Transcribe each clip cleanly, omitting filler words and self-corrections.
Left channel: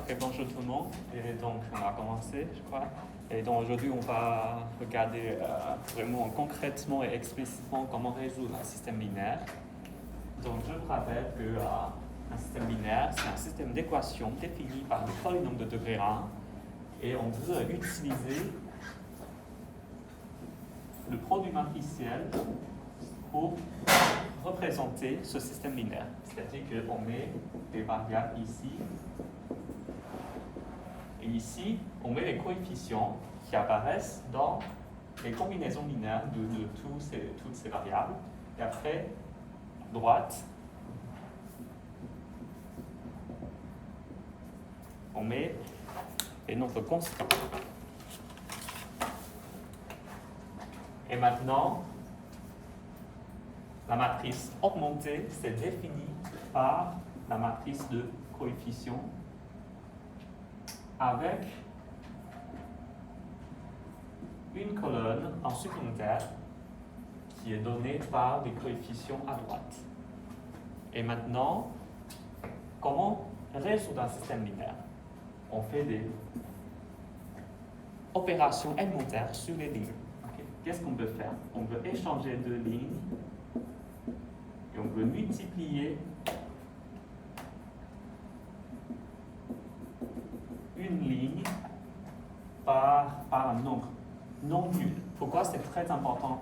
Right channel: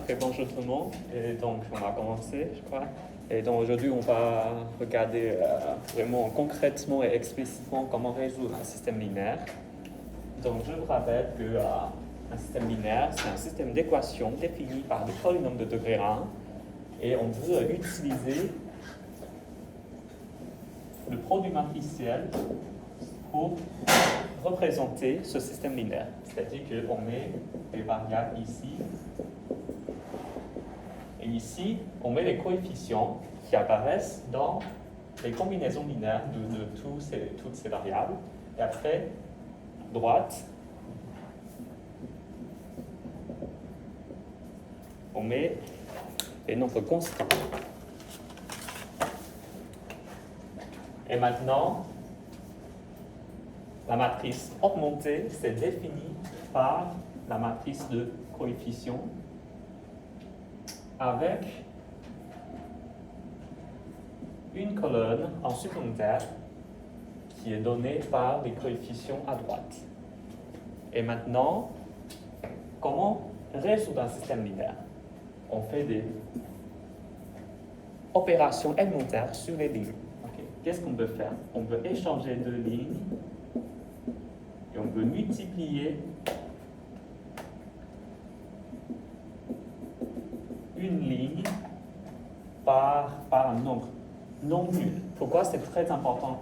Ok, bonjour tout le monde. Et donc, on va commencer, je crois. Et donc, aujourd'hui, on va regarder vraiment concrètement et explicitement comment résoudre un système linéaire. Donc, je vous rappelle que un système linéaire, c'est un système d'équations défini par des polynômes de degré 1. Et on veut utiliser le produit matriciel pour représenter ce système linéaire. C'est-à-dire qu'on met des variables ici. Et ici, on met les coefficients qui apparaissent dans les combinaisons binaires de toutes ces variables. Et après, droite, on met les nombres constants. Et maintenant, la matrice augmentée, c'est défini par la matrice de coefficients avec une colonne en supplémentaire qui est donnée par les coefficients à droite. Et maintenant, comment résoudre un système linéaire? On fait des opérations élémentaires sur les lignes. Okay. Qu'est-ce qu'on peut faire? On peut échanger deux lignes et on peut multiplier une ligne par un nombre non nul. Pourquoi c'est très important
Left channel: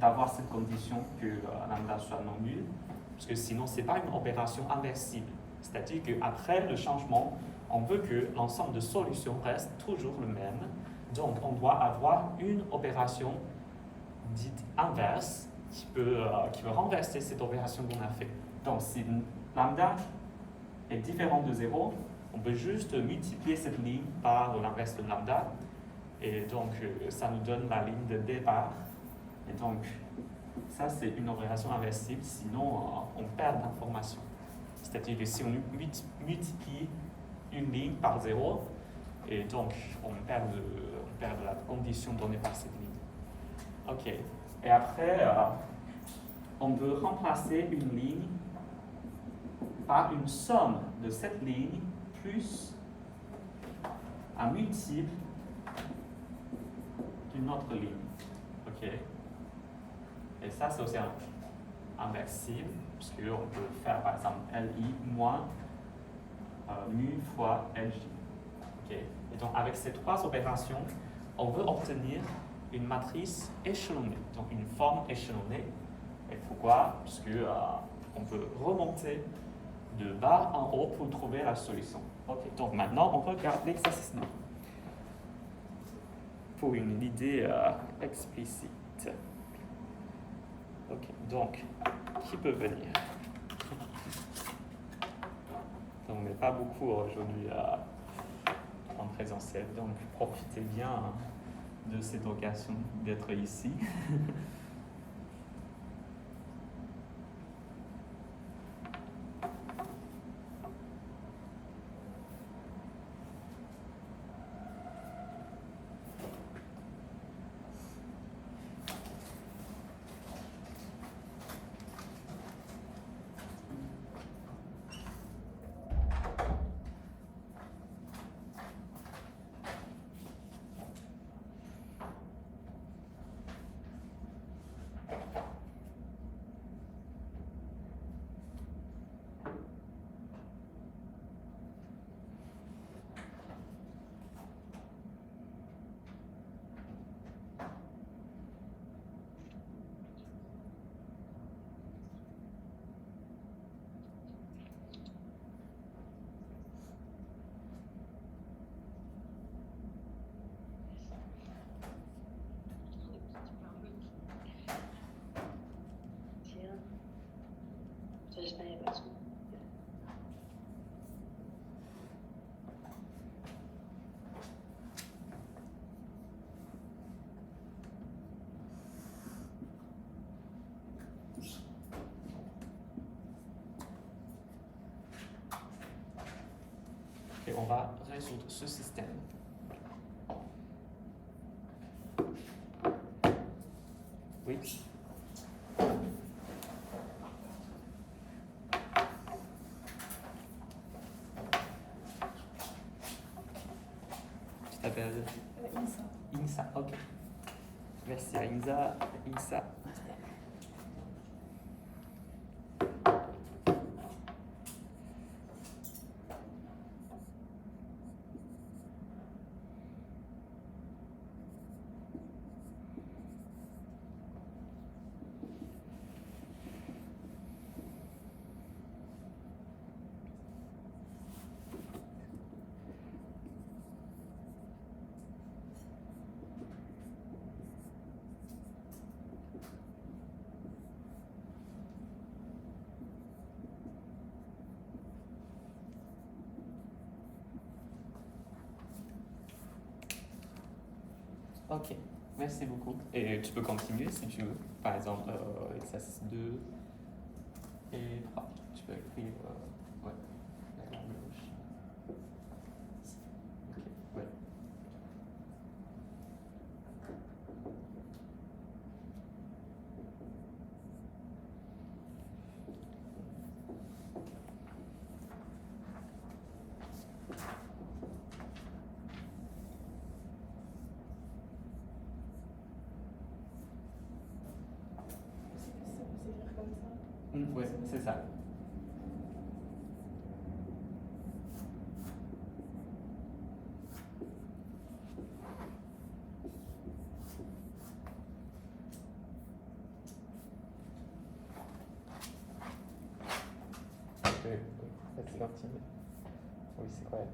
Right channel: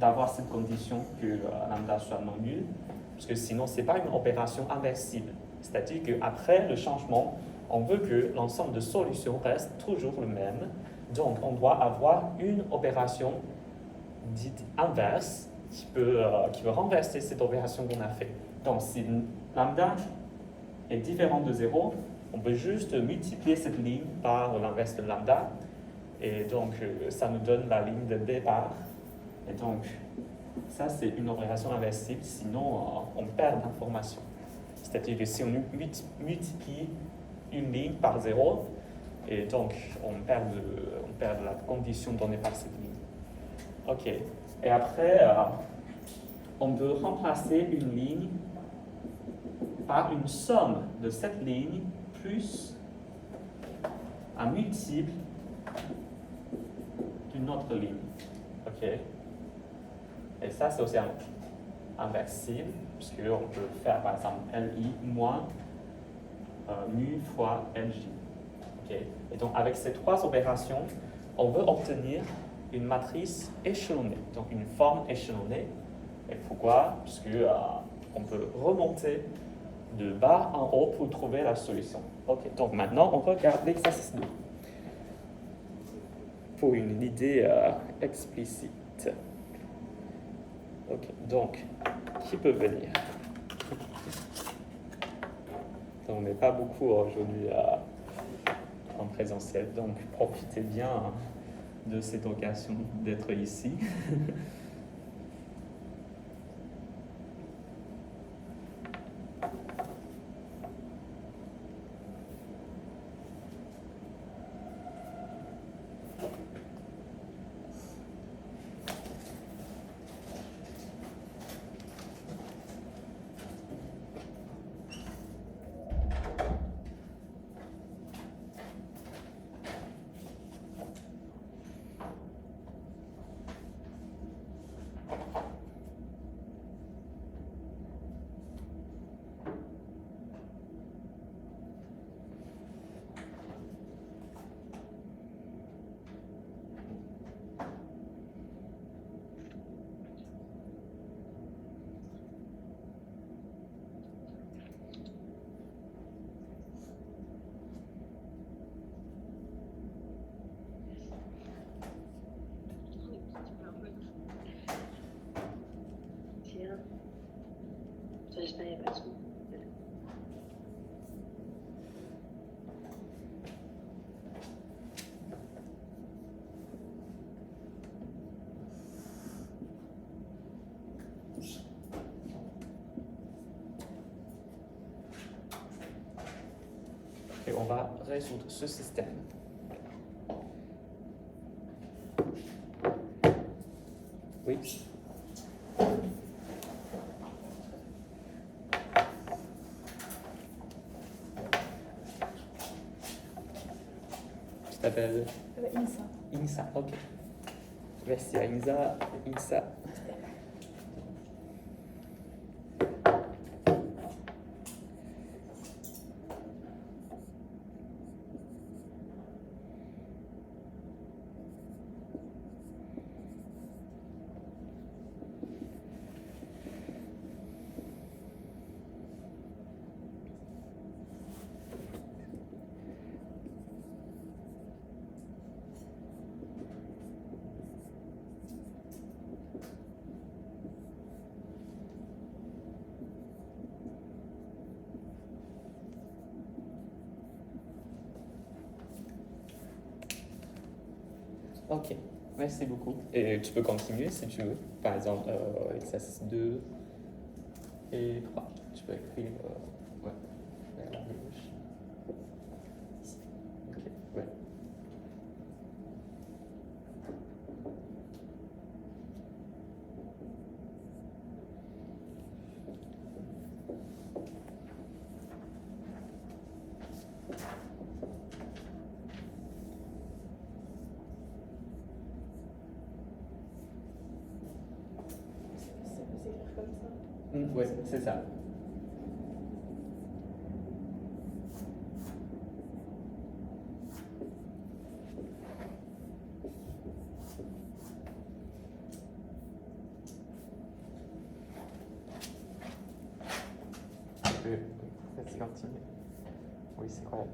d'avoir cette condition que lambda soit non nul? Parce que sinon, ce n'est pas une opération inversible. C'est-à-dire qu'après le changement, on veut que l'ensemble de solutions reste toujours le même. Donc, on doit avoir une opération dite inverse qui peut renverser cette opération qu'on a faite. Donc, si lambda est différent de 0, on peut juste multiplier cette ligne par l'inverse de lambda. Et donc, ça nous donne la ligne de départ. Et donc, ça, c'est une opération inversible, sinon on perd l'information. C'est-à-dire que si on multiplie une ligne par 0, et donc on perd la condition donnée par cette ligne. Ok. Et après, on peut remplacer une ligne par une somme de cette ligne plus un multiple d'une autre ligne. Ok. Et ça, c'est aussi inversible, puisqu'on peut faire par exemple LI moins mu fois LJ. Okay. Et donc, avec ces trois opérations, on veut obtenir une matrice échelonnée, donc une forme échelonnée. Et pourquoi? Puisque on peut remonter de bas en haut pour trouver la solution. Ok. Donc, maintenant, on regarde l'exercice 2 pour une idée explicite. Ok, donc, qui peut venir? Donc, on n'est pas beaucoup aujourd'hui en présentiel, donc profitez bien de cette occasion d'être ici. Et on va résoudre ce système. Oui. s'appelle Insa. Insa, ok. Merci à Insa. Ok, merci beaucoup. Et tu peux continuer si tu veux. Par exemple, exercice 2 et 3. Tu peux écrire ouais, vers la gauche. Ici. Ok, ouais. S'écrire comme ça. Ouais, c'est ça. Vas-y, continue. Oui, c'est correct.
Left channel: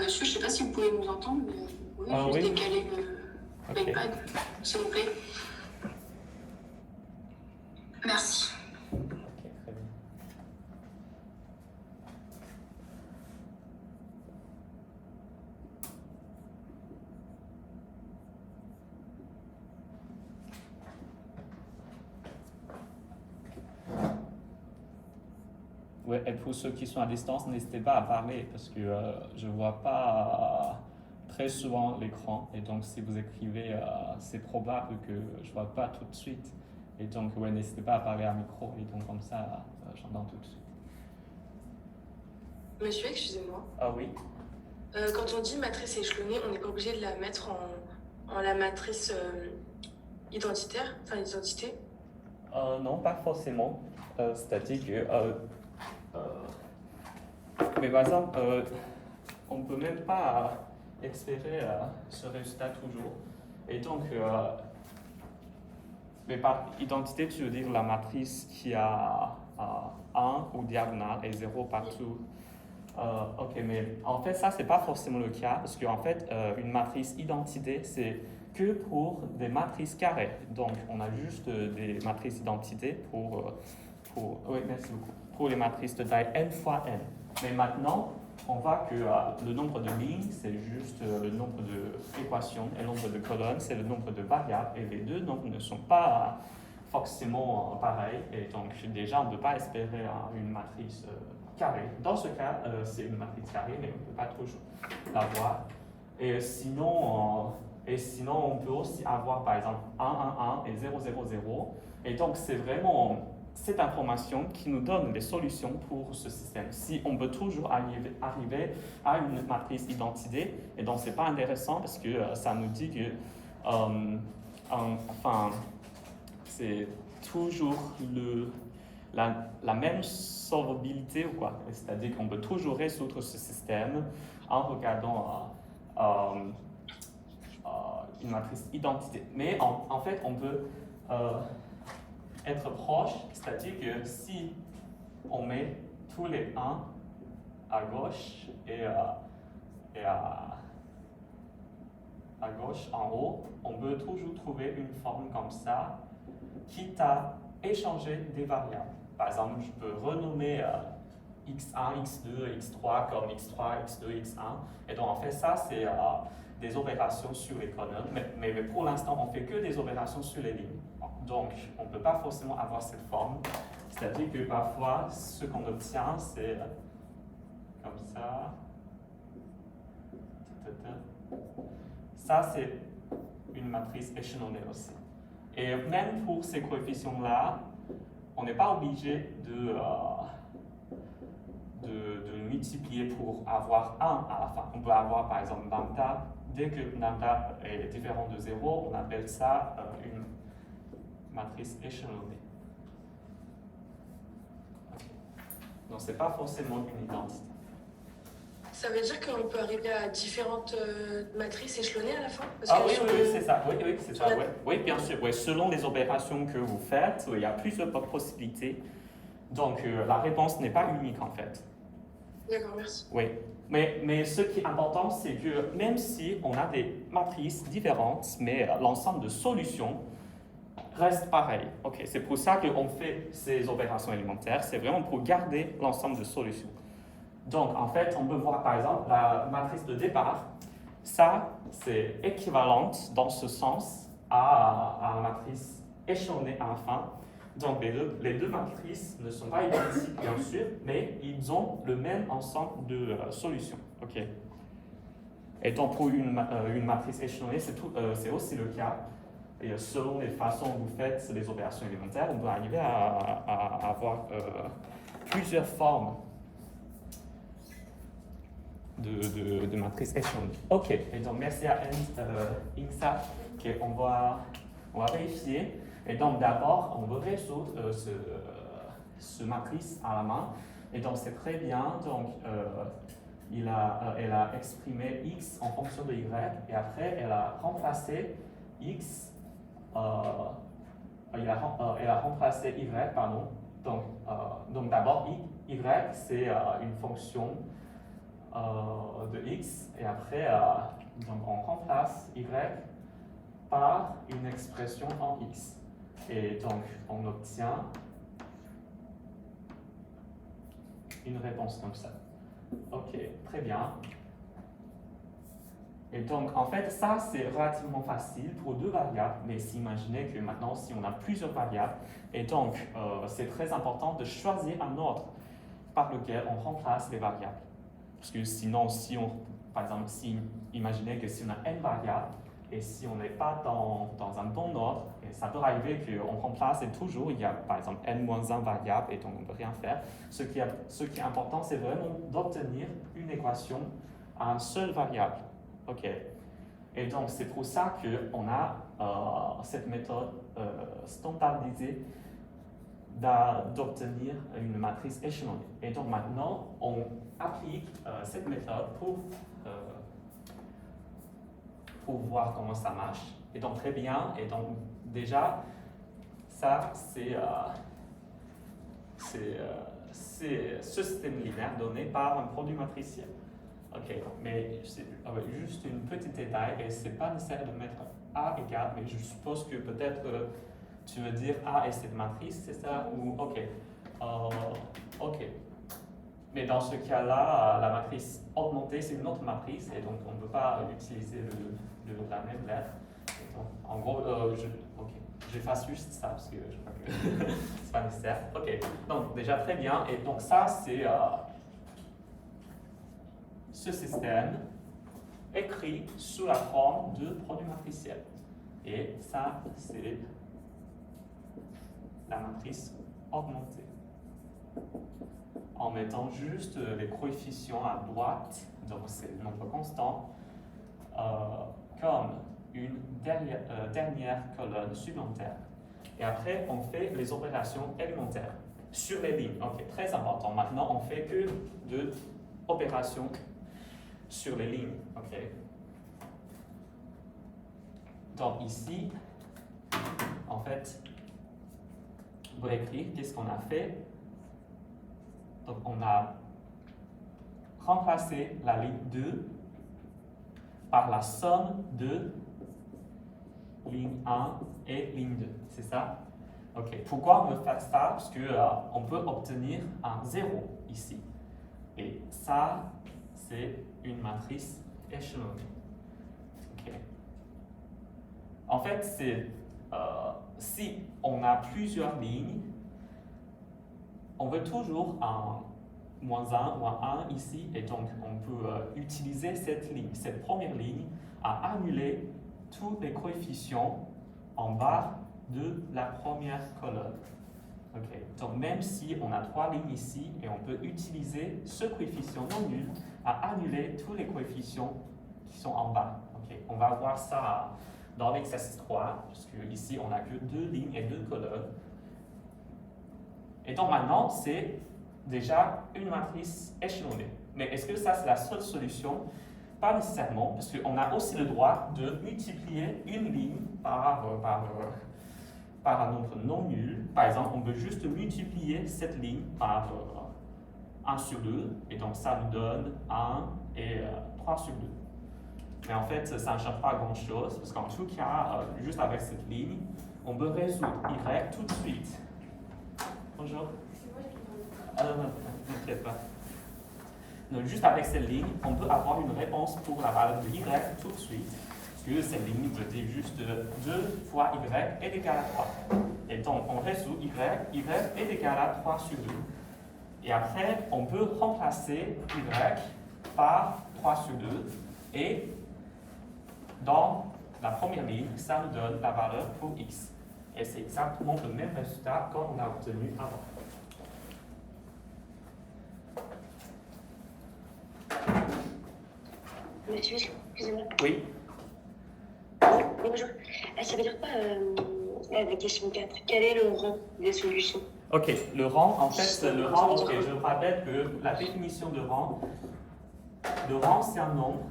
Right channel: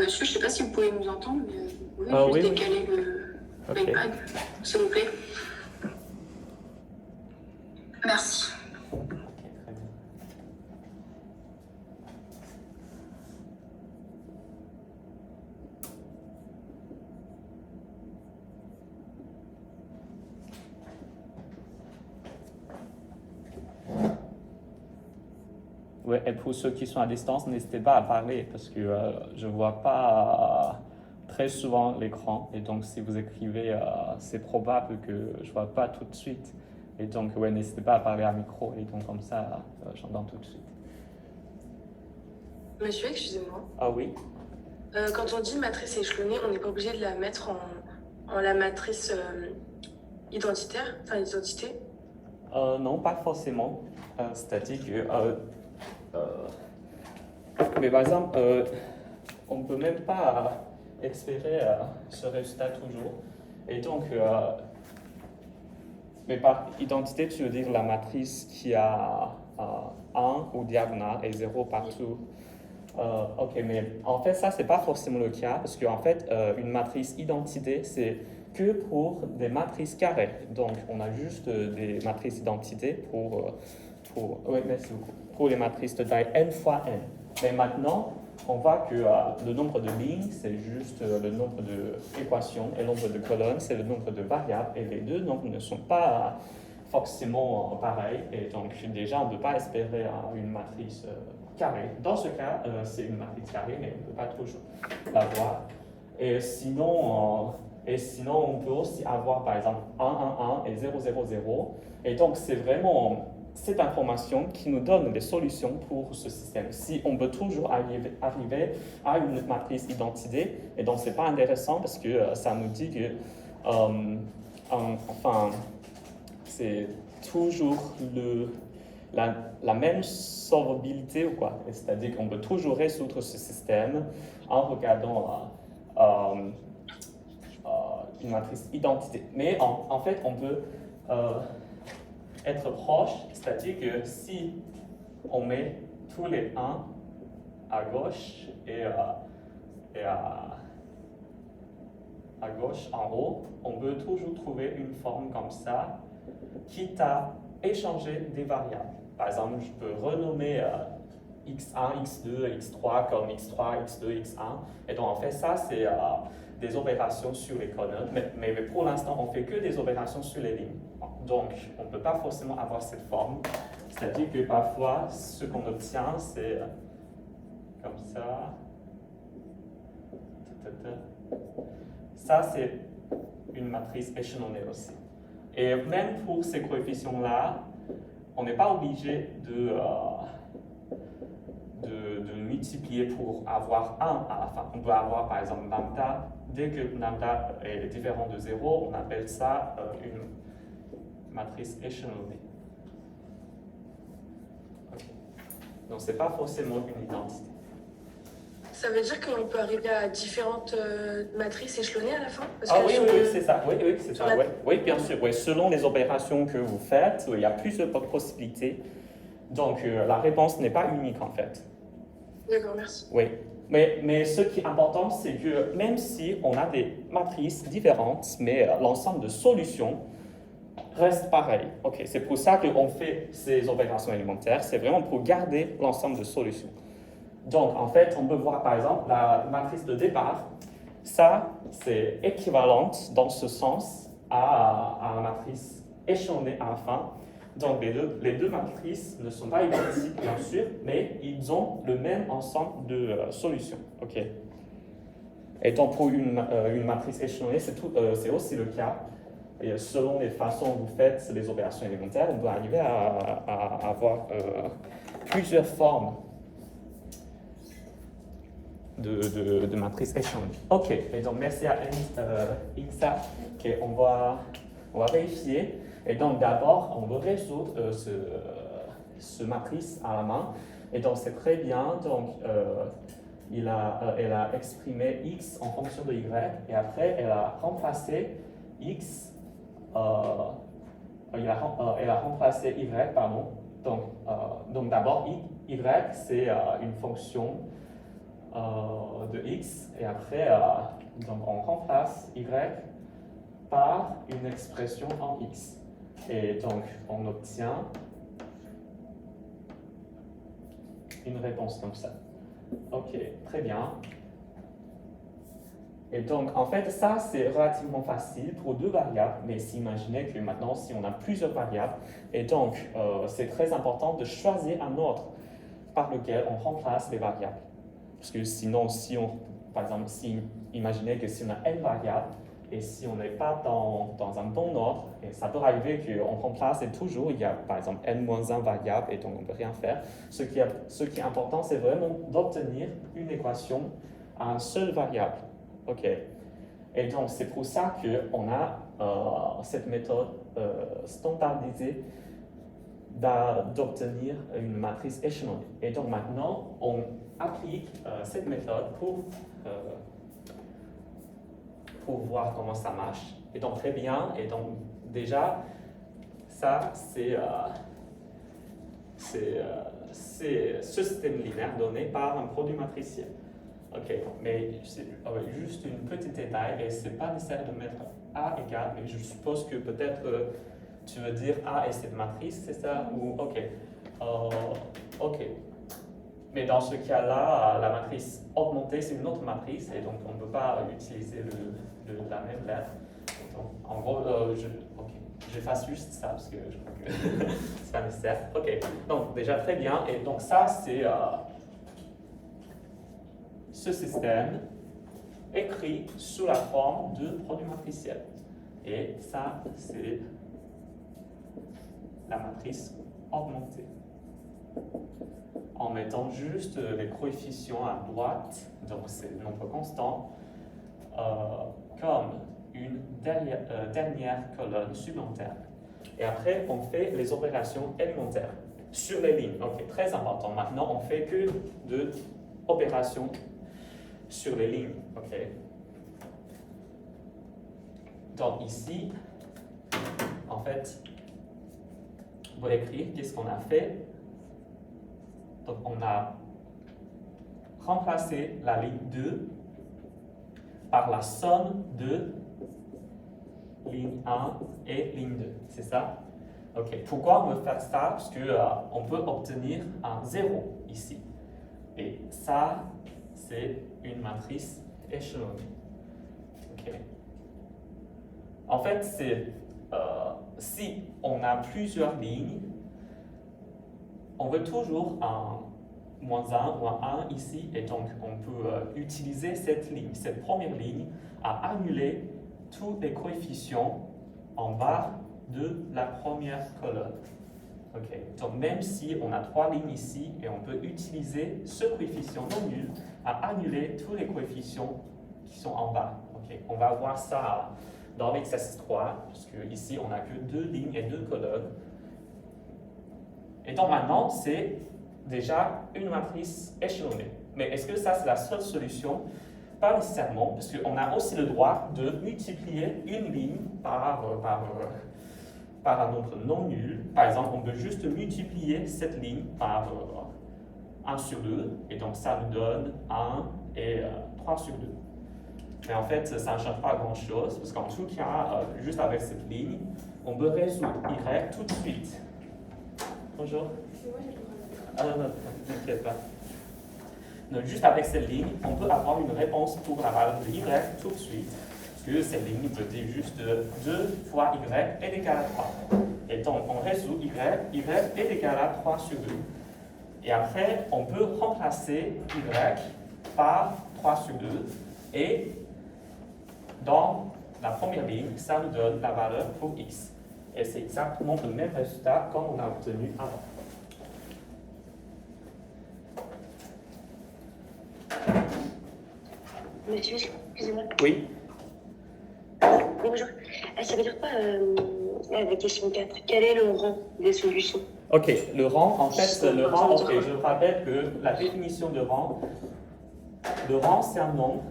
Monsieur, je ne sais pas si vous pouvez nous entendre, mais vous pouvez juste oui. décaler Ok. l'iPad, s'il vous plaît. Merci. Ok, très bien. Ouais, et pour ceux qui sont à distance, n'hésitez pas à parler parce que je ne vois pas très souvent l'écran. Et donc, si vous écrivez, c'est probable que je ne vois pas tout de suite. Et donc, ouais, n'hésitez pas à parler à micro. Et donc, comme ça, j'entends tout de suite. Monsieur, excusez-moi. Ah oui? Quand on dit matrice échelonnée, on n'est pas obligé de la mettre en la matrice identitaire, enfin identité. Non, pas forcément. C'est-à-dire que... mais par exemple, on ne peut même pas espérer ce résultat toujours. Et donc, mais par identité, tu veux dire la matrice qui a 1 ou diagonale et 0 partout. Ok, mais en fait, ça, c'est pas forcément le cas parce qu'en fait, une matrice identité, c'est que pour des matrices carrées. Donc, on a juste des matrices identité oui, merci beaucoup, pour les matrices de taille n fois n. Mais maintenant, on voit que le nombre de lignes, c'est juste le nombre d'équations, et le nombre de colonnes, c'est le nombre de variables, et les deux nombres ne sont pas forcément pareils. Et donc, déjà, on ne peut pas espérer une matrice carrée. Dans ce cas, c'est une matrice carrée, mais on ne peut pas toujours l'avoir. Et sinon, on peut aussi avoir, par exemple, 1, 1, 1 et 0, 0, 0. Et donc, c'est vraiment cette information qui nous donne des solutions pour ce système. Si on peut toujours arriver à une matrice identité, et donc c'est pas intéressant parce que ça nous dit que enfin, c'est toujours la même solvabilité ou quoi. C'est-à-dire qu'on peut toujours résoudre ce système en regardant une matrice identité. Mais en fait, on peut être proche, c'est-à-dire que si on met tous les 1 à gauche et à gauche en haut, on peut toujours trouver une forme comme ça, quitte à échanger des variables. Par exemple, je peux renommer x1, x2, x3 comme x3, x2, x1. Et donc, en fait, ça, c'est des opérations sur les colonnes. Mais pour l'instant, on ne fait que des opérations sur les lignes. Donc, on ne peut pas forcément avoir cette forme. C'est-à-dire que parfois, ce qu'on obtient, c'est comme ça. Ça, c'est une matrice échelonnée aussi. Et même pour ces coefficients-là, on n'est pas obligé de multiplier pour avoir 1 à la fin. On peut avoir par exemple lambda. Dès que lambda est différent de 0, on appelle ça une matrice échelonnée. Okay. Donc, ce n'est pas forcément une identité. Ça veut dire qu'on peut arriver à différentes matrices échelonnées à la fin? Oui, c'est ça. Oui, c'est ça. Oui, bien sûr. Oui. Selon les opérations que vous faites, il y a plusieurs possibilités. Donc, la réponse n'est pas unique en fait. D'accord, merci. Oui. Mais ce qui est important, c'est que même si on a des matrices différentes, mais l'ensemble de solutions reste pareil. Okay. C'est pour ça qu'on fait ces opérations élémentaires. C'est vraiment pour garder l'ensemble de solutions. Donc, en fait, on peut voir par exemple la matrice de départ. Ça, c'est équivalente dans ce sens à la matrice échelonnée à la fin. Donc, les deux matrices ne sont pas identiques, bien sûr, mais ils ont le même ensemble de solutions. Okay. Et donc, pour une matrice échelonnée, c'est aussi le cas. Et selon les façons dont vous faites les opérations élémentaires, on doit arriver à avoir plusieurs formes de matrices échelonnées. Ok, et donc merci à Insa. Ok, on va vérifier. Et donc d'abord, on veut résoudre ce matrice à la main. Et donc c'est très bien. Donc elle a exprimé x en fonction de y. Et après, elle a remplacé x. Elle a remplacé y, pardon. Donc d'abord, y c'est une fonction de x, et après donc on remplace y par une expression en x. Et donc on obtient une réponse comme ça. Ok, très bien. Et donc, en fait, ça, c'est relativement facile pour deux variables, mais imaginez que maintenant, si on a plusieurs variables, et donc, c'est très important de choisir un ordre par lequel on remplace les variables. Parce que sinon, par exemple, imaginez que si on a n variables, et si on n'est pas dans un bon ordre, et ça peut arriver qu'on remplace et toujours, il y a par exemple n-1 variables, et donc on ne peut rien faire. Ce qui est important, c'est vraiment d'obtenir une équation à une seule variable. Ok. Et donc, c'est pour ça qu'on a cette méthode standardisée d'obtenir une matrice échelonnée. Et donc, maintenant, on applique cette méthode pour voir comment ça marche. Et donc, très bien. Et donc, déjà, ça, c'est ce système linéaire donné par un produit matriciel. Ok, mais juste une petite détail, et c'est pas nécessaire de mettre A égale, mais je suppose que peut-être tu veux dire A est cette matrice, c'est ça? Ou ok. Ok. Mais dans ce cas-là, la matrice augmentée, c'est une autre matrice, et donc on ne peut pas utiliser la même lettre. Donc, en gros, j'efface juste ça parce que je crois que c'est pas nécessaire. Ok, donc déjà très bien, et donc ça c'est ce système écrit sous la forme de produit matriciel. Et ça, c'est la matrice augmentée. En mettant juste les coefficients à droite, donc c'est notre constant, comme une dernière colonne supplémentaire. Et après, on fait les opérations élémentaires sur les lignes. Ok, très important. Maintenant, on fait que de opérations sur les lignes. Ok. Donc ici, en fait, on va écrire qu'est-ce qu'on a fait. Donc on a remplacé la ligne 2 par la somme de ligne 1 et ligne 2. C'est ça? Ok. Pourquoi on veut faire ça? Parce qu'on peut obtenir un 0 ici. Et ça, c'est une matrice échelonnée. Okay. En fait, si on a plusieurs lignes, on veut toujours un -1 ou un 1 ici, et donc on peut utiliser cette ligne, cette première ligne, à annuler tous les coefficients en bas de la première colonne. Okay. Donc même si on a 3 lignes ici, et on peut utiliser ce coefficient non nul à annuler tous les coefficients qui sont en bas. Okay. On va voir ça dans l'exercice 3, parce que ici on n'a que 2 lignes et 2 colonnes. Et donc maintenant, c'est déjà une matrice échelonnée. Mais est-ce que ça, c'est la seule solution? Pas nécessairement, parce qu'on a aussi le droit de multiplier une ligne par un nombre non nul. Par exemple, on peut juste multiplier cette ligne par 1 sur 2, et donc ça nous donne 1 et 3 sur 2. Mais en fait, ça ne change pas grand-chose, parce qu'en tout cas, juste avec cette ligne, on peut résoudre y tout de suite. Bonjour. Ah non, ne t'inquiète pas. Donc, juste avec cette ligne, on peut avoir une réponse pour la valeur de y tout de suite. Parce que cette ligne veut dire juste 2 fois y est égal à 3. Et donc, on résout y est égal à 3 sur 2. Et après, on peut remplacer y par 3 sur 2. Et dans la première ligne, ça nous donne la valeur pour x. Et c'est exactement le même résultat qu'on a obtenu avant. Monsieur, excusez-moi. Oui. Bonjour. Ça veut dire quoi la question 4? Quel est le rang des solutions? Ok, le rang, en fait, je rappelle que la définition de rang, le rang c'est un nombre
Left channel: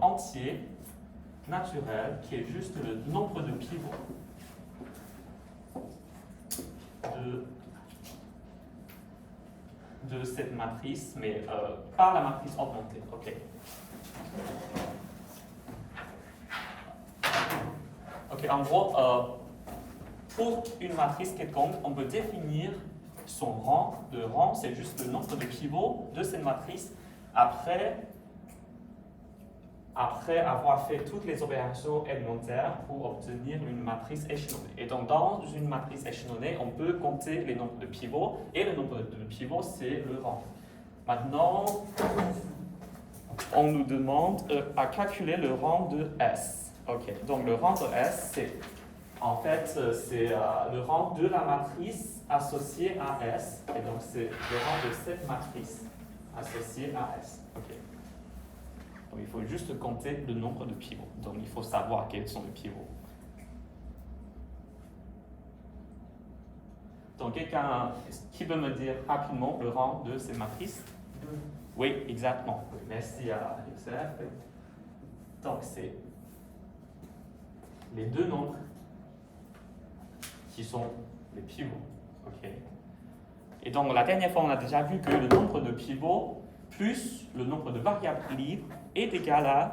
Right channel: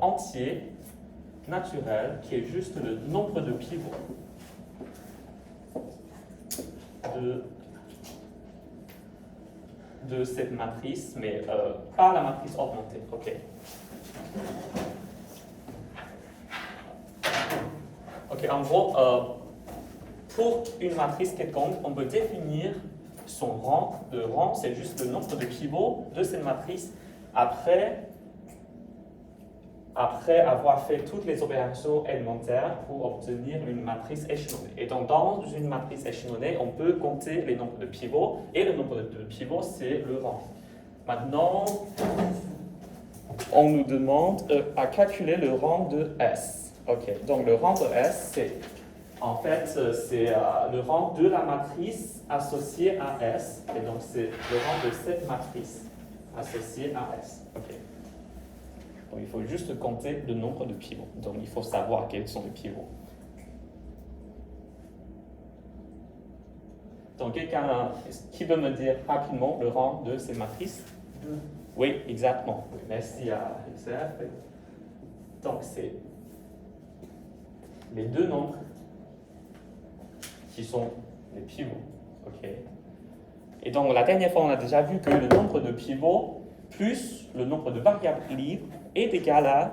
entier, naturel, qui est juste le nombre de pivots de cette matrice, mais pas la matrice augmentée. Ok. Ok, en gros, pour une matrice quelconque, on peut définir son rang. Le rang, c'est juste le nombre de pivots de cette matrice après avoir fait toutes les opérations élémentaires pour obtenir une matrice échelonnée. Et donc, dans une matrice échelonnée, on peut compter les nombres de pivots, et le nombre de pivots, c'est le rang. Maintenant, on nous demande à calculer le rang de S. Ok, donc le rang de S, c'est en fait le rang de la matrice associée à S, et donc c'est le rang de cette matrice associée à S. Ok. Donc, il faut juste compter le nombre de pivots. Donc, il faut savoir quels sont les pivots. Donc, quelqu'un qui veut me dire rapidement le rang de ces matrices? Oui, exactement. Merci à XF. Donc, c'est les deux nombres qui sont les pivots. OK. Et donc, la dernière fois, on a déjà vu que le nombre de pivots plus le nombre de variables libres est égal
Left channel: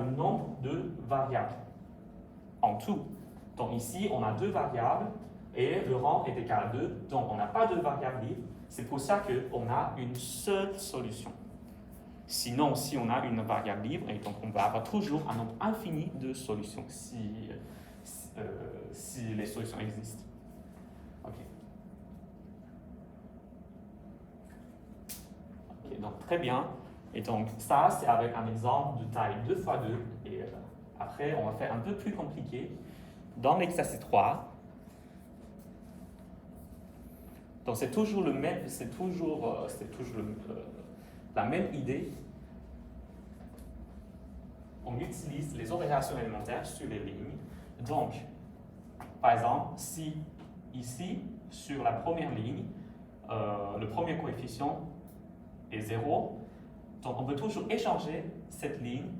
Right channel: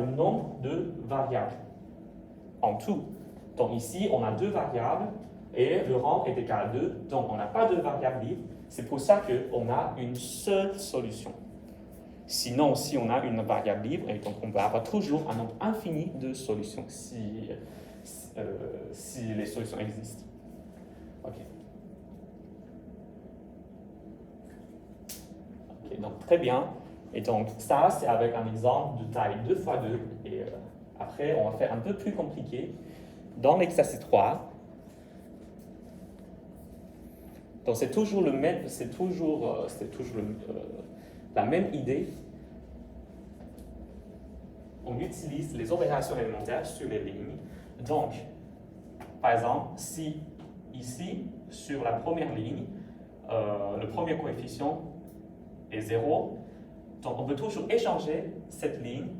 au nombre de variables en tout. Donc ici, on a 2 variables et le rang est égal à 2. Donc on n'a pas de variables libres. C'est pour ça qu'on a une seule solution. Sinon, si on a une variable libre, et donc on va avoir toujours un nombre infini de solutions si les solutions existent. OK. Ok, donc très bien. Et donc ça, c'est avec un exemple de taille 2 x 2. Et après, on va faire un peu plus compliqué. Dans l'exercice 3, donc c'est toujours la même idée. On utilise les opérations élémentaires sur les lignes. Donc, par exemple, si ici, sur la première ligne, le premier coefficient est 0, donc on peut toujours échanger cette ligne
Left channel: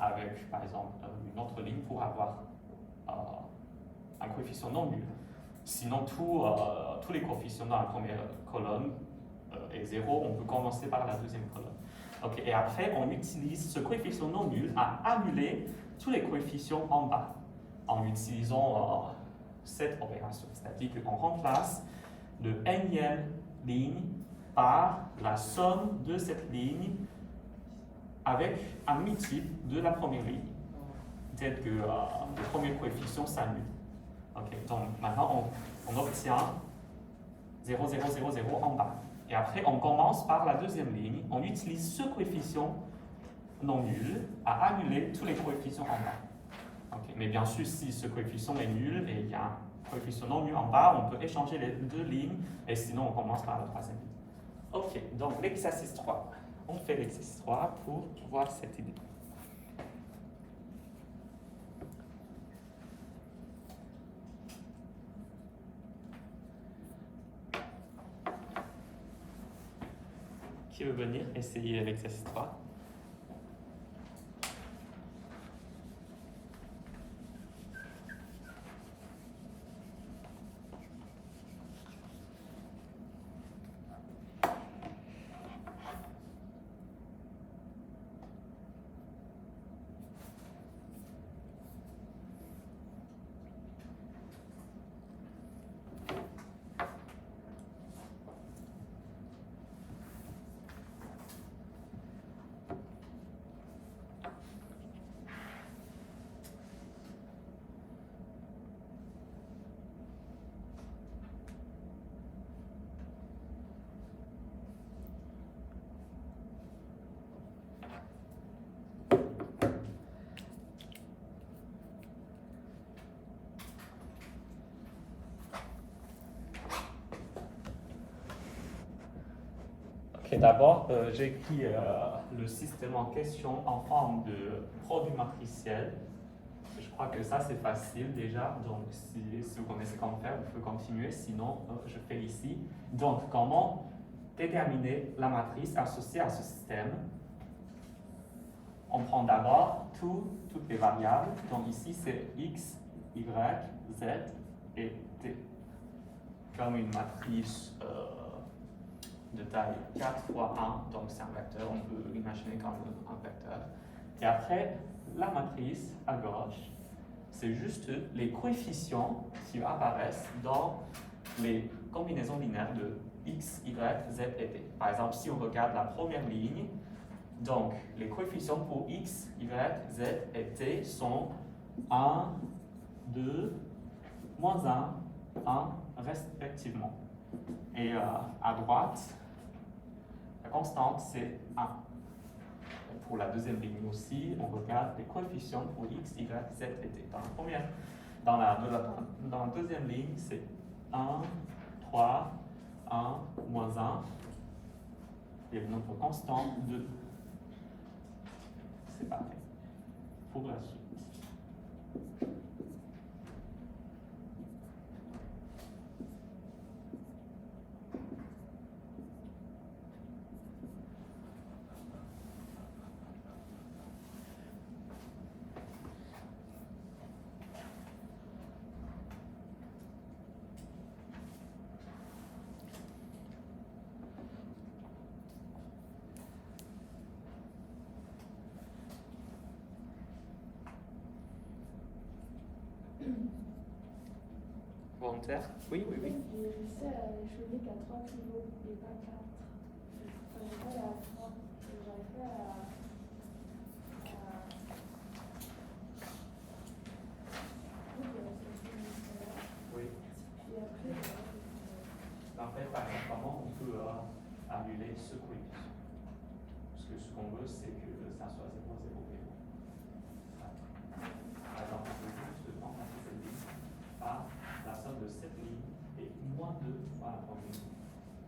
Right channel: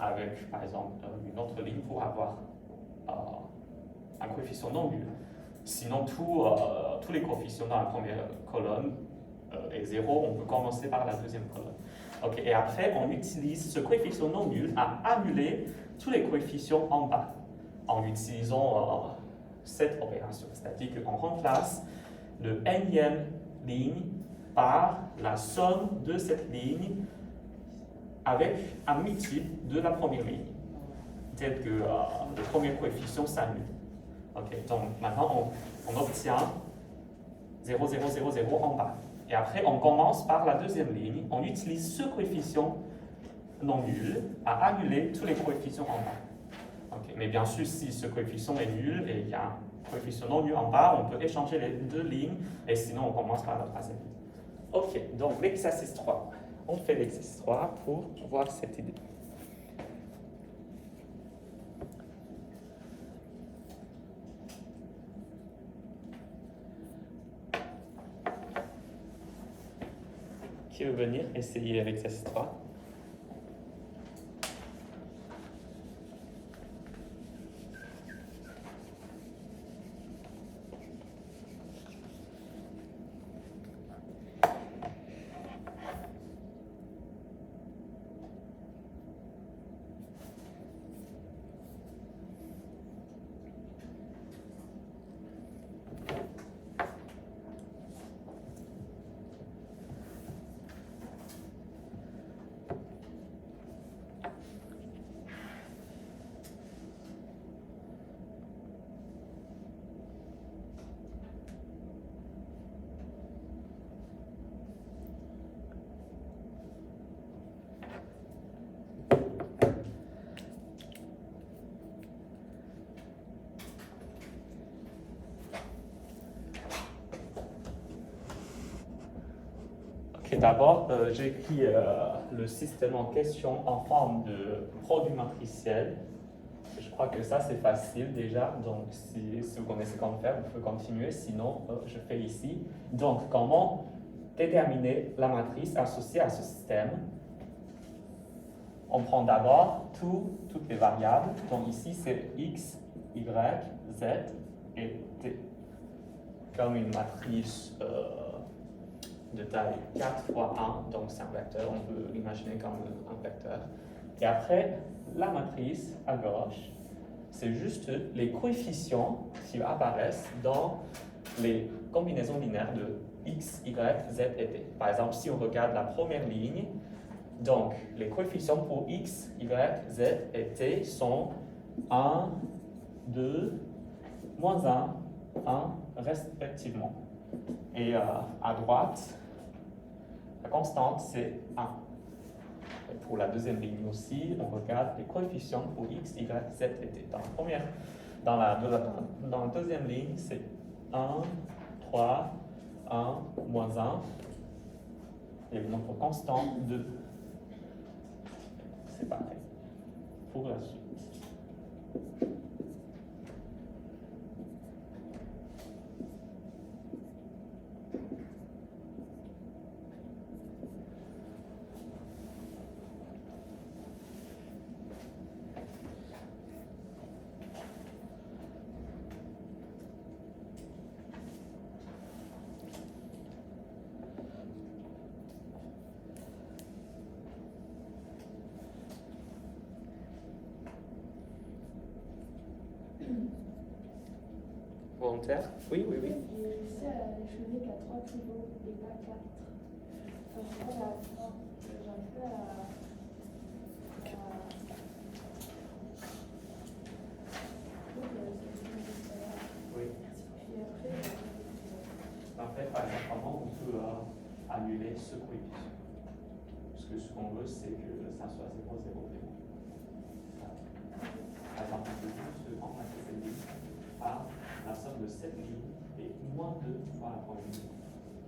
avec, par exemple, une autre ligne pour avoir un coefficient non nul. Sinon, tous les coefficients dans la première colonne est 0, on peut commencer par la deuxième colonne. Okay, et après, on utilise ce coefficient non nul à annuler tous les coefficients en bas en utilisant cette opération. C'est-à-dire qu'on remplace le nème ligne par la somme de cette ligne avec un multiple de la première ligne. tel que le premier coefficient s'annule. Okay, donc maintenant, on obtient 0, 0, 0, 0 en bas. Et après, on commence par la deuxième ligne. On utilise ce coefficient non nul à annuler tous les coefficients en bas. Okay, mais bien sûr, si ce coefficient est nul et il y a un coefficient non nul en bas, on peut échanger les deux lignes et sinon on commence par la troisième ligne. Ok, donc l'exercice 3. On fait l'exercice 3 pour voir cette idée. Qui veut venir essayer l'exercice 3? D'abord, j'ai écrit le système en question en forme de produit matriciel. Je crois que ça, c'est facile déjà. Donc, si vous connaissez comment faire, vous pouvez continuer. Sinon, je fais ici. Donc, comment déterminer la matrice associée à ce système? On prend d'abord toutes les variables. Donc, ici, c'est x, y, z et t. Comme une matrice de taille 4 fois 1, donc c'est un vecteur, on peut l'imaginer comme un vecteur. Et après, la matrice à gauche, c'est juste les coefficients qui apparaissent dans les combinaisons linéaires de x, y, z et t. Par exemple, si on regarde la première ligne, donc les coefficients pour x, y, z et t sont 1, 2, moins 1, 1 respectivement. Et à droite, la constante, c'est 1. Et pour la deuxième ligne aussi, on regarde les coefficients pour x, y, z et t. Dans la deuxième ligne, c'est 1, 3, 1, moins 1. Et le nombre constant, 2. C'est pareil. Pour la suite. Volontaire? Oui, oui, oui. J'ai réussi à échelonner qu'à 3 kilos et pas 4. Enfin, j'ai pas la fin. J'arrive pas à. Oui. Puis après, En fait, par exemple, comment on peut annuler ce coefficient? Parce que ce qu'on veut, c'est que ça soit 0, 0, 0. Par exemple, on peut juste remplacer cette ligne par la somme de cette ligne et moins 2 par la première ligne.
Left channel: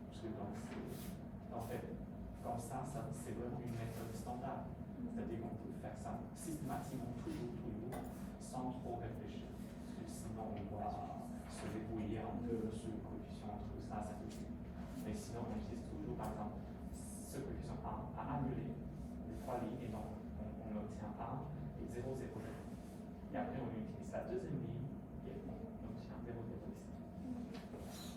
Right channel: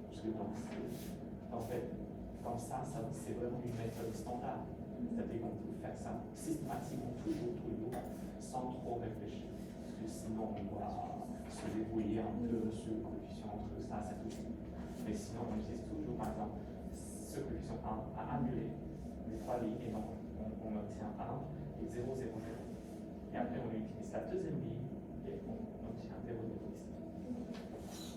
Parce que donc, en fait, comme ça c'est vraiment une méthode standard. C'est-à-dire qu'on peut faire ça systématiquement, toujours, sans trop réfléchir. Parce que sinon, on doit se débrouiller un peu sur le coefficient entre ça et cette ligne. Mais sinon, on utilise toujours, par exemple, ce coefficient 1 à annuler les trois lignes, et donc on obtient 1 et 0, 0, 0. Et après, on utilise la deuxième ligne, et on obtient 0, 0 ici.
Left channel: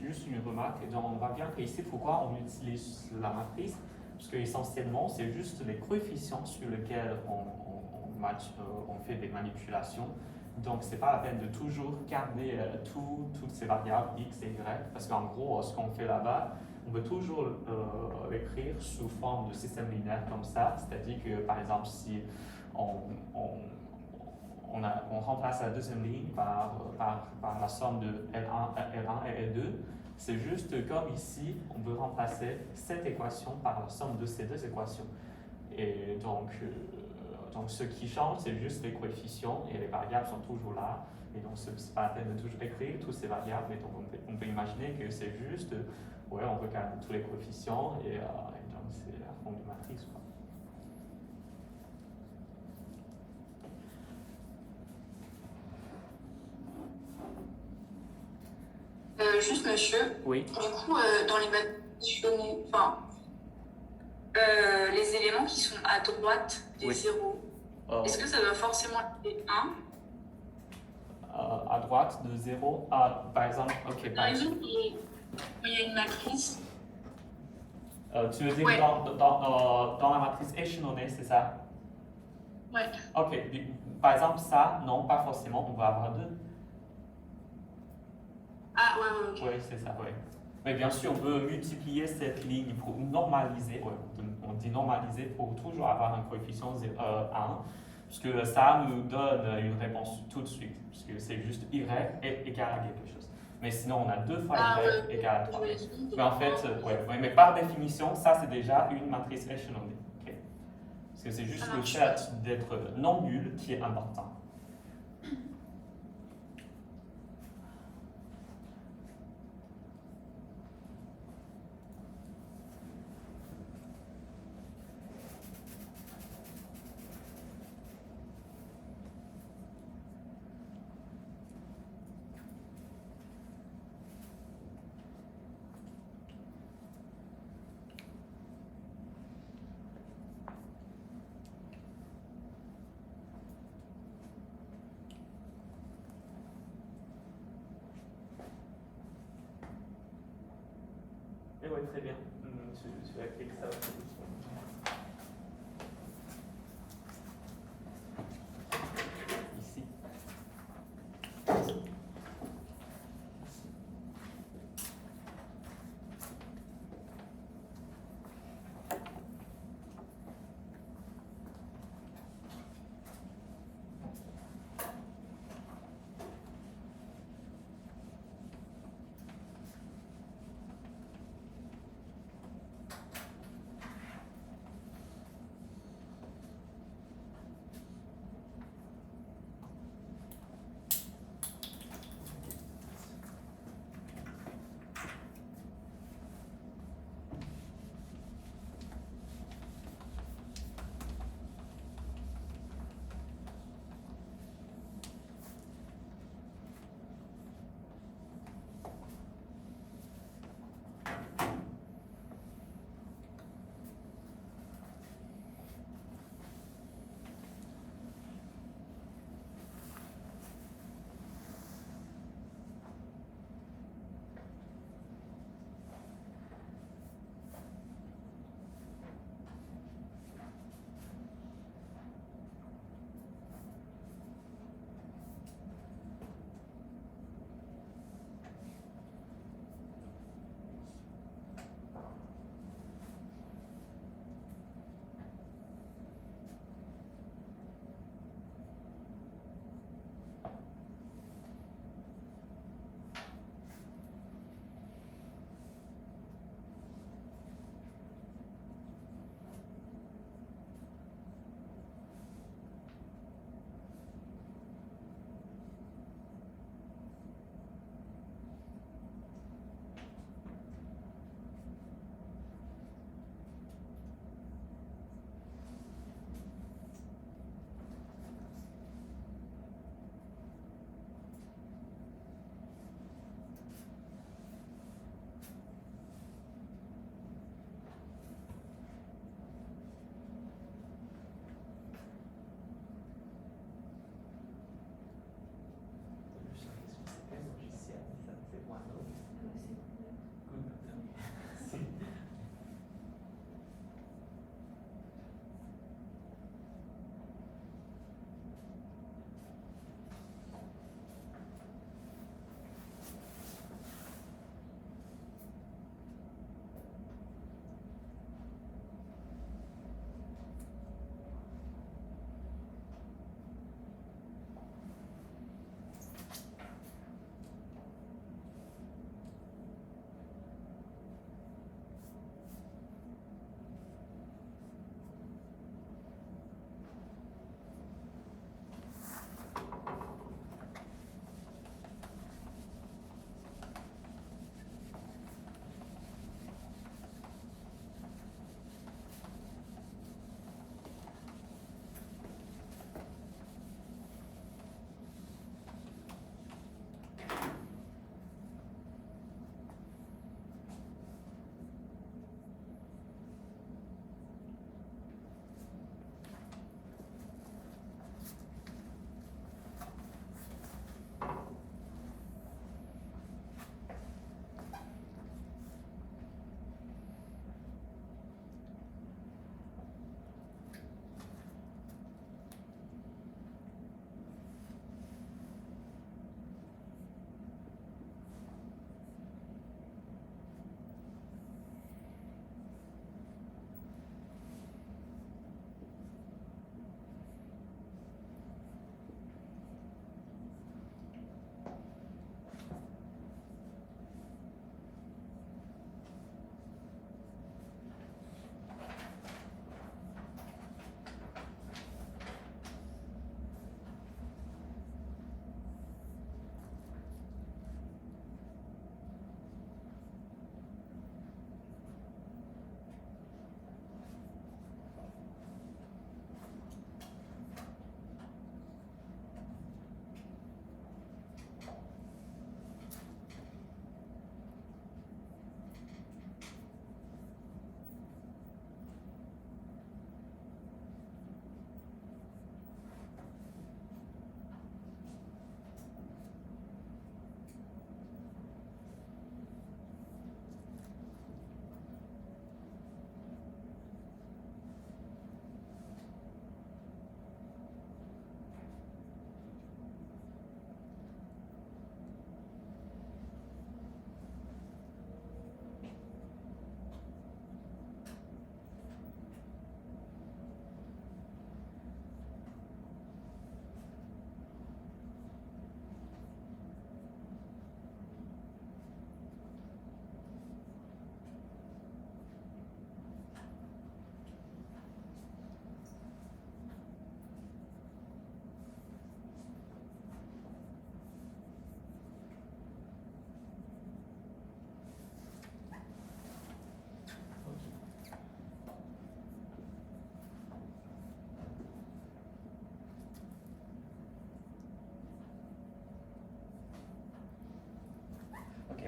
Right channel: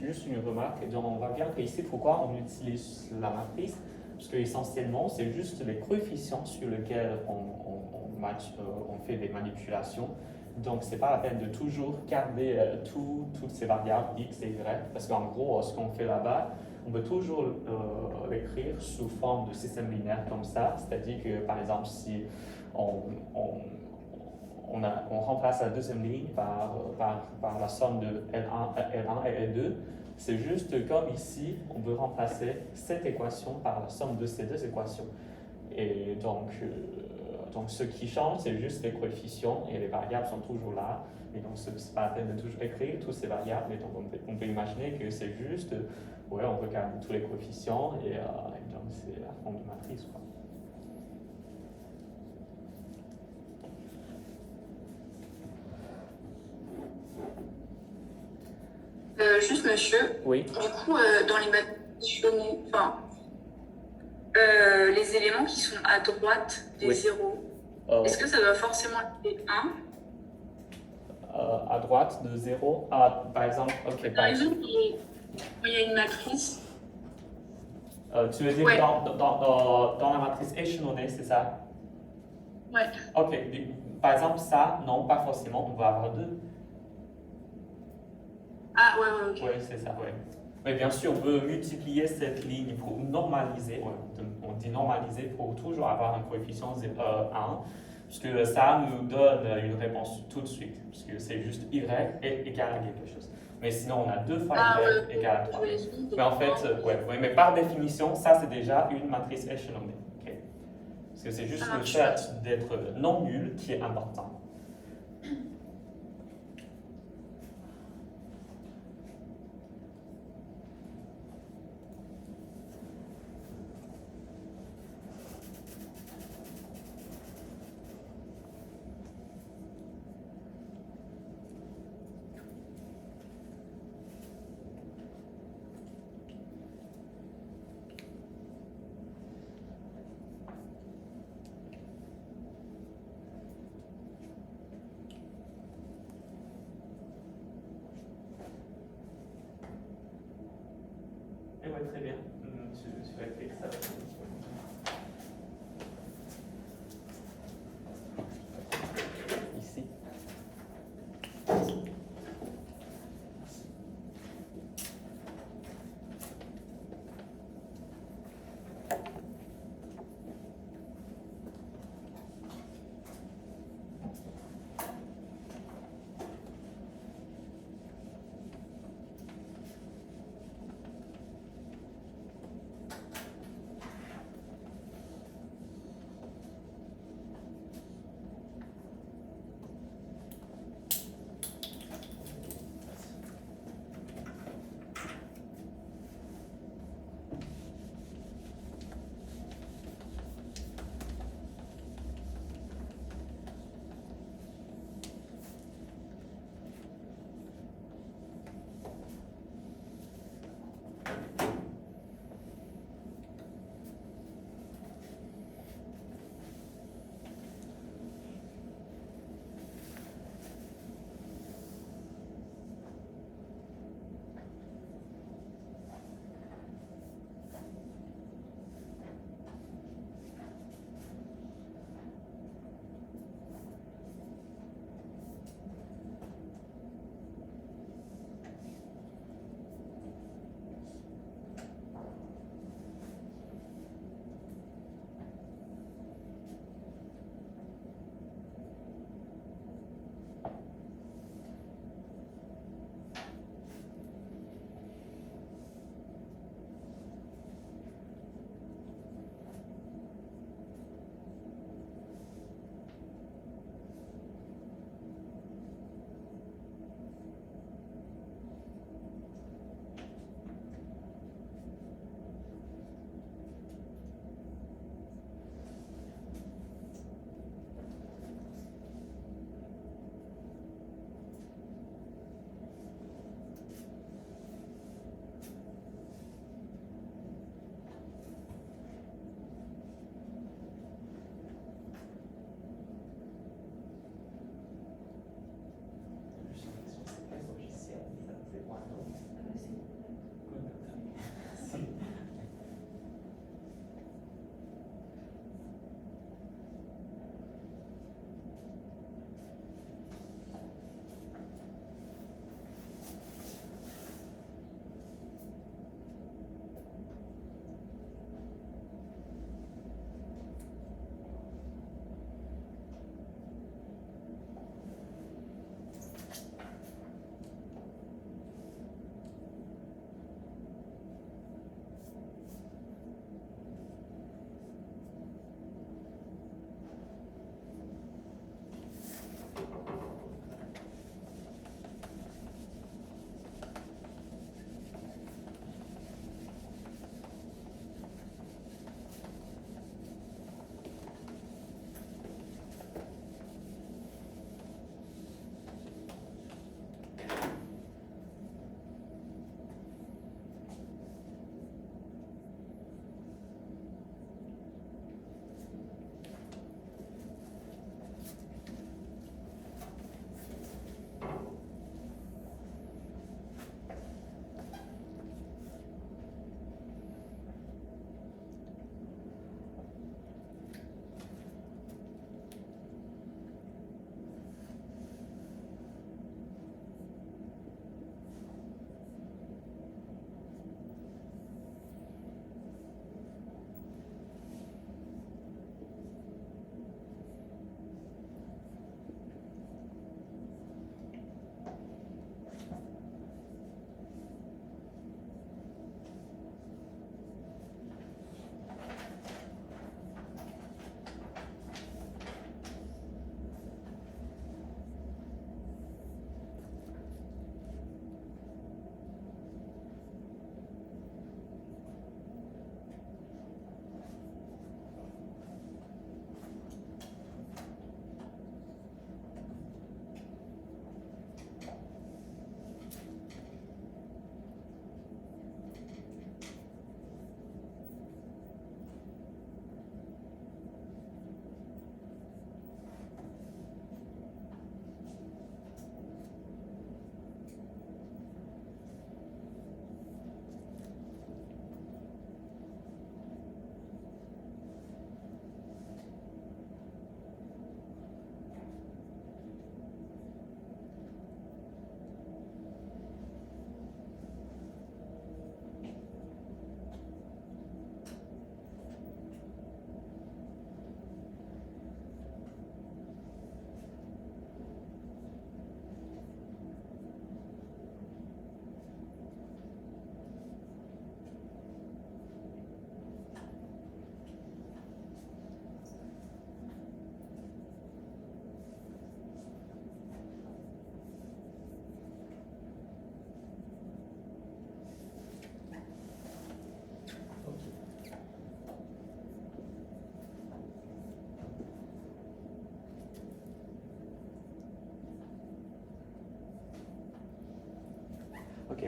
juste une remarque. Et donc, on voit bien qu'ici, pourquoi on utilise la matrice? Parce qu'essentiellement, c'est juste les coefficients sur lesquels on fait des manipulations. Donc, ce n'est pas la peine de toujours garder toutes ces variables x et y, parce qu'en gros, ce qu'on fait là-bas, on peut toujours l'écrire sous forme de système linéaire comme ça. C'est-à-dire que, par exemple, si on remplace la deuxième ligne par la somme de L1 et L2, c'est juste comme ici, on peut remplacer cette équation par la somme de ces deux équations. Et donc ce qui change, c'est juste les coefficients et les variables sont toujours là. Et donc, ce n'est pas la peine de toujours écrire toutes ces variables. Et donc, on peut imaginer que c'est juste, on regarde tous les coefficients et donc c'est la forme de matrice, quoi. Juste monsieur, Oui. du coup, dans les matrices, les éléments qui sont à droite des Oui. zéros, est-ce que ça doit forcément être 1? À droite de 0, par exemple, ok. Par exemple, il y a une matrice. Tu veux dire Ouais. dans la matrice échelonnée, c'est ça? Ouais. Ok, par exemple, ça, non, pas forcément, on va avoir 2. Ah, ouais, ok. Oui, c'est ça, oui. Mais bien sûr, on peut multiplier cette ligne pour normaliser, on dit normaliser pour toujours avoir un coefficient 1, puisque ça nous donne une réponse tout de suite, puisque c'est juste y est égal à quelque chose. Mais sinon, on a 2 fois y égale à 3. Mais en fait, mais par définition, ça c'est déjà une matrice échelonnée. Okay? Parce que c'est juste le fait d'être non nul qui est important. Et oui, très bien. Je vais écrire ça. Ici.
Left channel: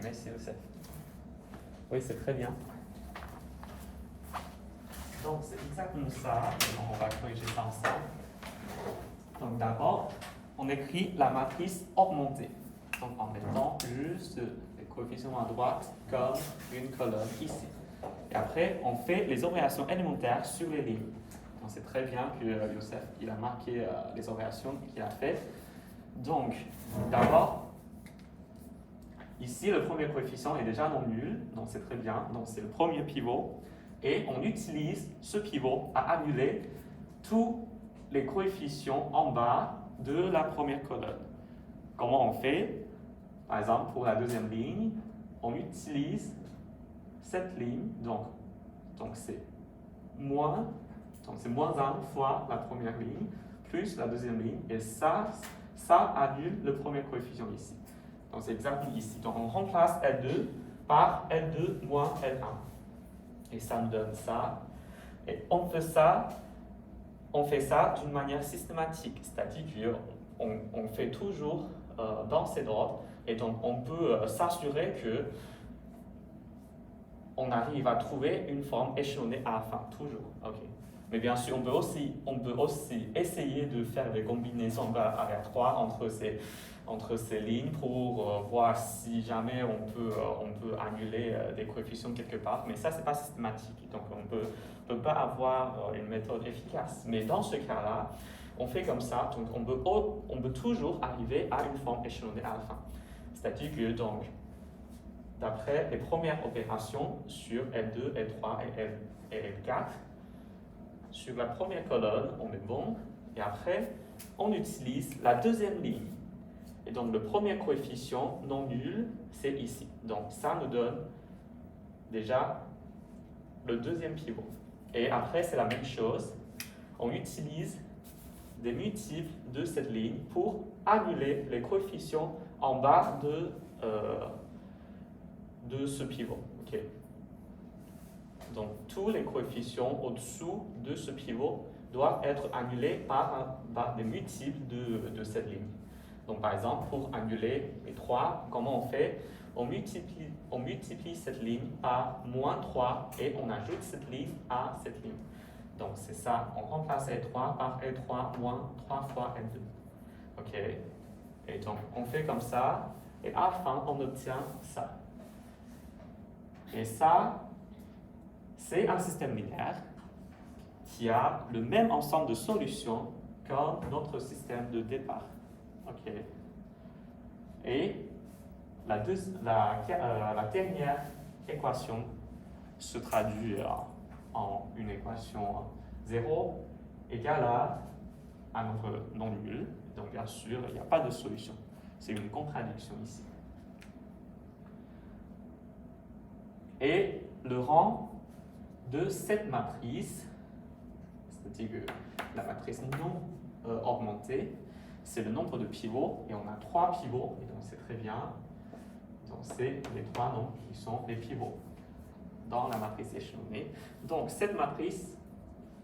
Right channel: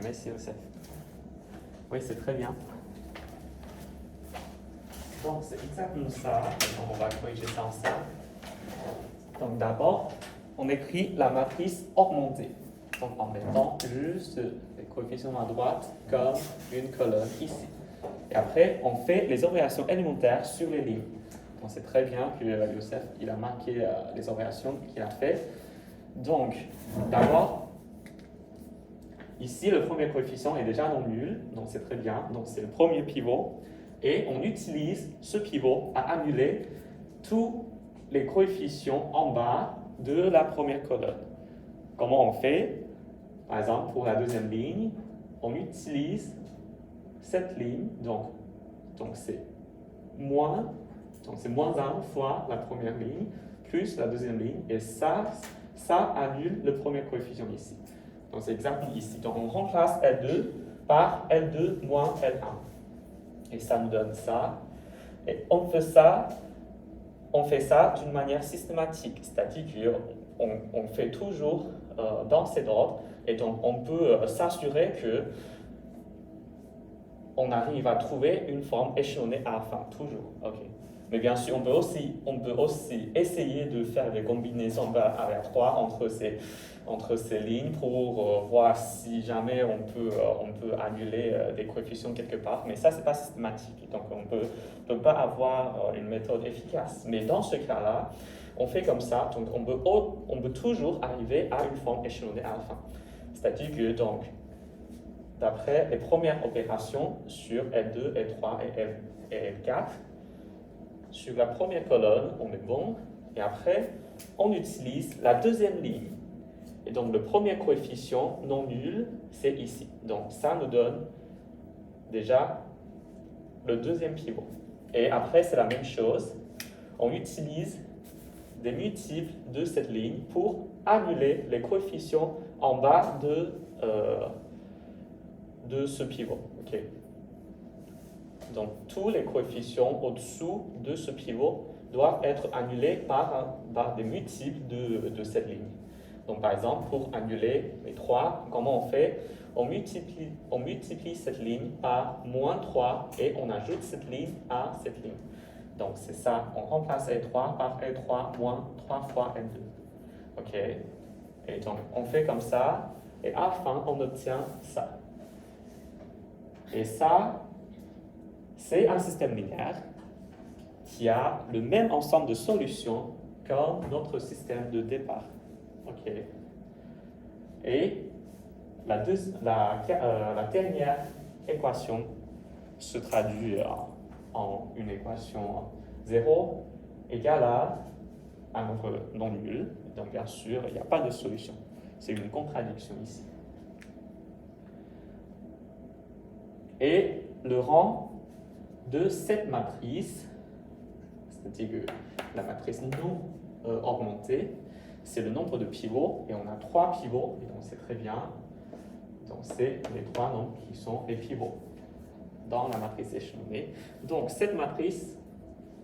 Merci Youssef. Oui, c'est très bien. Donc, c'est exactement ça. Donc, on va corriger ça ensemble. Donc, d'abord, on écrit la matrice augmentée. Donc, en mettant juste les coefficients à droite comme une colonne ici. Et après, on fait les opérations élémentaires sur les lignes. Donc, c'est très bien que Youssef il a marqué les opérations qu'il a fait. Donc, d'abord, ici, le premier coefficient est déjà non nul. Donc, c'est très bien. Donc, c'est le premier pivot. Et on utilise ce pivot à annuler tous les coefficients en bas de la première colonne. Comment on fait? Par exemple, pour la deuxième ligne, on utilise cette ligne, donc c'est moins 1 fois la première ligne, plus la deuxième ligne, et ça annule le premier coefficient ici. Donc c'est exactement ici. Donc on remplace L2 par L2 moins L1. Et ça nous donne ça. Et on fait ça d'une manière systématique, c'est-à-dire qu'on fait toujours dans cet ordre, et donc on peut s'assurer que on arrive à trouver une forme échelonnée à la fin, toujours. Okay. Mais bien sûr, on peut aussi essayer de faire des combinaisons aléatoires entre ces lignes pour voir si jamais on peut annuler des coefficients quelque part. Mais ça, ce n'est pas systématique. Donc, on ne peut pas avoir une méthode efficace. Mais dans ce cas-là, on fait comme ça. Donc, on peut toujours arriver à une forme échelonnée à la fin. C'est-à-dire que, donc, d'après les premières opérations sur L2, L3 et L4, sur la première colonne, on est bon, et après, on utilise la deuxième ligne. Et donc, le premier coefficient non nul, c'est ici. Donc, ça nous donne déjà le deuxième pivot. Et après, c'est la même chose. On utilise des multiples de cette ligne pour annuler les coefficients en bas de ce pivot. Okay. Donc, tous les coefficients au-dessous de ce pivot doivent être annulés par des multiples de cette ligne. Donc, par exemple, pour annuler les 3, comment on fait? On multiplie cette ligne par moins 3 et on ajoute cette ligne à cette ligne. Donc, c'est ça. On remplace L3 par L3 moins 3 fois L2. OK? Et donc, on fait comme ça. Et à la fin, on obtient ça. Et ça, c'est un système linéaire qui a le même ensemble de solutions comme notre système de départ. OK. Et la dernière équation se traduit en une équation 0 égale à notre non nul. Donc, bien sûr, il n'y a pas de solution. C'est une contradiction ici. Et le rang de cette matrice, c'est-à-dire que la matrice non augmentée, c'est le nombre de pivots, et on a 3 pivots, et donc c'est très bien. Donc c'est les 3 nombres qui sont les pivots dans la matrice échelonnée. Donc cette matrice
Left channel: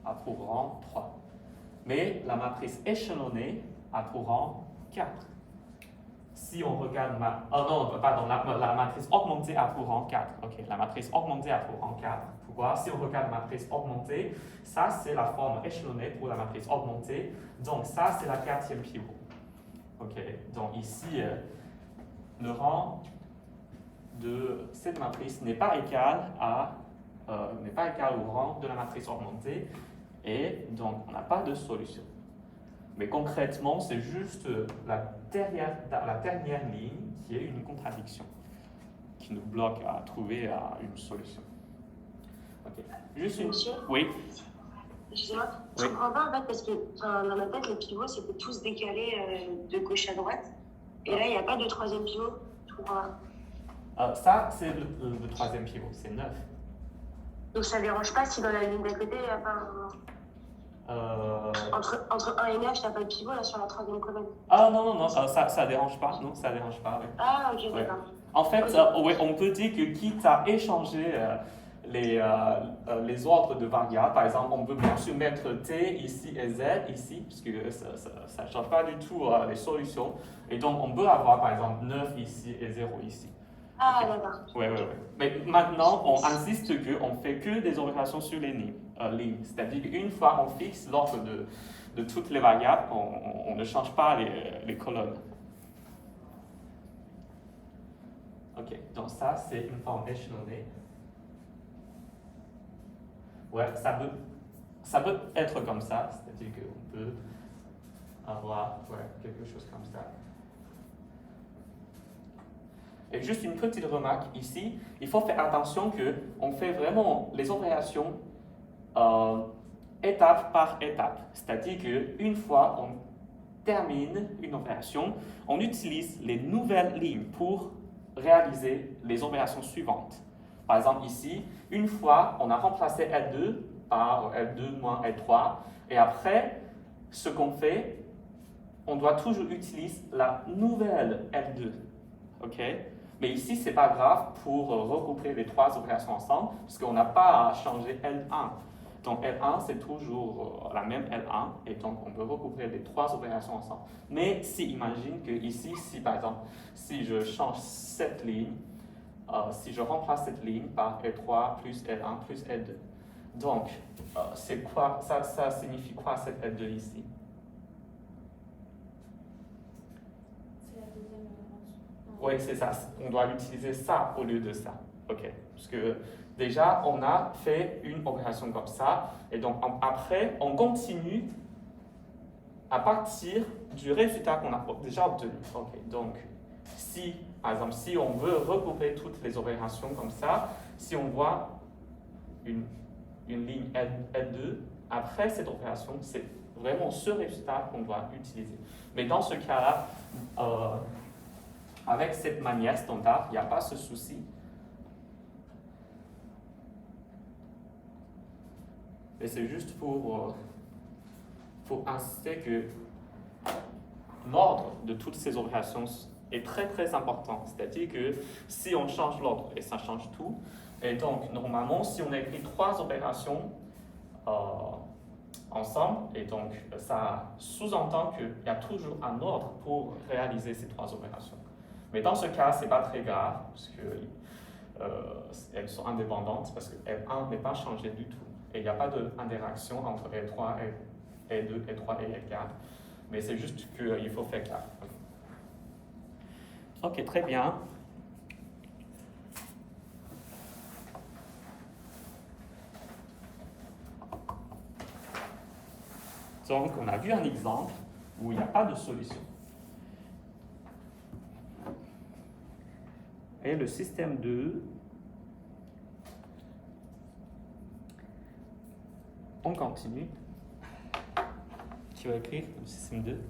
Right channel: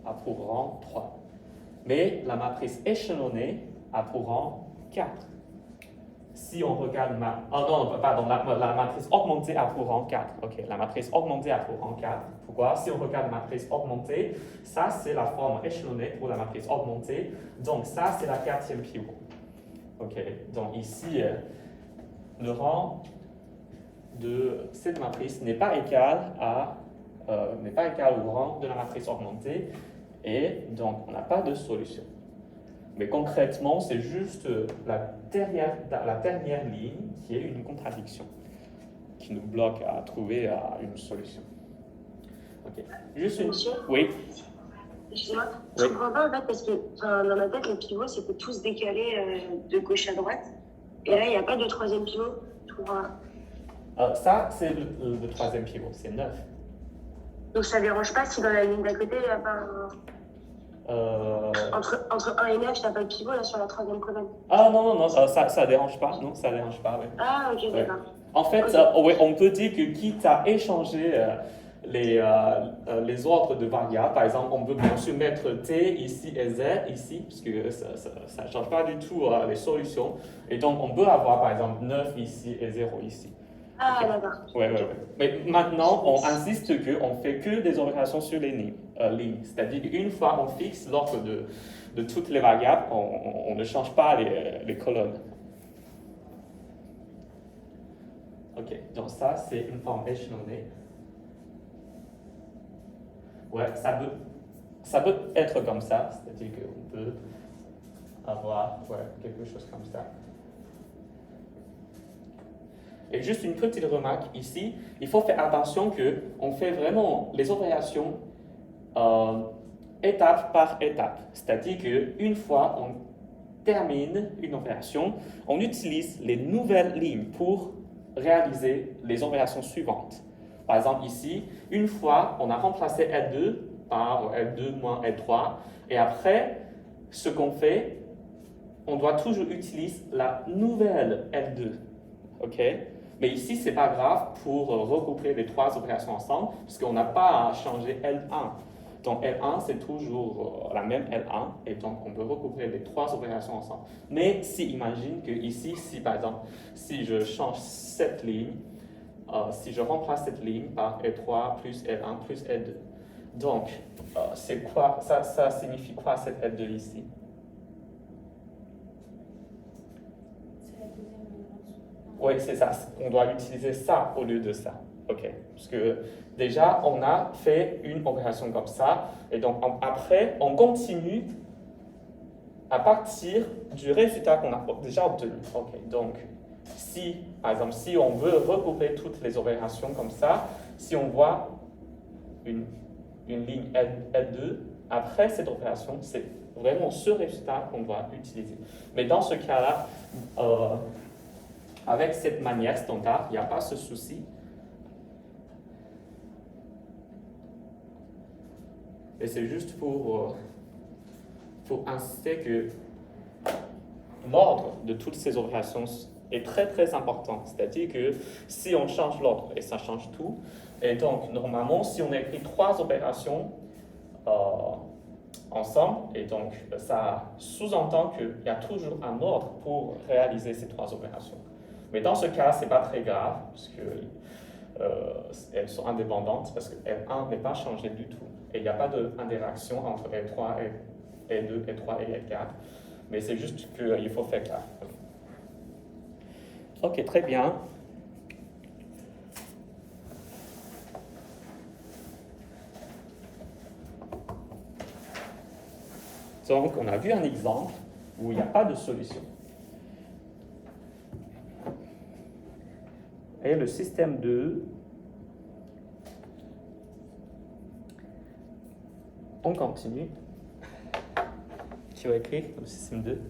a pour rang 3. Mais la matrice échelonnée a pour rang 4. Si on regarde la matrice augmentée a pour rang 4. Ok, la matrice augmentée a pour rang 4. Pourquoi? Si on regarde la matrice augmentée, ça c'est la forme échelonnée pour la matrice augmentée. Donc ça c'est la 4e pivot. Ok, donc ici le rang de cette matrice n'est pas égal au rang de la matrice augmentée, et donc on n'a pas de solution. Mais concrètement, c'est juste la dernière ligne qui est une contradiction, qui nous bloque à trouver une solution. Ok. Juste une... Monsieur, Oui. excusez-moi, je ne comprends pas en fait parce que dans ma tête, les pivots c'était tous décalés de gauche à droite. Et là, il n'y a pas de 3e pivot. Je comprends pas. Ça, c'est le 3e pivot, c'est 9. Donc ça ne dérange pas si dans la ligne d'à côté, il n'y a pas entre 1 et 9, il n'y a pas de pivot là sur la 3e colonne. Ah non, ça dérange pas, non, ça dérange pas, oui. Ah, ok, Ouais. d'accord. En fait, Okay. on peut dire que quitte à échanger les ordres de variables, par exemple, on peut bien sûr mettre t ici et z ici, parce que ça ne change pas du tout les solutions. Et donc, on peut avoir, par exemple, 9 ici et 0 ici. Ah, Ok. d'accord. Ouais. Mais maintenant, on insiste qu'on fait que des opérations sur les lignes. C'est-à-dire qu'une fois on fixe l'ordre de toutes les variables, on ne change pas les colonnes. Ok, donc ça c'est informationally. Ouais, ça peut être comme ça, c'est-à-dire qu'on peut avoir quelque chose comme ça. Et juste une petite remarque ici, il faut faire attention qu'on fait vraiment les opérations étape par étape. C'est-à-dire qu'une fois on termine une opération, on utilise les nouvelles lignes pour réaliser les opérations suivantes. Par exemple ici, une fois on a remplacé L2 par L2 moins L3, et après, ce qu'on fait, on doit toujours utiliser la nouvelle L2. Ok? Mais ici, ce n'est pas grave pour regrouper les trois opérations ensemble, puisqu'on n'a pas à changer L1. Donc L1, c'est toujours la même L1, et donc on peut regrouper les trois opérations ensemble. Mais si, imagine que ici, si par exemple, si je change cette ligne, si je remplace cette ligne par L3 plus L1 plus L2, donc c'est quoi, ça signifie quoi cette L2 ici? C'est la deuxième dimension. Oui, c'est ça. On doit utiliser ça au lieu de ça. OK. Parce que déjà, on a fait une opération comme ça. Et donc, après, on continue à partir du résultat qu'on a déjà obtenu. OK. Donc, si, par exemple, si on veut regrouper toutes les opérations comme ça, si on voit une ligne L2, après cette opération, c'est vraiment ce résultat qu'on doit utiliser. Mais dans ce cas-là, avec cette manière standard, il n'y a pas ce souci. Et c'est juste pour insister que l'ordre de toutes ces opérations est très très important. C'est-à-dire que si on change l'ordre, et ça change tout, et donc normalement, si on écrit trois opérations ensemble, et donc ça sous-entend qu'il y a toujours un ordre pour réaliser ces trois opérations. Mais dans ce cas, ce n'est pas très grave, parce que elles sont indépendantes, parce que L1 n'est pas changé du tout. Et il n'y a pas d'interaction entre L3, L2, L3 et L4. Mais c'est juste qu'il faut faire gaffe. Ok, très bien. Donc, on a vu un exemple où il n'y a pas de solution. Et le système 2, on continue. Tu vas écrire le système 2.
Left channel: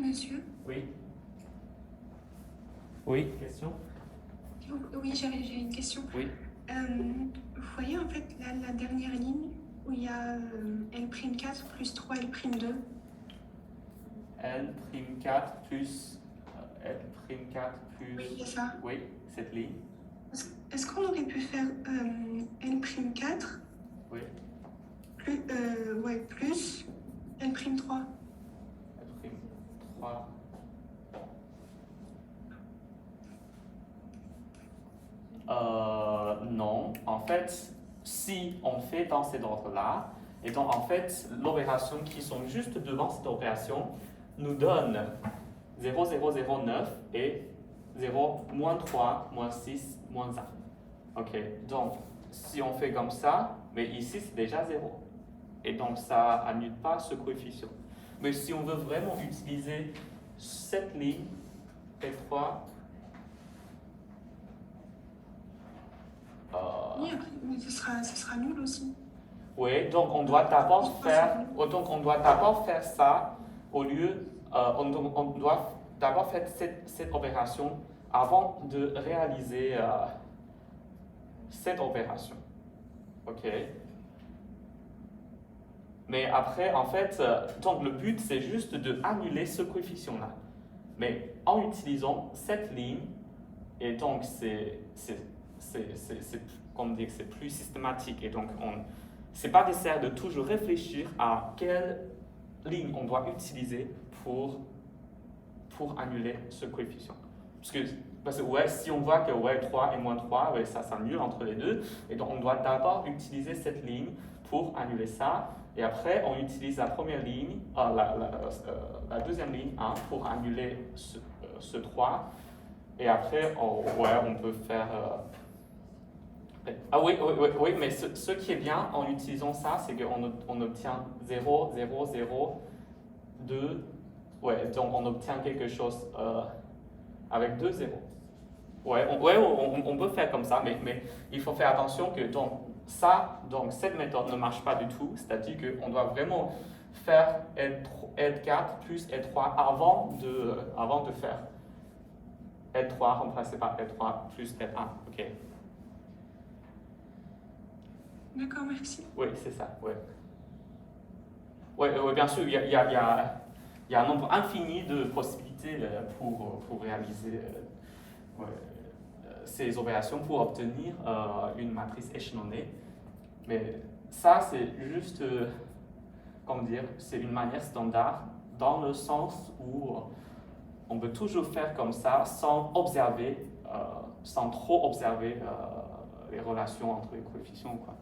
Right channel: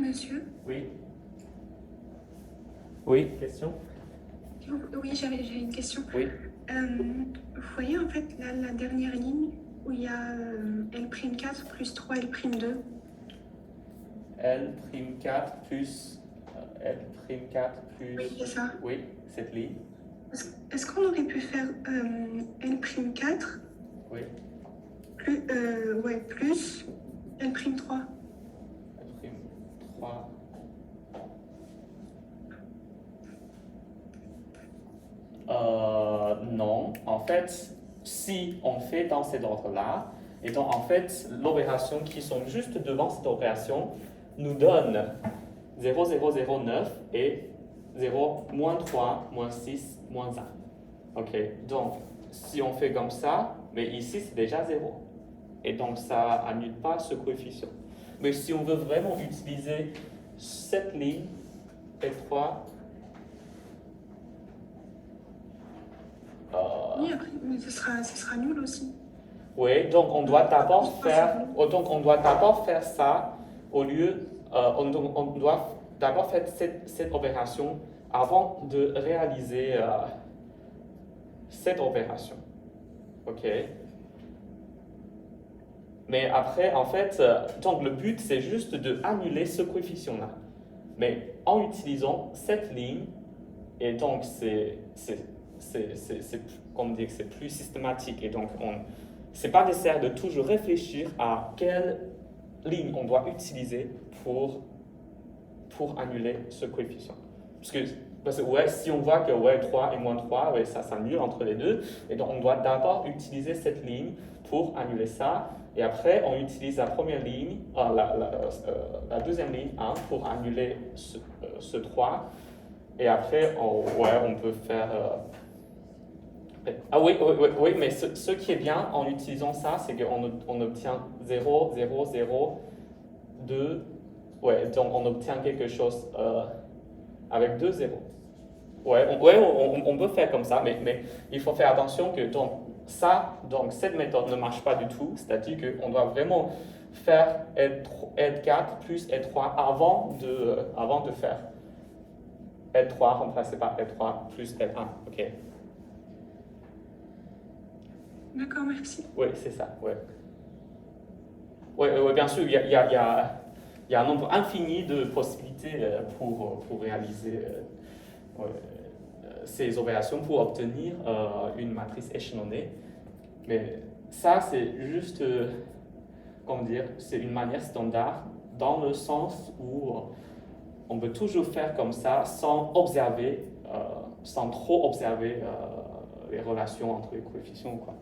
Monsieur. Oui. Oui, question? Oui, j'ai une question. Oui. Vous voyez en fait la dernière ligne où il y a L'4 plus 3 L'2. L'4 plus L'4 plus... Oui, c'est ça. Oui, cette ligne. Est-ce qu'on aurait pu faire L'4 Oui. plus L'3? L'3. Non. En fait, si on fait dans cet ordre-là, et donc en fait, l'opération qui sont juste devant cette opération nous donne 0, 0, 0, 9 et 0, moins 3, moins 6, moins 1. Ok, donc si on fait comme ça, mais ici c'est déjà 0. Et donc ça annule pas ce coefficient. Mais si on veut vraiment utiliser cette ligne, L3, Oui, après, mais ce sera nul aussi. oui, donc on doit d'abord faire ça au lieu, on doit d'abord faire cette opération avant de réaliser cette opération. Ok. Mais après, en fait, donc le but c'est juste de annuler ce coefficient-là. Mais en utilisant cette ligne, et donc comme dit, c'est plus systématique, et donc c'est pas nécessaire de toujours réfléchir à quelle ligne on doit utiliser pour annuler ce coefficient. Parce que ouais, si on voit que ouais, 3 et moins 3, ouais, ça s'annule entre les deux, et donc on doit d'abord utiliser cette ligne pour annuler ça, et après on utilise la première ligne, la deuxième ligne 1 pour annuler ce 3, et après on peut faire... Ah oui, mais ce qui est bien en utilisant ça, c'est qu'on obtient 0, 0, 0, 2, ouais, donc on obtient quelque chose avec 2 zéros. Ouais, on peut faire comme ça, mais il faut faire attention que donc cette méthode ne marche pas du tout, c'est-à-dire qu'on doit vraiment faire L4 plus L3 avant de faire L3 remplacé par L3 plus L1, ok? D'accord, merci. Oui, c'est ça, ouais. Ouais, bien sûr, il y a un nombre infini de possibilités pour réaliser ces opérations, pour obtenir une matrice échelonnée. Mais ça, c'est juste, comment dire, c'est une manière standard dans le sens où on peut toujours faire comme ça sans trop observer les relations entre les coefficients, quoi.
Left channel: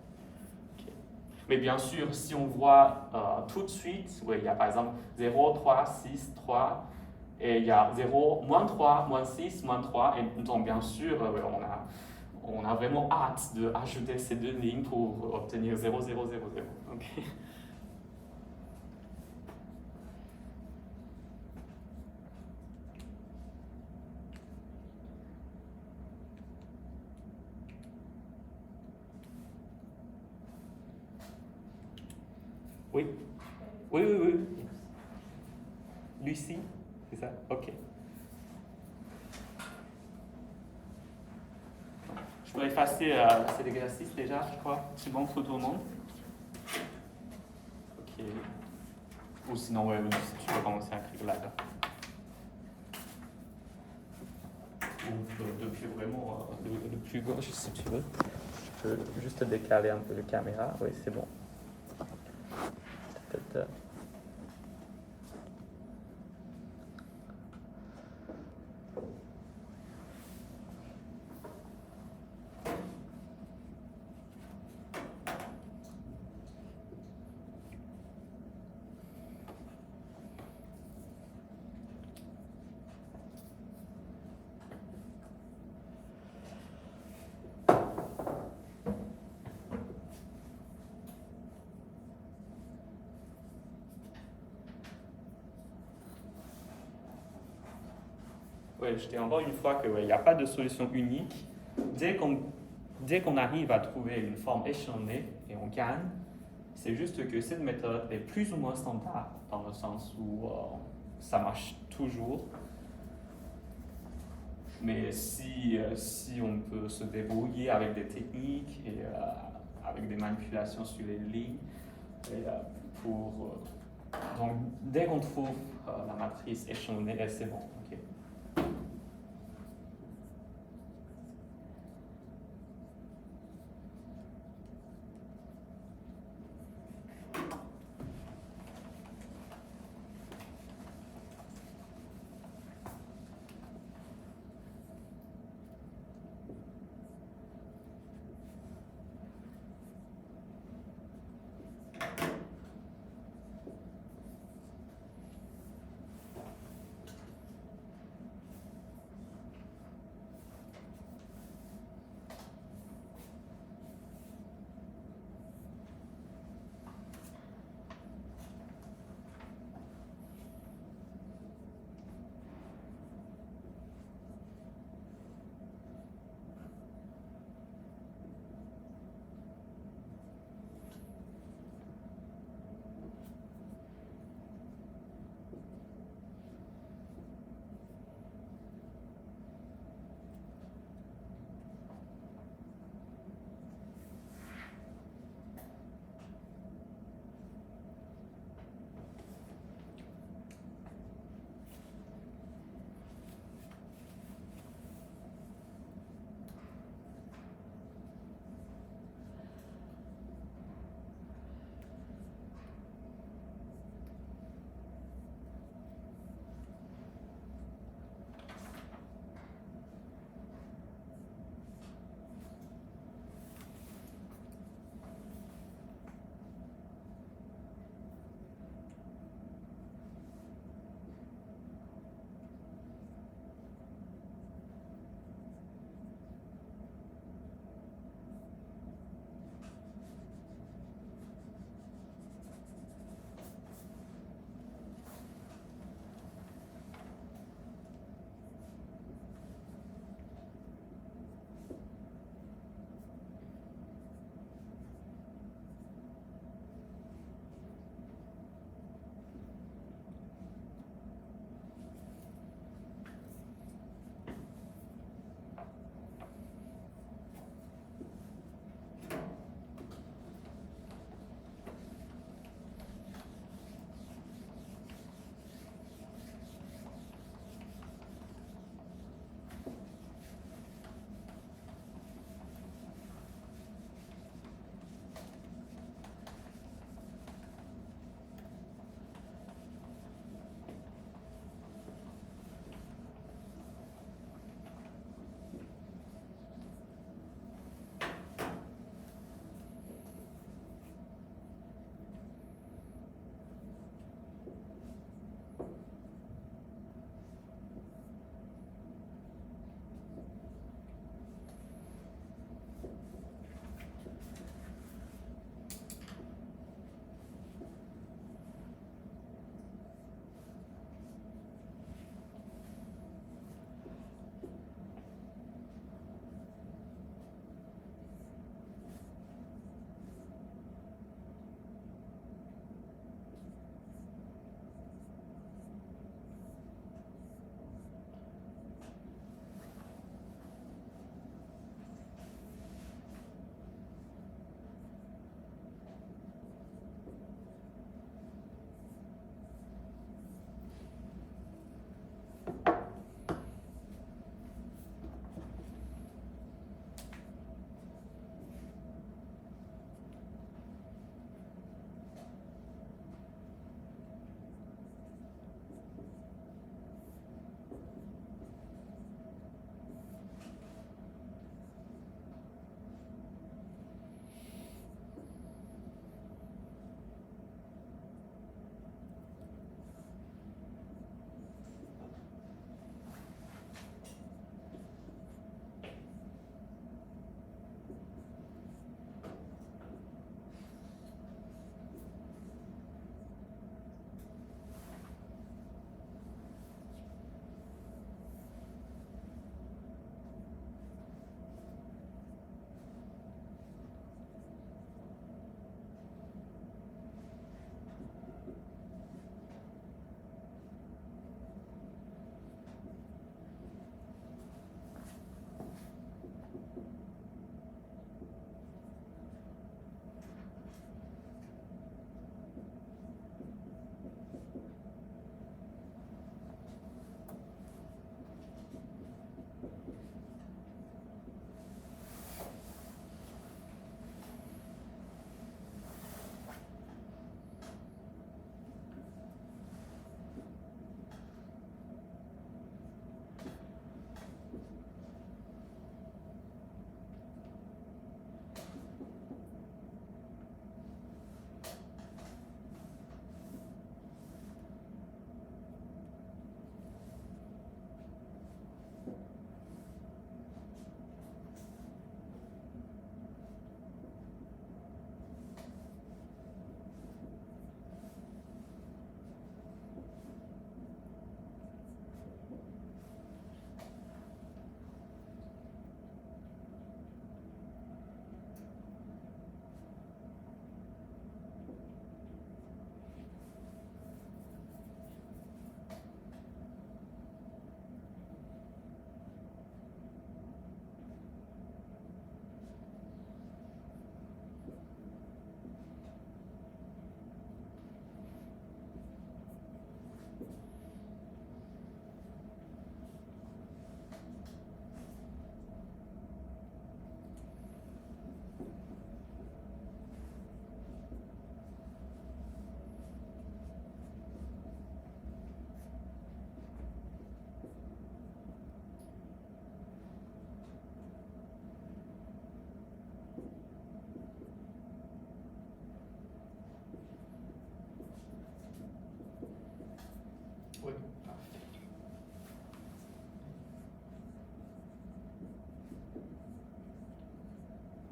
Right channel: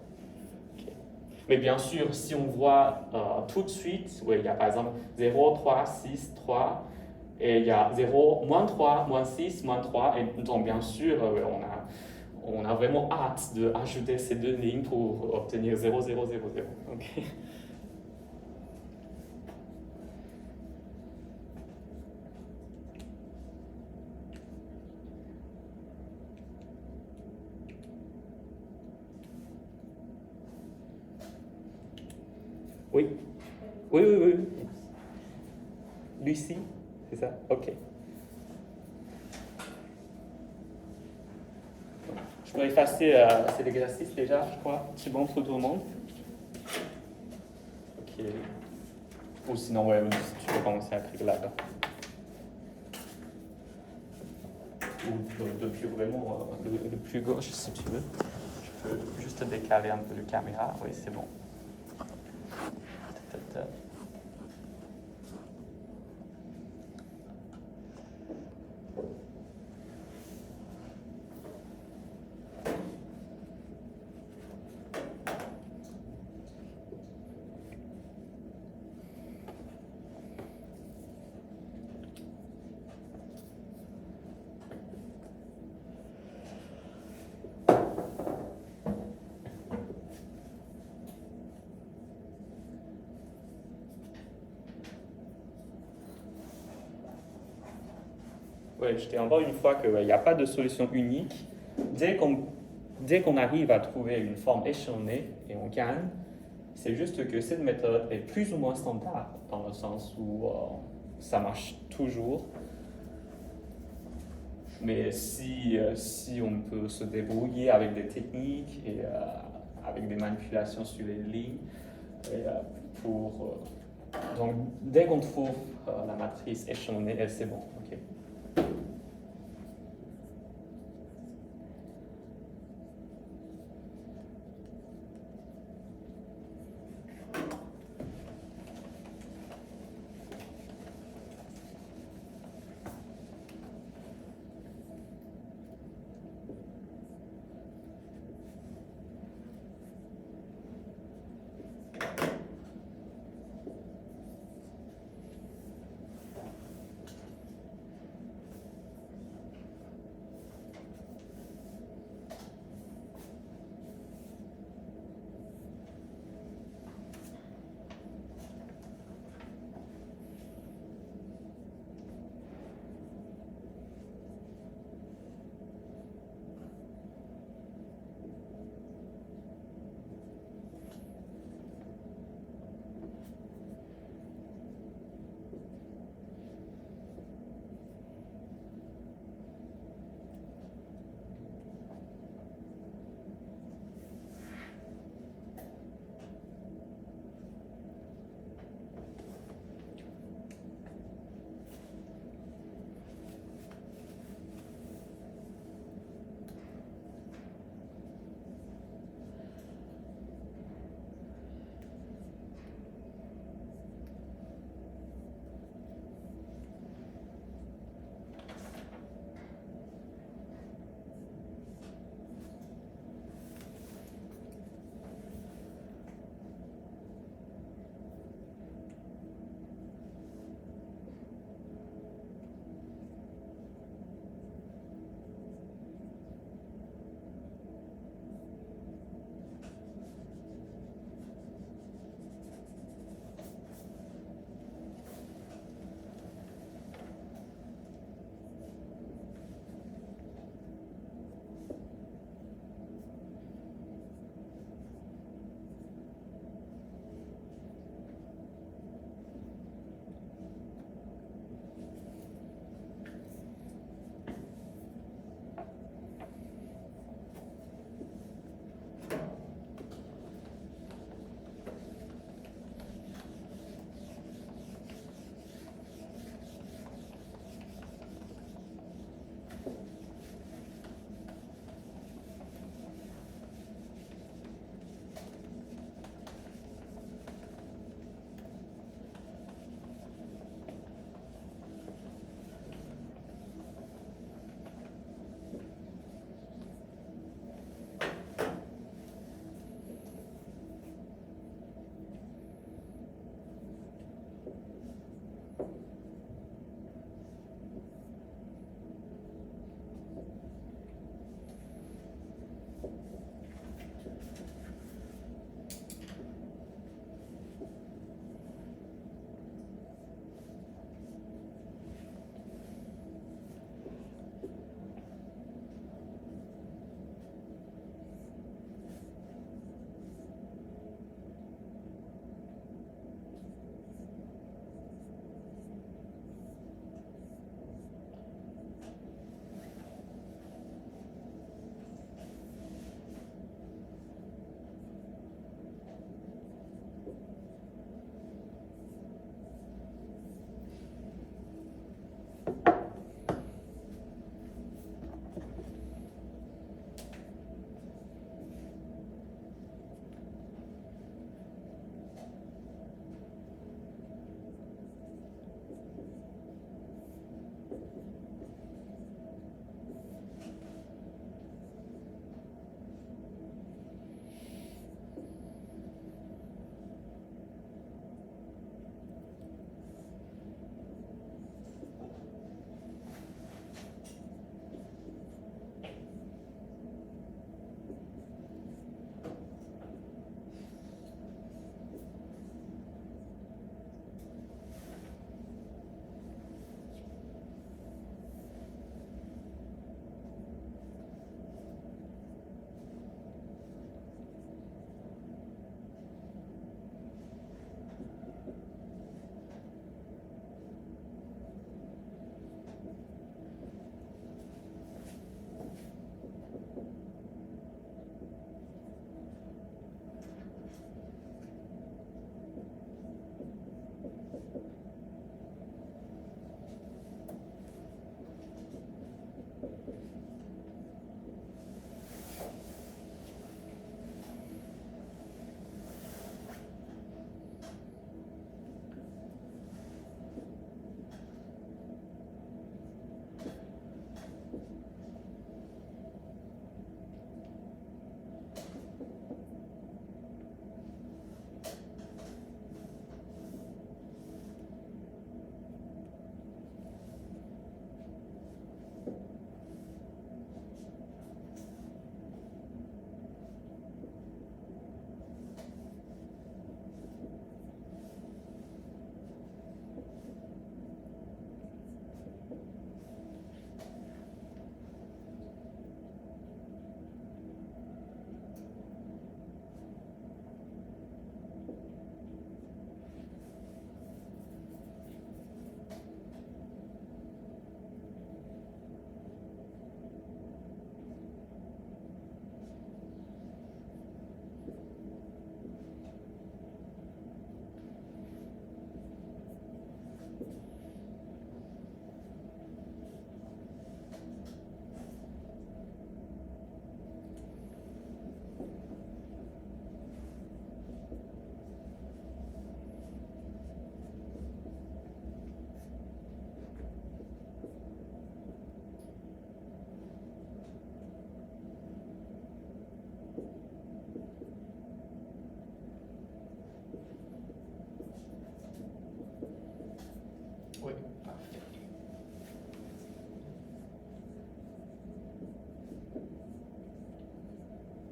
Mais bien sûr, si on voit tout de suite, il y a par exemple 0, 3, 6, 3, et il y a 0, moins 3, moins 6, moins 3, et donc bien sûr, on a vraiment hâte d'ajouter ces deux lignes pour obtenir 0, 0, 0, 0. Okay. Oui. Lucie, c'est ça? Ok. Je peux effacer cet exercice déjà, je crois. C'est bon pour tout le monde? Ok. Ou sinon, ouais, tu peux commencer à écrire là-bas. Ou depuis vraiment le plus gauche, si tu veux. Je peux juste décaler un peu la caméra. Oui, c'est bon. Oui, je dis encore une fois qu'il n'y a pas de solution unique. Dès qu'on arrive à trouver une forme échelonnée et on gagne, c'est juste que cette méthode est plus ou moins standard, dans le sens où ça marche toujours. Mais si on peut se débrouiller avec des techniques et avec des manipulations sur les lignes, et, donc dès qu'on trouve la matrice échelonnée, c'est bon. Okay.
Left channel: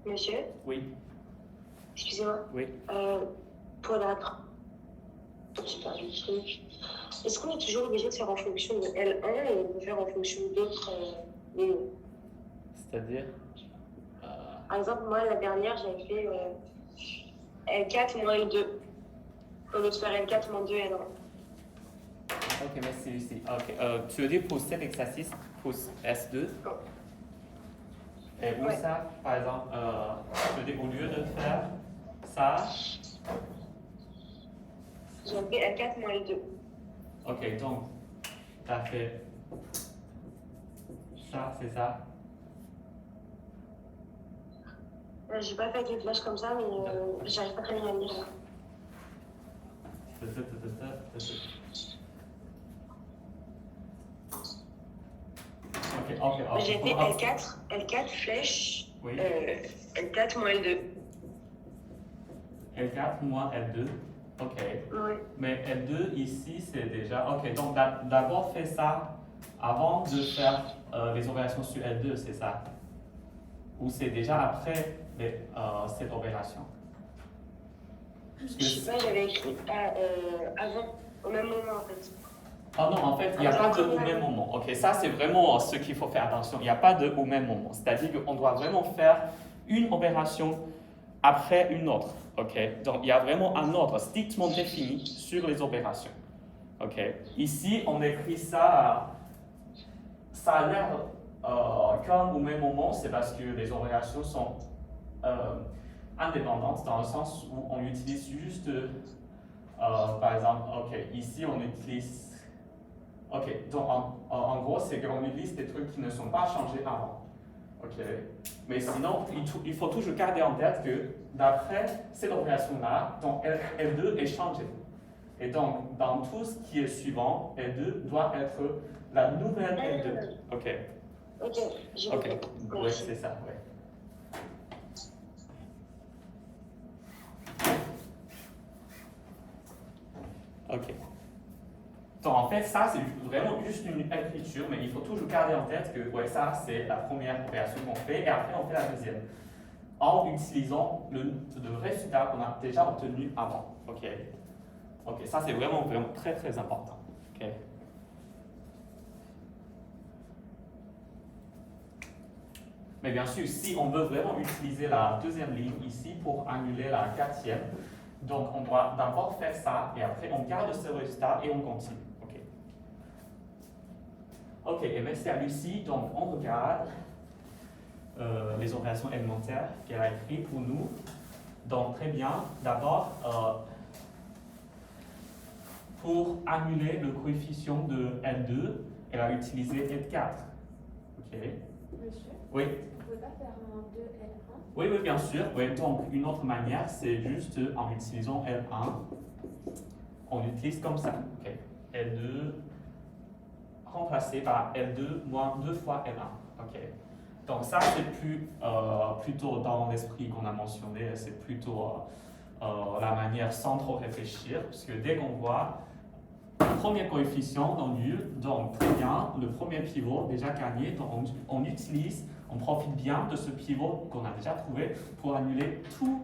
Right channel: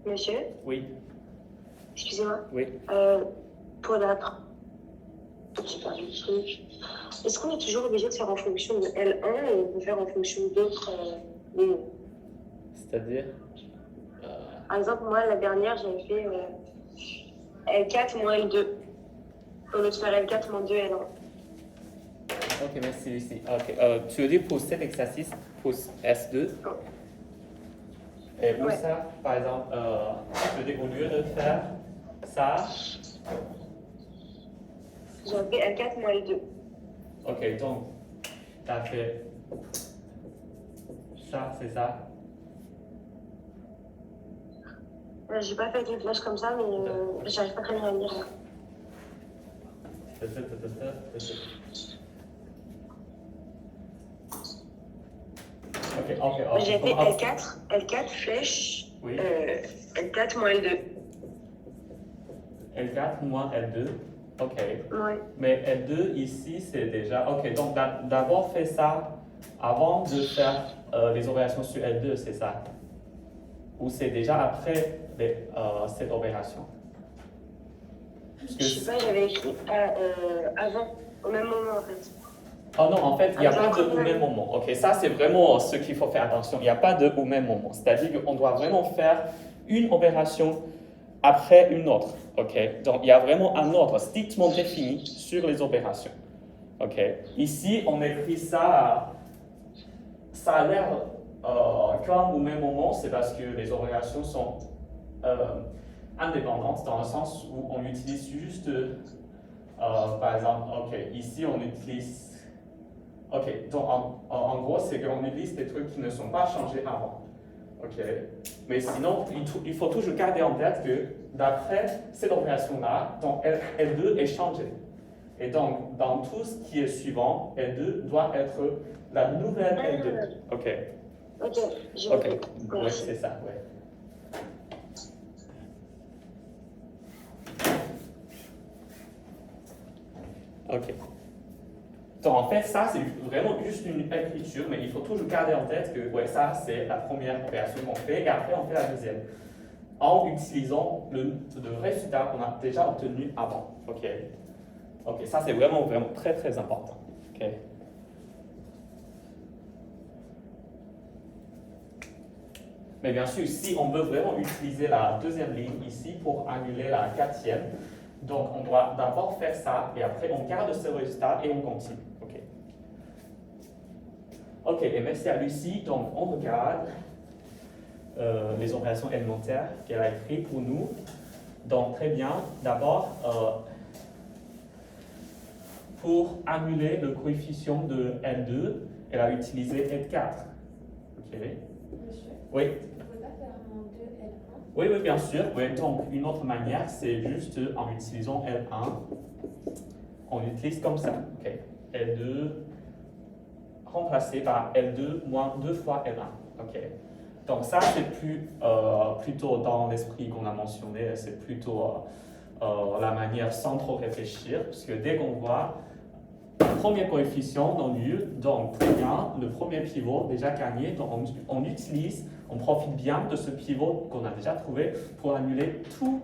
Monsieur, Oui, excusez-moi. oui. Pour la... J'ai perdu le truc. Est-ce qu'on est toujours obligé de faire en fonction de L1 ou on peut faire en fonction d'autres lignes? C'est-à-dire Par exemple, moi, la dernière, j'avais fait L4 moins L2. Au lieu de faire L4 moins 2 L1. Ok, merci Lucie. Ok, tu veux dire pour cet exercice, pour S2? Et pour Ouais. ça, par exemple, tu veux dire au lieu de faire ça, J'avais fait L4 moins L2. ok, donc, tu as fait ça, c'est ça. J'ai pas fait une flèche comme ça, mais j'arrive pas très bien à le lire. Ok. J'ai fait L4 flèche, Oui. L4 moins L2. L4 moins L2. Ok. Ouais. Mais L2 ici, c'est déjà. Ok, donc d'abord fait ça avant de faire les opérations sur L2, c'est ça? Ou c'est déjà après cette opération? Je sais pas, j'avais écrit avant, au même moment en fait. Oh non, en fait, il n'y a pas de au même moment. Ok, ça c'est vraiment ce qu'il faut faire attention. Il n'y a pas de au même moment. C'est-à-dire qu'on doit vraiment faire une opération après une autre. Ok, donc il y a vraiment un ordre strictement défini sur les opérations. Ok, ici on écrit ça. Ça a l'air comme au même moment, c'est parce que les opérations sont indépendantes dans le sens où on utilise juste, par exemple, ok, ici on utilise. Ok, donc en gros, c'est qu'on utilise des trucs qui ne sont pas changés avant. Ok, mais sinon, il faut toujours garder en tête que d'après cette opération-là, donc L2 est changé. Et donc, dans tout ce qui est suivant, L2 doit être la nouvelle L2. Ok. Ok, j'ai Ok, compris. ouais, c'est ça, ouais. Ok. Donc en fait, ça c'est vraiment juste une écriture, mais il faut toujours garder en tête que ouais, ça c'est la première opération qu'on fait, et après on fait la deuxième. En utilisant le résultat qu'on a déjà obtenu avant. Ok. Ok, ça c'est vraiment très très important. Ok. Mais bien sûr, si on veut vraiment utiliser la deuxième ligne ici pour annuler la quatrième, donc on doit d'abord faire ça et après on garde ce résultat et on continue. Ok. Ok, et merci à Lucie. Donc on regarde les opérations élémentaires qu'elle a écrites pour nous. Donc très bien. D'abord, pour annuler le coefficient de L2, elle a utilisé L4. Ok. Monsieur, Oui. on ne peut pas faire un 2L1? Oui, bien sûr. Oui, donc, une autre manière, c'est juste en utilisant L1. On utilise comme ça. Ok. L2 remplacé par L2 moins 2 fois L1. Ok. Donc, ça, c'est plutôt dans l'esprit qu'on a mentionné, c'est plutôt la manière sans trop réfléchir, parce que dès qu'on voit le premier coefficient non nul, donc très bien, le premier pivot déjà gagné, donc on profite bien de ce pivot qu'on a déjà trouvé pour annuler tous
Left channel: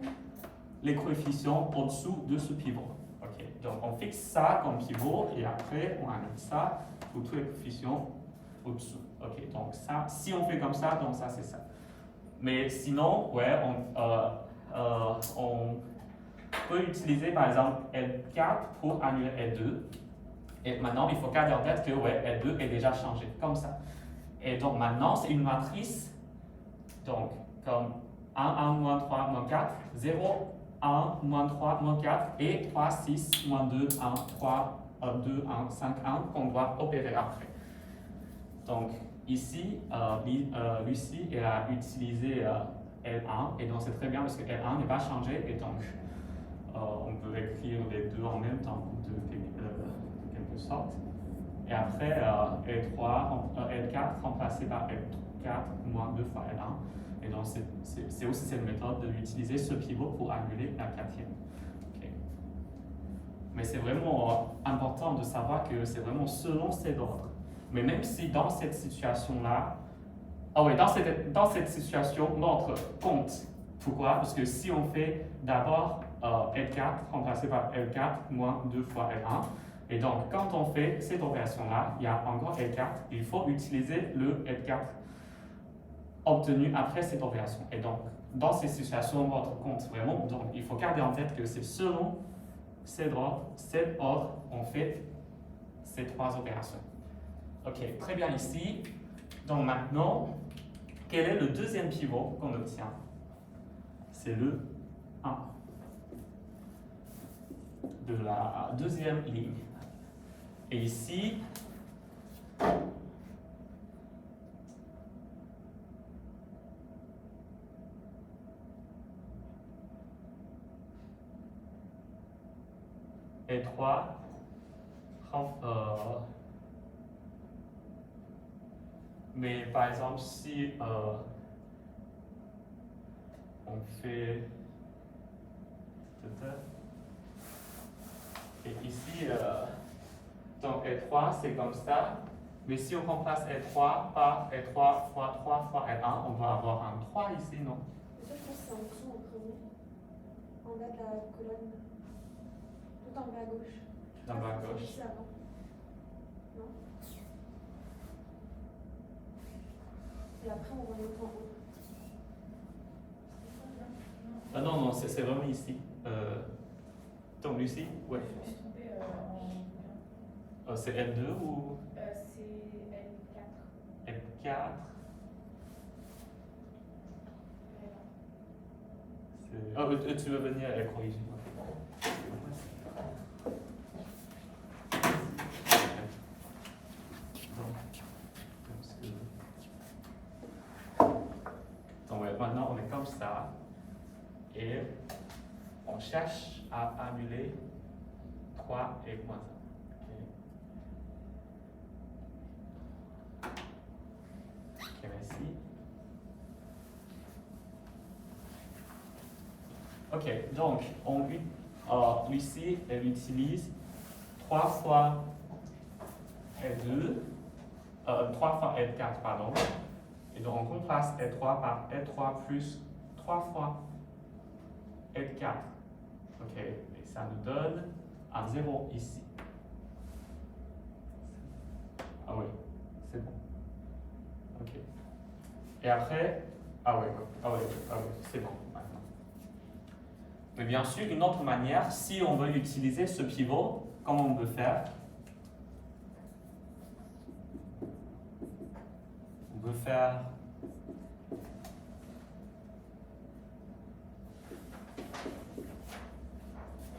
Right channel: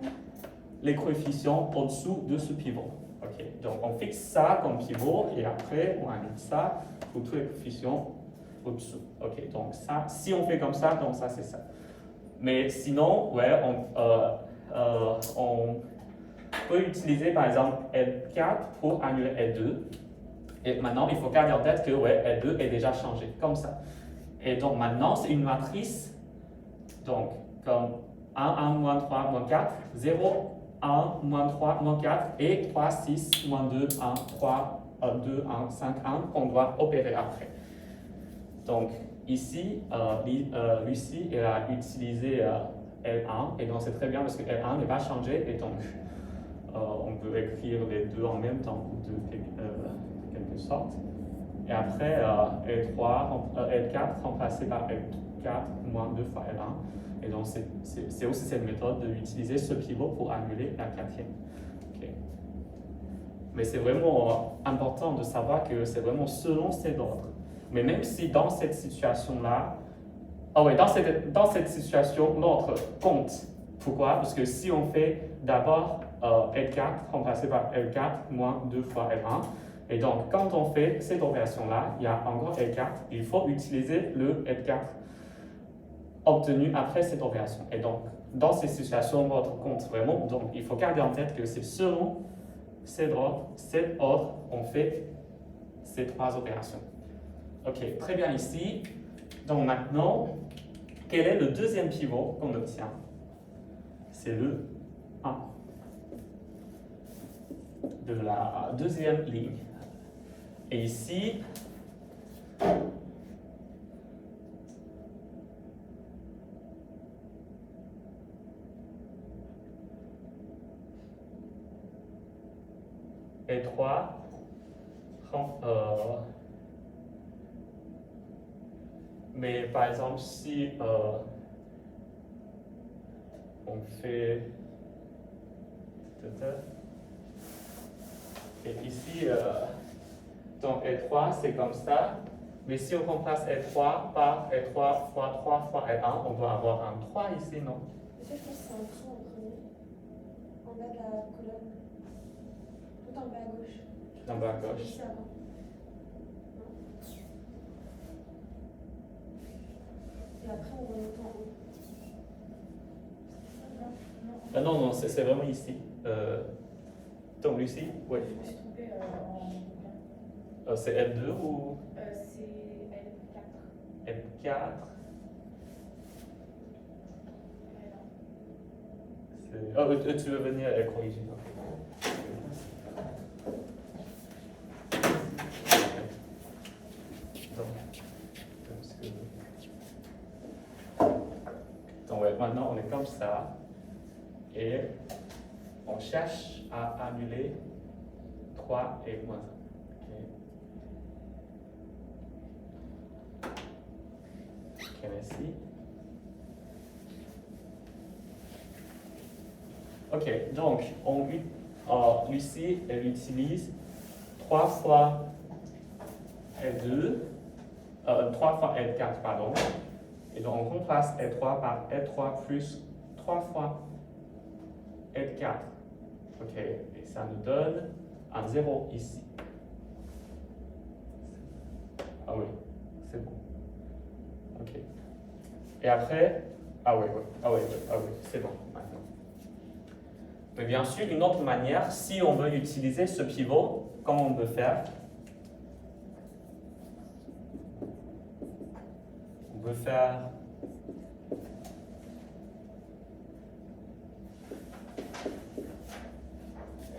les coefficients au-dessous de ce pivot. Okay. Donc on fixe ça comme pivot et après on annule ça pour tous les coefficients au-dessous. Ok, donc ça, si on fait comme ça, donc ça c'est ça. Mais sinon, ouais, on peut utiliser par exemple L4 pour annuler L2. Et maintenant, il faut garder en tête que ouais, L2 est déjà changé, comme ça. Et donc maintenant, c'est une matrice, donc comme 1, 1, moins 3, moins 4, 0, 1, moins 3, moins 4, et 3, 6, moins 2, 1, 3, 2, 1, 5, 1, qu'on doit opérer après. Donc ici, Lucie, elle a utilisé L1, et donc c'est très bien parce que L1 n'est pas changé, et donc on peut écrire les deux en même temps, de quelque sorte. Et après, L4 remplacé par L4 moins 2 fois L1. Et donc, c'est aussi cette méthode d'utiliser ce pivot pour annuler la quatrième. Okay. Mais c'est vraiment important de savoir que c'est vraiment selon cet ordre. Mais même si dans cette situation-là, dans cette situation, l'ordre compte Pourquoi? Parce que si on fait d'abord L4 remplacé par L4 moins 2 fois L1, et donc quand on fait cette opération-là, il y a encore L4, il faut utiliser le L4 obtenu après cette opération. Et donc, dans ces situations, votre compte vraiment, donc il faut garder en tête que c'est selon cet ordre, on fait ces trois opérations. Ok, très bien ici. Donc maintenant, quel est le deuxième pivot qu'on obtient? C'est le 1 de la deuxième ligne. Et ici, et 3, mais par exemple, si on fait et ici, donc L3 c'est comme ça, mais si on remplace L3 par L3 fois 3 fois L1, on doit avoir un 3 ici, non? Je pense que c'est en dessous en premier, en bas de la colonne, tout en bas à gauche. Tout en bas à gauche. Ici avant. Non? Et après on remonte en haut. C'est ça là? Non, non, c'est vraiment ici. Donc Lucie, oui. Je me suis trompée C'est L2 ou c'est L4. L4? Oh, tu veux venir corriger. Donc ouais, maintenant on est comme ça et on cherche à annuler 3 et moins 1. Ok, merci. Ok, donc Lucie, elle utilise 3 fois L2, 3 fois L4, pardon. Et donc on remplace L3 par L3 plus 3 fois L4. Ok, et ça nous donne un 0 ici. Ah oui, c'est bon. Ok. Et après, ah oui, c'est bon maintenant. Mais bien sûr, une autre manière, si on veut utiliser ce pivot, comment on peut faire? On peut faire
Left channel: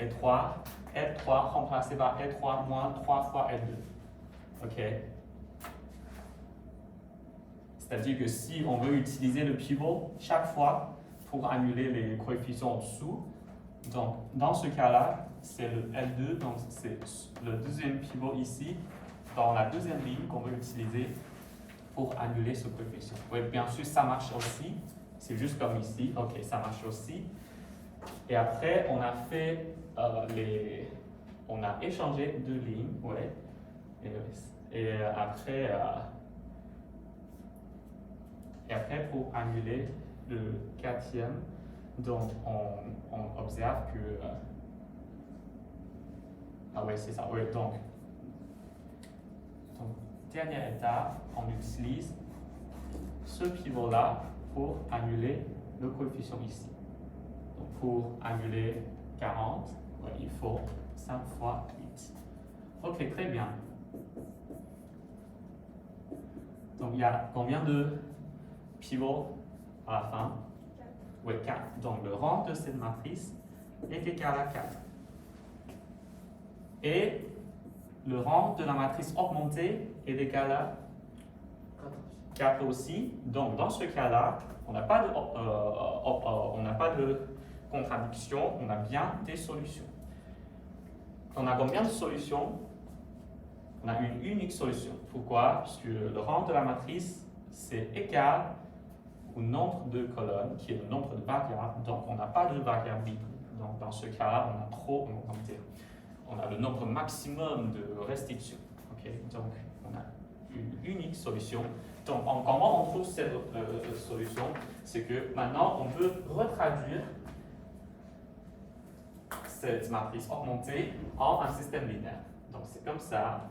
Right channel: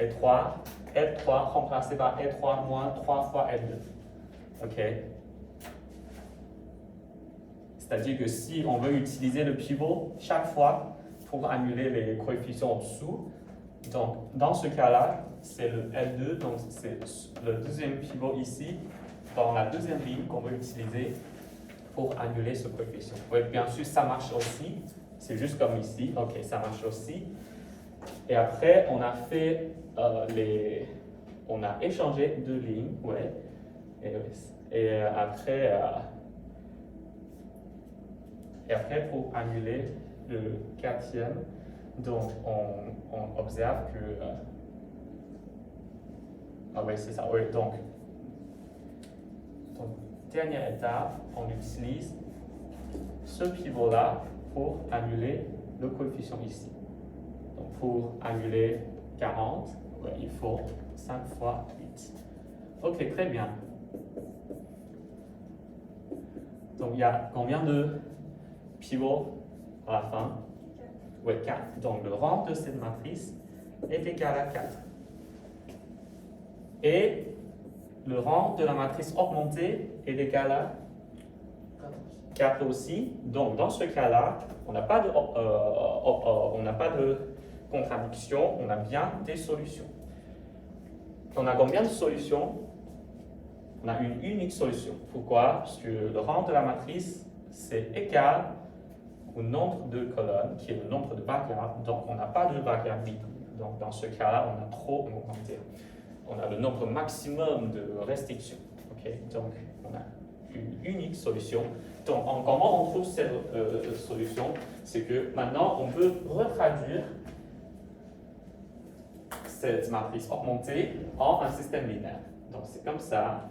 L3 remplacé par L3 moins 3 fois L2. Ok. C'est-à-dire que si on veut utiliser le pivot chaque fois pour annuler les coefficients en dessous, donc dans ce cas-là, c'est le L2, donc c'est le deuxième pivot ici, dans la deuxième ligne qu'on veut utiliser pour annuler ce coefficient. Oui, bien sûr, ça marche aussi. C'est juste comme ici. Ok, ça marche aussi. Et après, on a fait on a échangé deux lignes, ouais. Et après, pour annuler le quatrième, donc on observe que ah ouais, c'est ça. Ouais, donc dernière étape, on utilise ce pivot-là pour annuler le coefficient ici. Donc pour annuler 40, ouais, il faut 5 fois 8. Ok, très bien. Donc il y a combien de pivots à la fin? 4. Oui, 4. Donc le rang de cette matrice est égal à 4. Et le rang de la matrice augmentée est égal à 4 aussi. Donc dans ce cas-là, on n'a pas de contradiction, on a bien des solutions. On a combien de solutions? On a une unique solution. Pourquoi? Parce que le rang de la matrice, c'est égal au nombre de colonnes, qui est le nombre de variables. Donc, on n'a pas de variable libre. Donc, dans ce cas-là, on a trop, on a le nombre maximum de restrictions. Okay? Donc, on a une unique solution. Donc, comment on trouve cette solution? C'est que maintenant, on peut retraduire cette matrice augmentée en un système linéaire. Donc, c'est comme ça.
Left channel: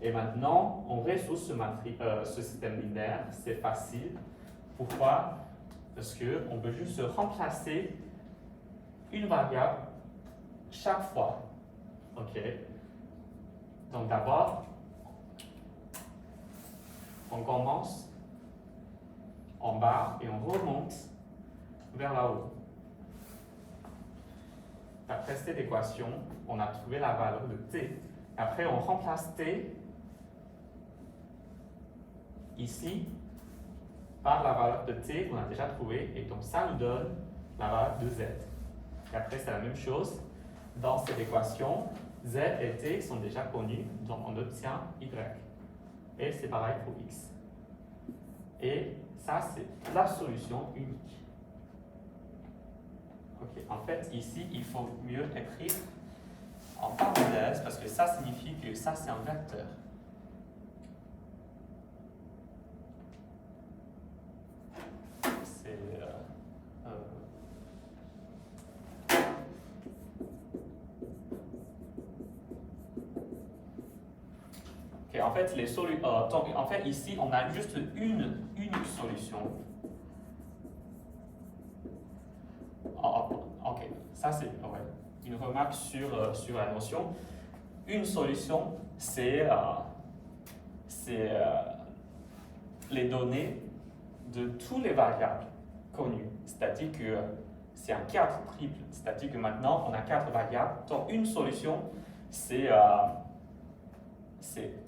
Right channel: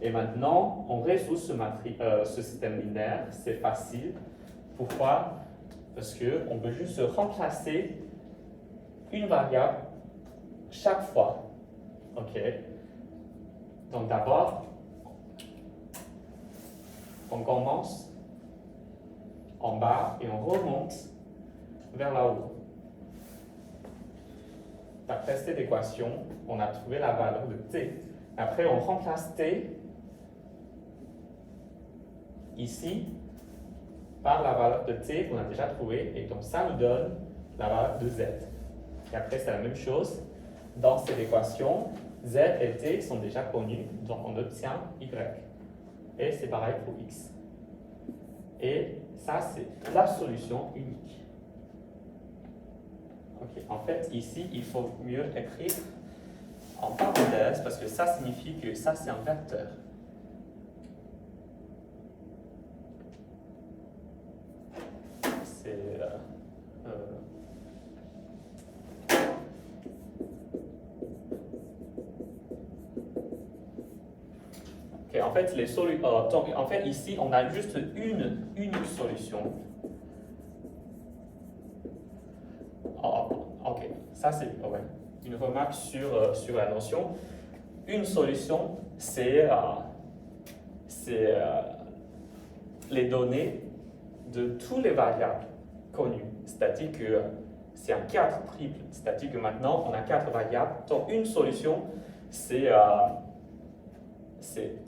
Et maintenant, on résout ce système linéaire. C'est facile. Pourquoi? Parce qu'on peut juste remplacer une variable chaque fois. OK? Donc, d'abord, on commence en bas et on remonte vers là-haut. D'après cette équation, on a trouvé la valeur de t. Après, on remplace t ici par la valeur de t qu'on a déjà trouvée, et donc ça nous donne la valeur de z. Et après, c'est la même chose. Dans cette équation, z et t sont déjà connus, donc on obtient y. Et c'est pareil pour x. Et ça, c'est la solution unique. Ok, en fait, ici, il faut mieux écrire en parenthèse parce que ça signifie que ça, c'est un vecteur. C'est ok, en fait, donc, en fait, ici, on a juste une unique solution. Ok, ça c'est une remarque sur la notion. Une solution, c'est les données de tous les variables connues. C'est-à-dire que c'est un cadre triple. C'est-à-dire que maintenant, on a 4 variables. Donc, une solution, c'est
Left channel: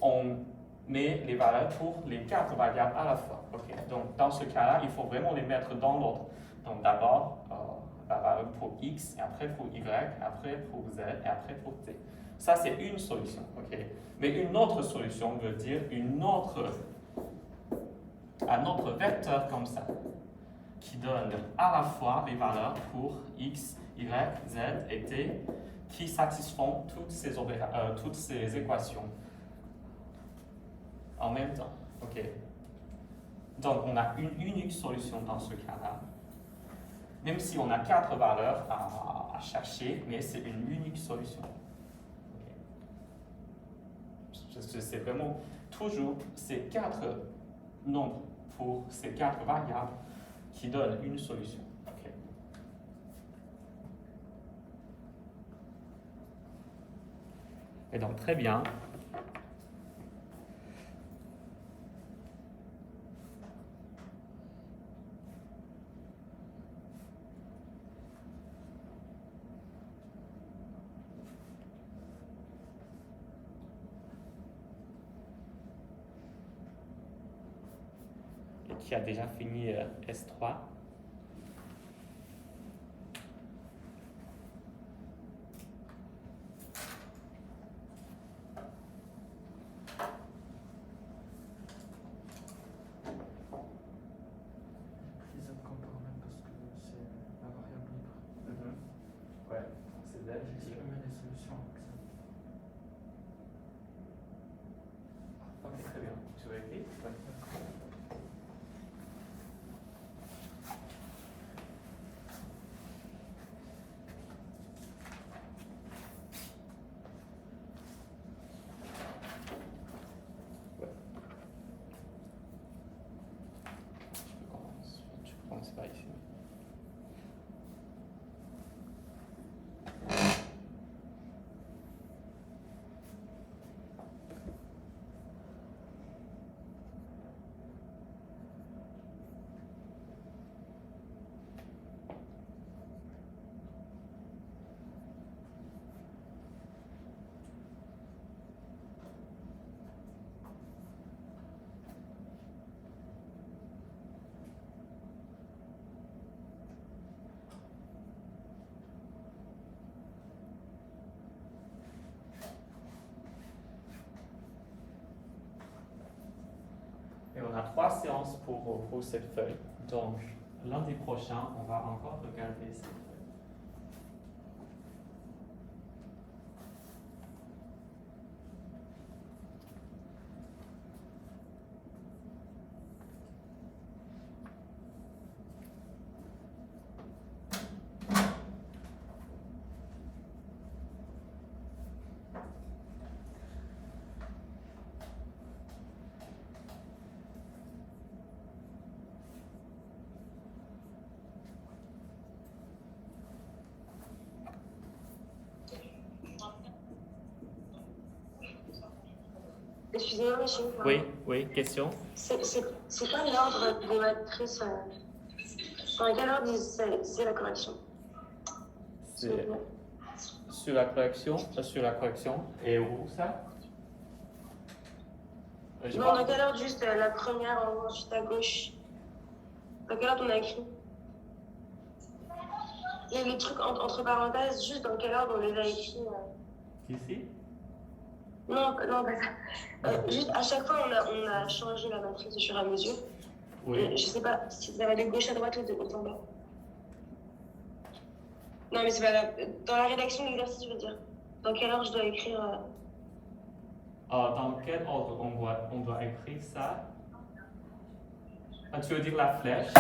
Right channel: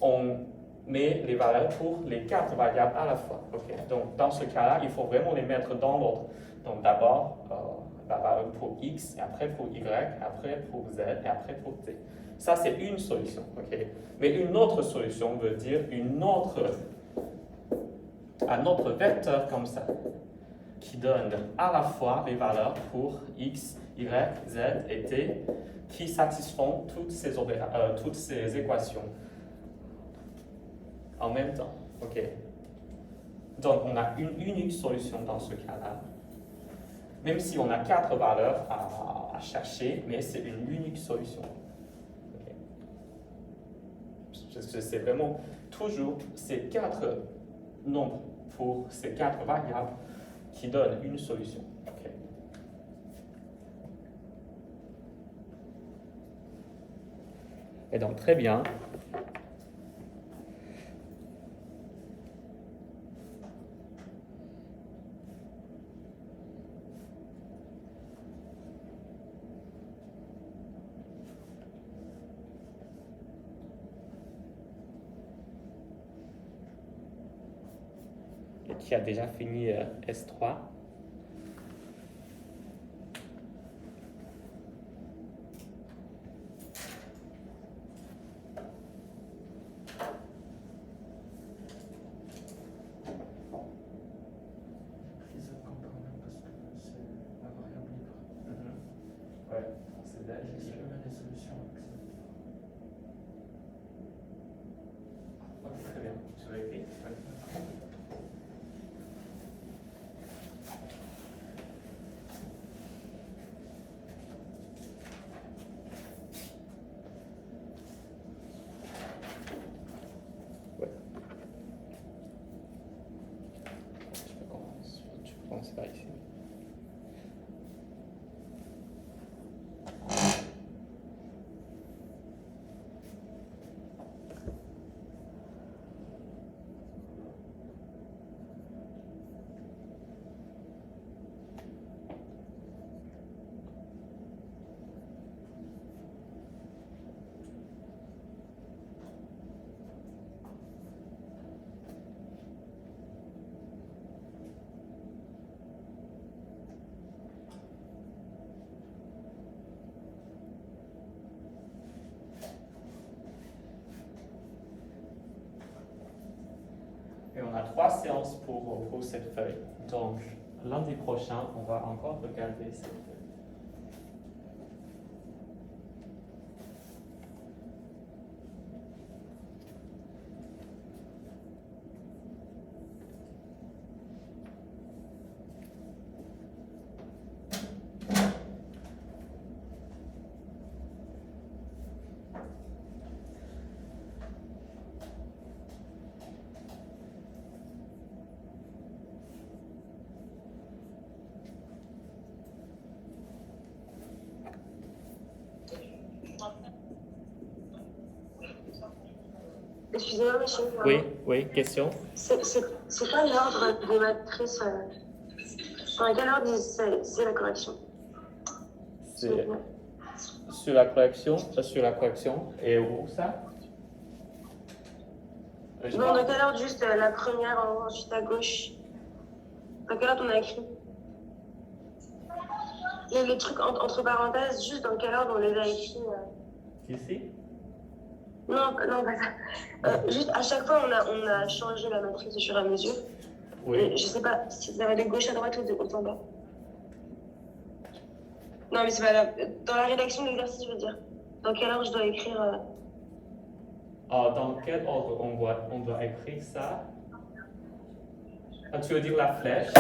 on met les valeurs pour les 4 variables à la fois. Okay. Donc, dans ce cas-là, il faut vraiment les mettre dans l'ordre. Donc, d'abord, la valeur pour x, et après pour y, après pour z, et après pour t. Ça, c'est une solution. Okay. Mais une autre solution veut dire un autre vecteur comme ça, qui donne à la fois les valeurs pour x, y, z et t, qui satisfont toutes ces équations en même temps. Okay. Donc, on a une unique solution dans ce cas-là. Même si on a 4 valeurs à chercher, mais c'est une unique solution. Okay. C'est vraiment toujours ces 4 nombres pour ces 4 variables qui donnent une solution. Okay. Et donc, très bien. Qui a déjà fini S3. Ils comparent même parce que c'est la variable libre. Ouais, c'est là. Est-ce qu'il peut mettre des solutions avec ça? Ok, très bien. Tu vas écrire? Tu commences par ici. Et on a 3 séances pour cette feuille. Donc, lundi prochain, on va encore regarder cette feuille. Michel. Oui, question. C'est quoi l'ordre des matrices Dans quel ordre c'est la correction? C'est sur la correction. Et où ça? Non, dans quel ordre juste la première en haut, juste à gauche? Dans quel ordre on a écrit? Il y a les trucs entre parenthèses, juste dans quel ordre on les a écrits? Ici? Non, pas ça. Juste à chaque fois, on a changé la matrice au fur et à mesure. Oui. Et je sais pas si vous avez de gauche à droite ou de haut en bas. Non, mais c'est pas grave. Dans la rédaction de l'exercice, je veux dire. Dans quel ordre je dois écrire Dans quel ordre on doit écrire ça? Tu veux dire la flèche?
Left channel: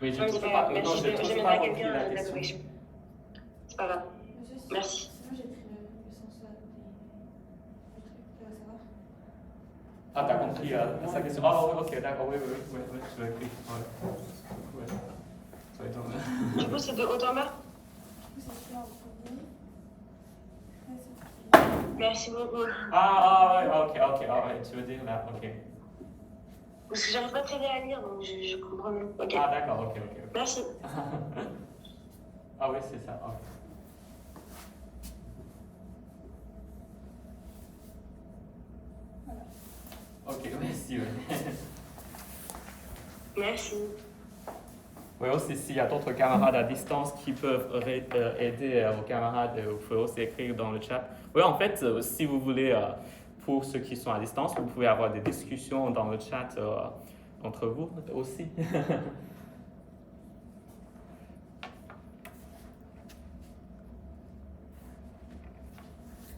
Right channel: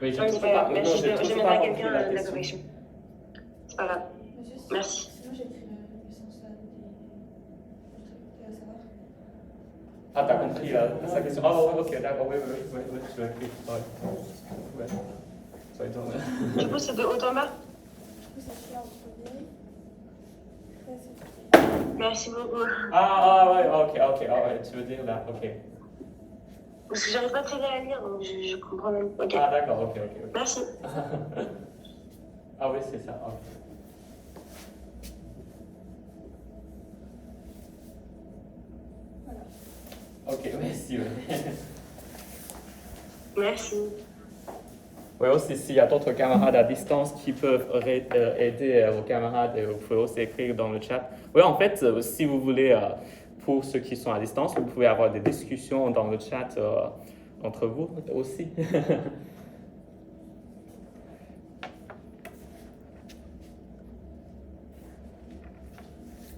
Oui, j'ai toujours pas compris la question. C'est pas grave. Merci. Sinon, j'écris le sens des trucs, ça va? Ah, t'as compris sa question. Ah, ok, d'accord, oui, je l'ai écrit. Ouais. Ça va être... Du coup, c'est de haut en bas? Du coup, c'est celui-là en premier. Merci beaucoup. Ok, tu veux dire là, ok. Parce que j'arrive pas très bien à lire, donc je comprends même. Ok. Ah, d'accord, ok. Merci. Ah oui, c'est ça, ok. Ok, merci. Merci. Oui, aussi, s'il y a d'autres camarades à distance qui peuvent aider vos camarades, vous pouvez aussi écrire dans le chat. Oui, en fait, si vous voulez, pour ceux qui sont à distance, vous pouvez avoir des discussions dans le chat entre vous aussi.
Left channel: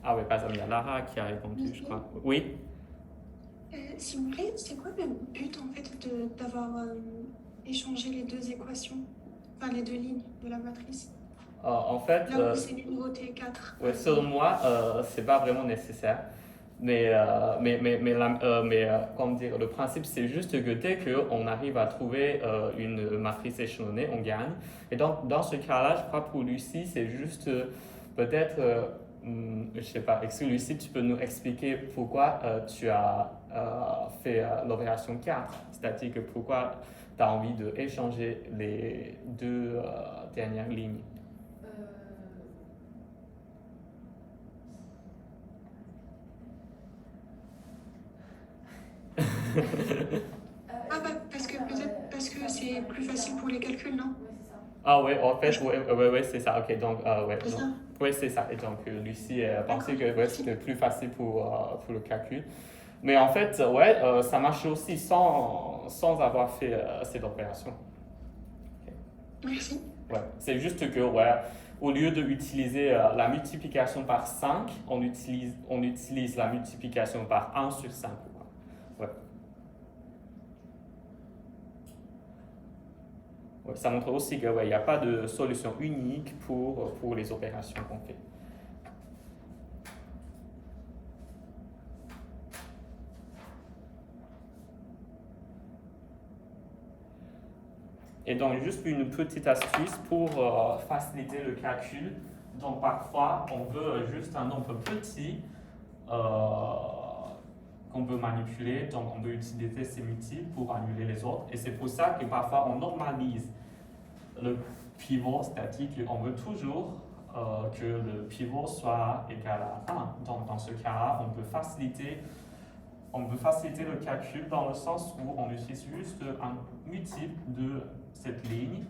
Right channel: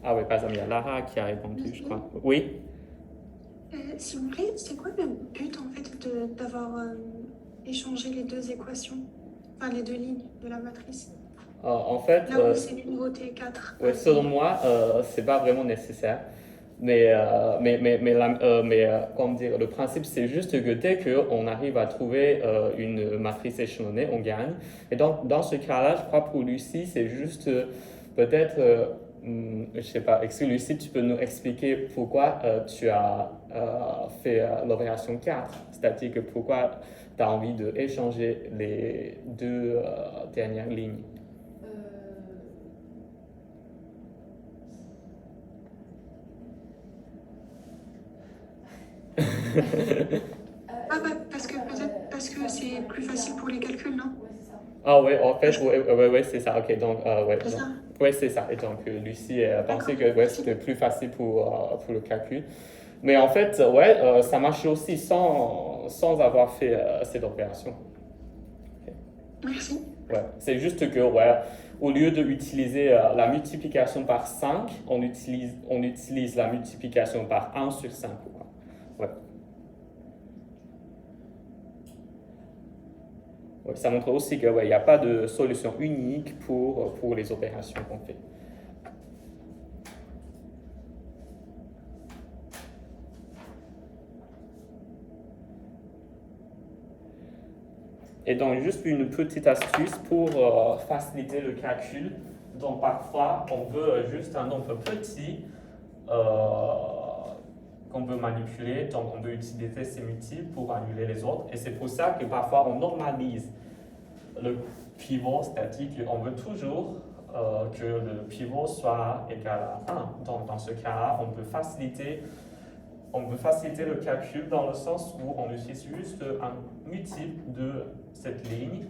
Ah oui, par exemple, il y a Lara qui a répondu, je crois. Oui? S'il vous plaît, c'est quoi le but en fait d'avoir échangé les deux équations, enfin les deux lignes de la matrice? En fait, là où c'est numéroté 4. Ouais, selon moi, c'est pas vraiment nécessaire. Mais comment dire, le principe, c'est juste que dès qu'on arrive à trouver une matrice échelonnée, on gagne. Et donc, dans ce cas-là, je crois pour Lucie, c'est juste peut-être, je sais pas, Lucie, tu peux nous expliquer pourquoi tu as fait l'opération 4, c'est-à-dire que pourquoi tu as envie d'échanger les deux dernières lignes. Parce que c'est plus facile pour les calculs, non? Ah oui, en fait, ouais, c'est ça. Ok, donc, C'est ça? Oui, c'est ça. Et donc, Lucie pensait que c'était plus facile pour le calcul. Mais en fait, ça marche aussi sans avoir fait cette opération. Okay. Merci. Ouais, c'est juste que, au lieu d'utiliser la multiplication par 5, on utilise la multiplication par 1 sur 5. Ouais. Ouais, ça montre aussi qu'il n'y a pas de solution unique pour les opérations qu'on fait. Et donc, juste une petite astuce pour faciliter le calcul. Donc, parfois, on veut juste un nombre petit qu'on veut manipuler. Donc, on veut utiliser ces multiples pour annuler les autres. Et c'est pour ça que parfois, on normalise le pivot, c'est-à-dire qu'on veut toujours que le pivot soit égal à 1. Donc, dans ce cas-là, on peut faciliter le calcul dans le sens où on utilise juste un multiple de cette ligne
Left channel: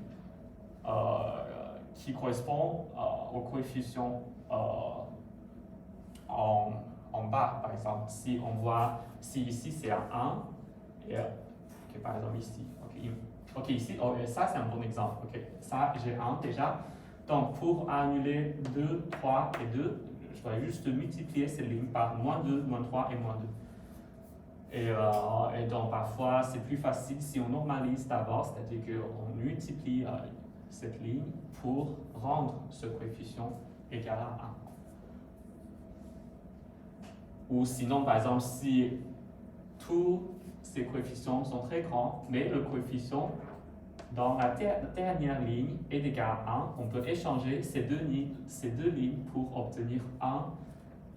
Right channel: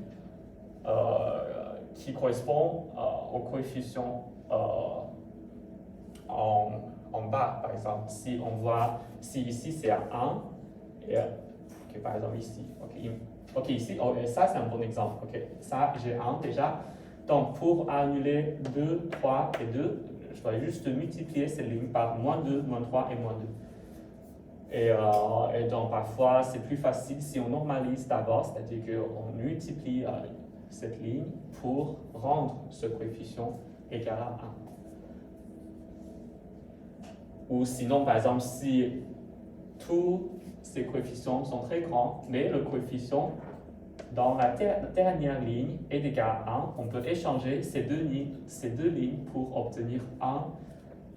qui correspond au coefficient en bas, par exemple. Si on voit, si ici c'est à 1, et par exemple ici, ici, ça c'est un bon exemple. Ça j'ai 1 déjà. Donc pour annuler 2, 3 et 2, je dois juste multiplier ces lignes par -2, -3 et -2. Et donc, parfois, c'est plus facile si on normalise d'abord, c'est-à-dire qu'on multiplie cette ligne pour rendre ce coefficient égal à 1. Ou sinon, par exemple, si tous ces coefficients sont très grands, mais le coefficient dans la dernière ligne est égal à 1, on peut échanger ces deux lignes pour obtenir 1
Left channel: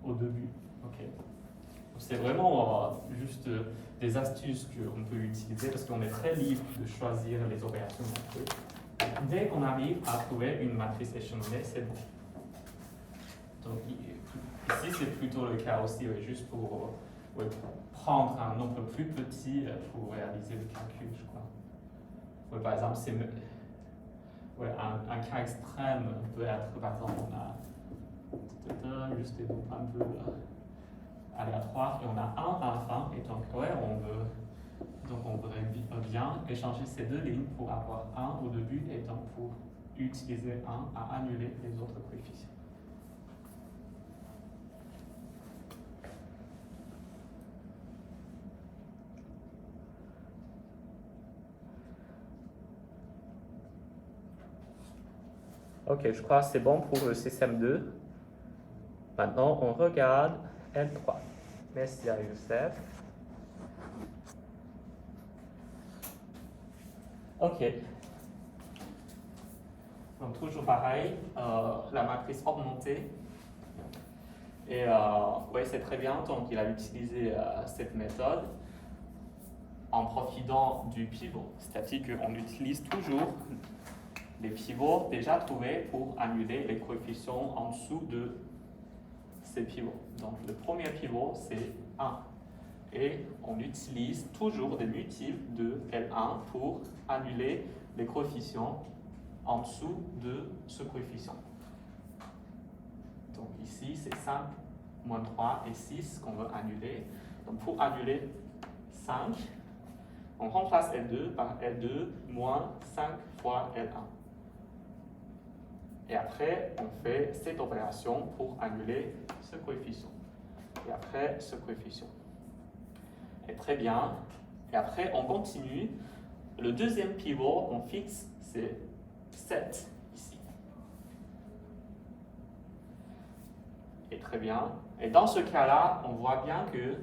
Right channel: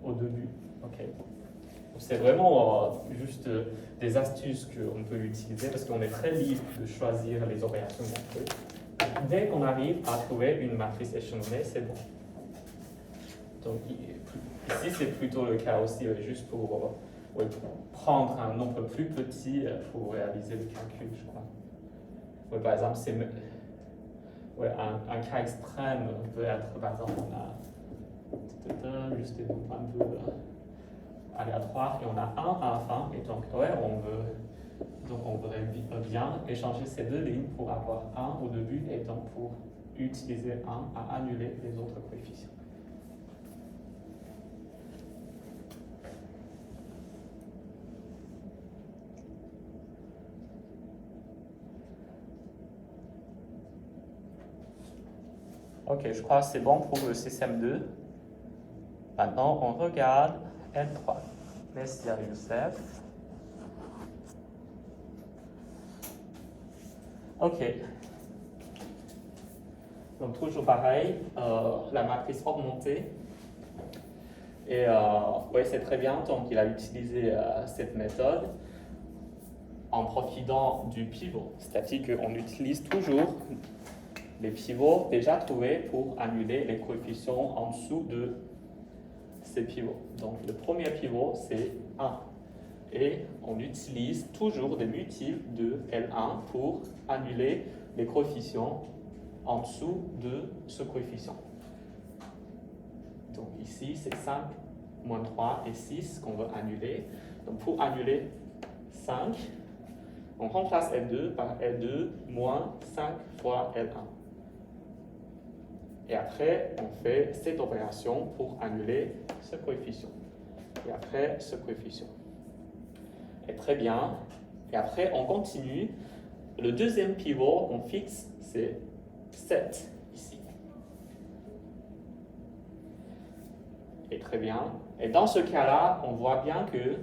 au début. Okay. C'est vraiment juste des astuces qu'on peut utiliser parce qu'on est très libre de choisir les opérations qu'on peut. Dès qu'on arrive à trouver une matrice échelonnée, c'est bon. Donc ici, c'est plutôt le cas aussi, juste pour prendre un nombre plus petit pour réaliser le calcul, je crois. Par exemple, un cas extrême peut être, par exemple, on a juste des nombres un peu aléatoires et on a 1 à la fin, et donc on voudrait bien échanger ces deux lignes pour avoir 1 au début et donc pour utiliser 1 à annuler les autres coefficients. Ok, je crois que c'est bon pour le système 2. Maintenant, on regarde L3. Messier Youssef. Ok. Donc, toujours pareil, la matrice augmentée. Et oui, c'est très bien. Donc, il a utilisé cette méthode en profitant du pivot. C'est-à-dire qu'on utilise toujours les pivots déjà trouvés pour annuler les coefficients en dessous de ces pivots. Donc le premier pivot c'est 1 et on utilise toujours des multiples de L1 pour annuler les coefficients en dessous de ce coefficient. Donc ici c'est 5, moins 3 et 6 qu'on veut annuler. Donc pour annuler 5, on remplace L2 par L2 moins 5 fois L1. Et après, on fait cette opération pour annuler ce coefficient. Et après, ce coefficient. Et très bien. Et après, on continue. Le deuxième pivot qu'on fixe, c'est 7 ici. Et très bien. Et dans ce cas-là, on voit bien que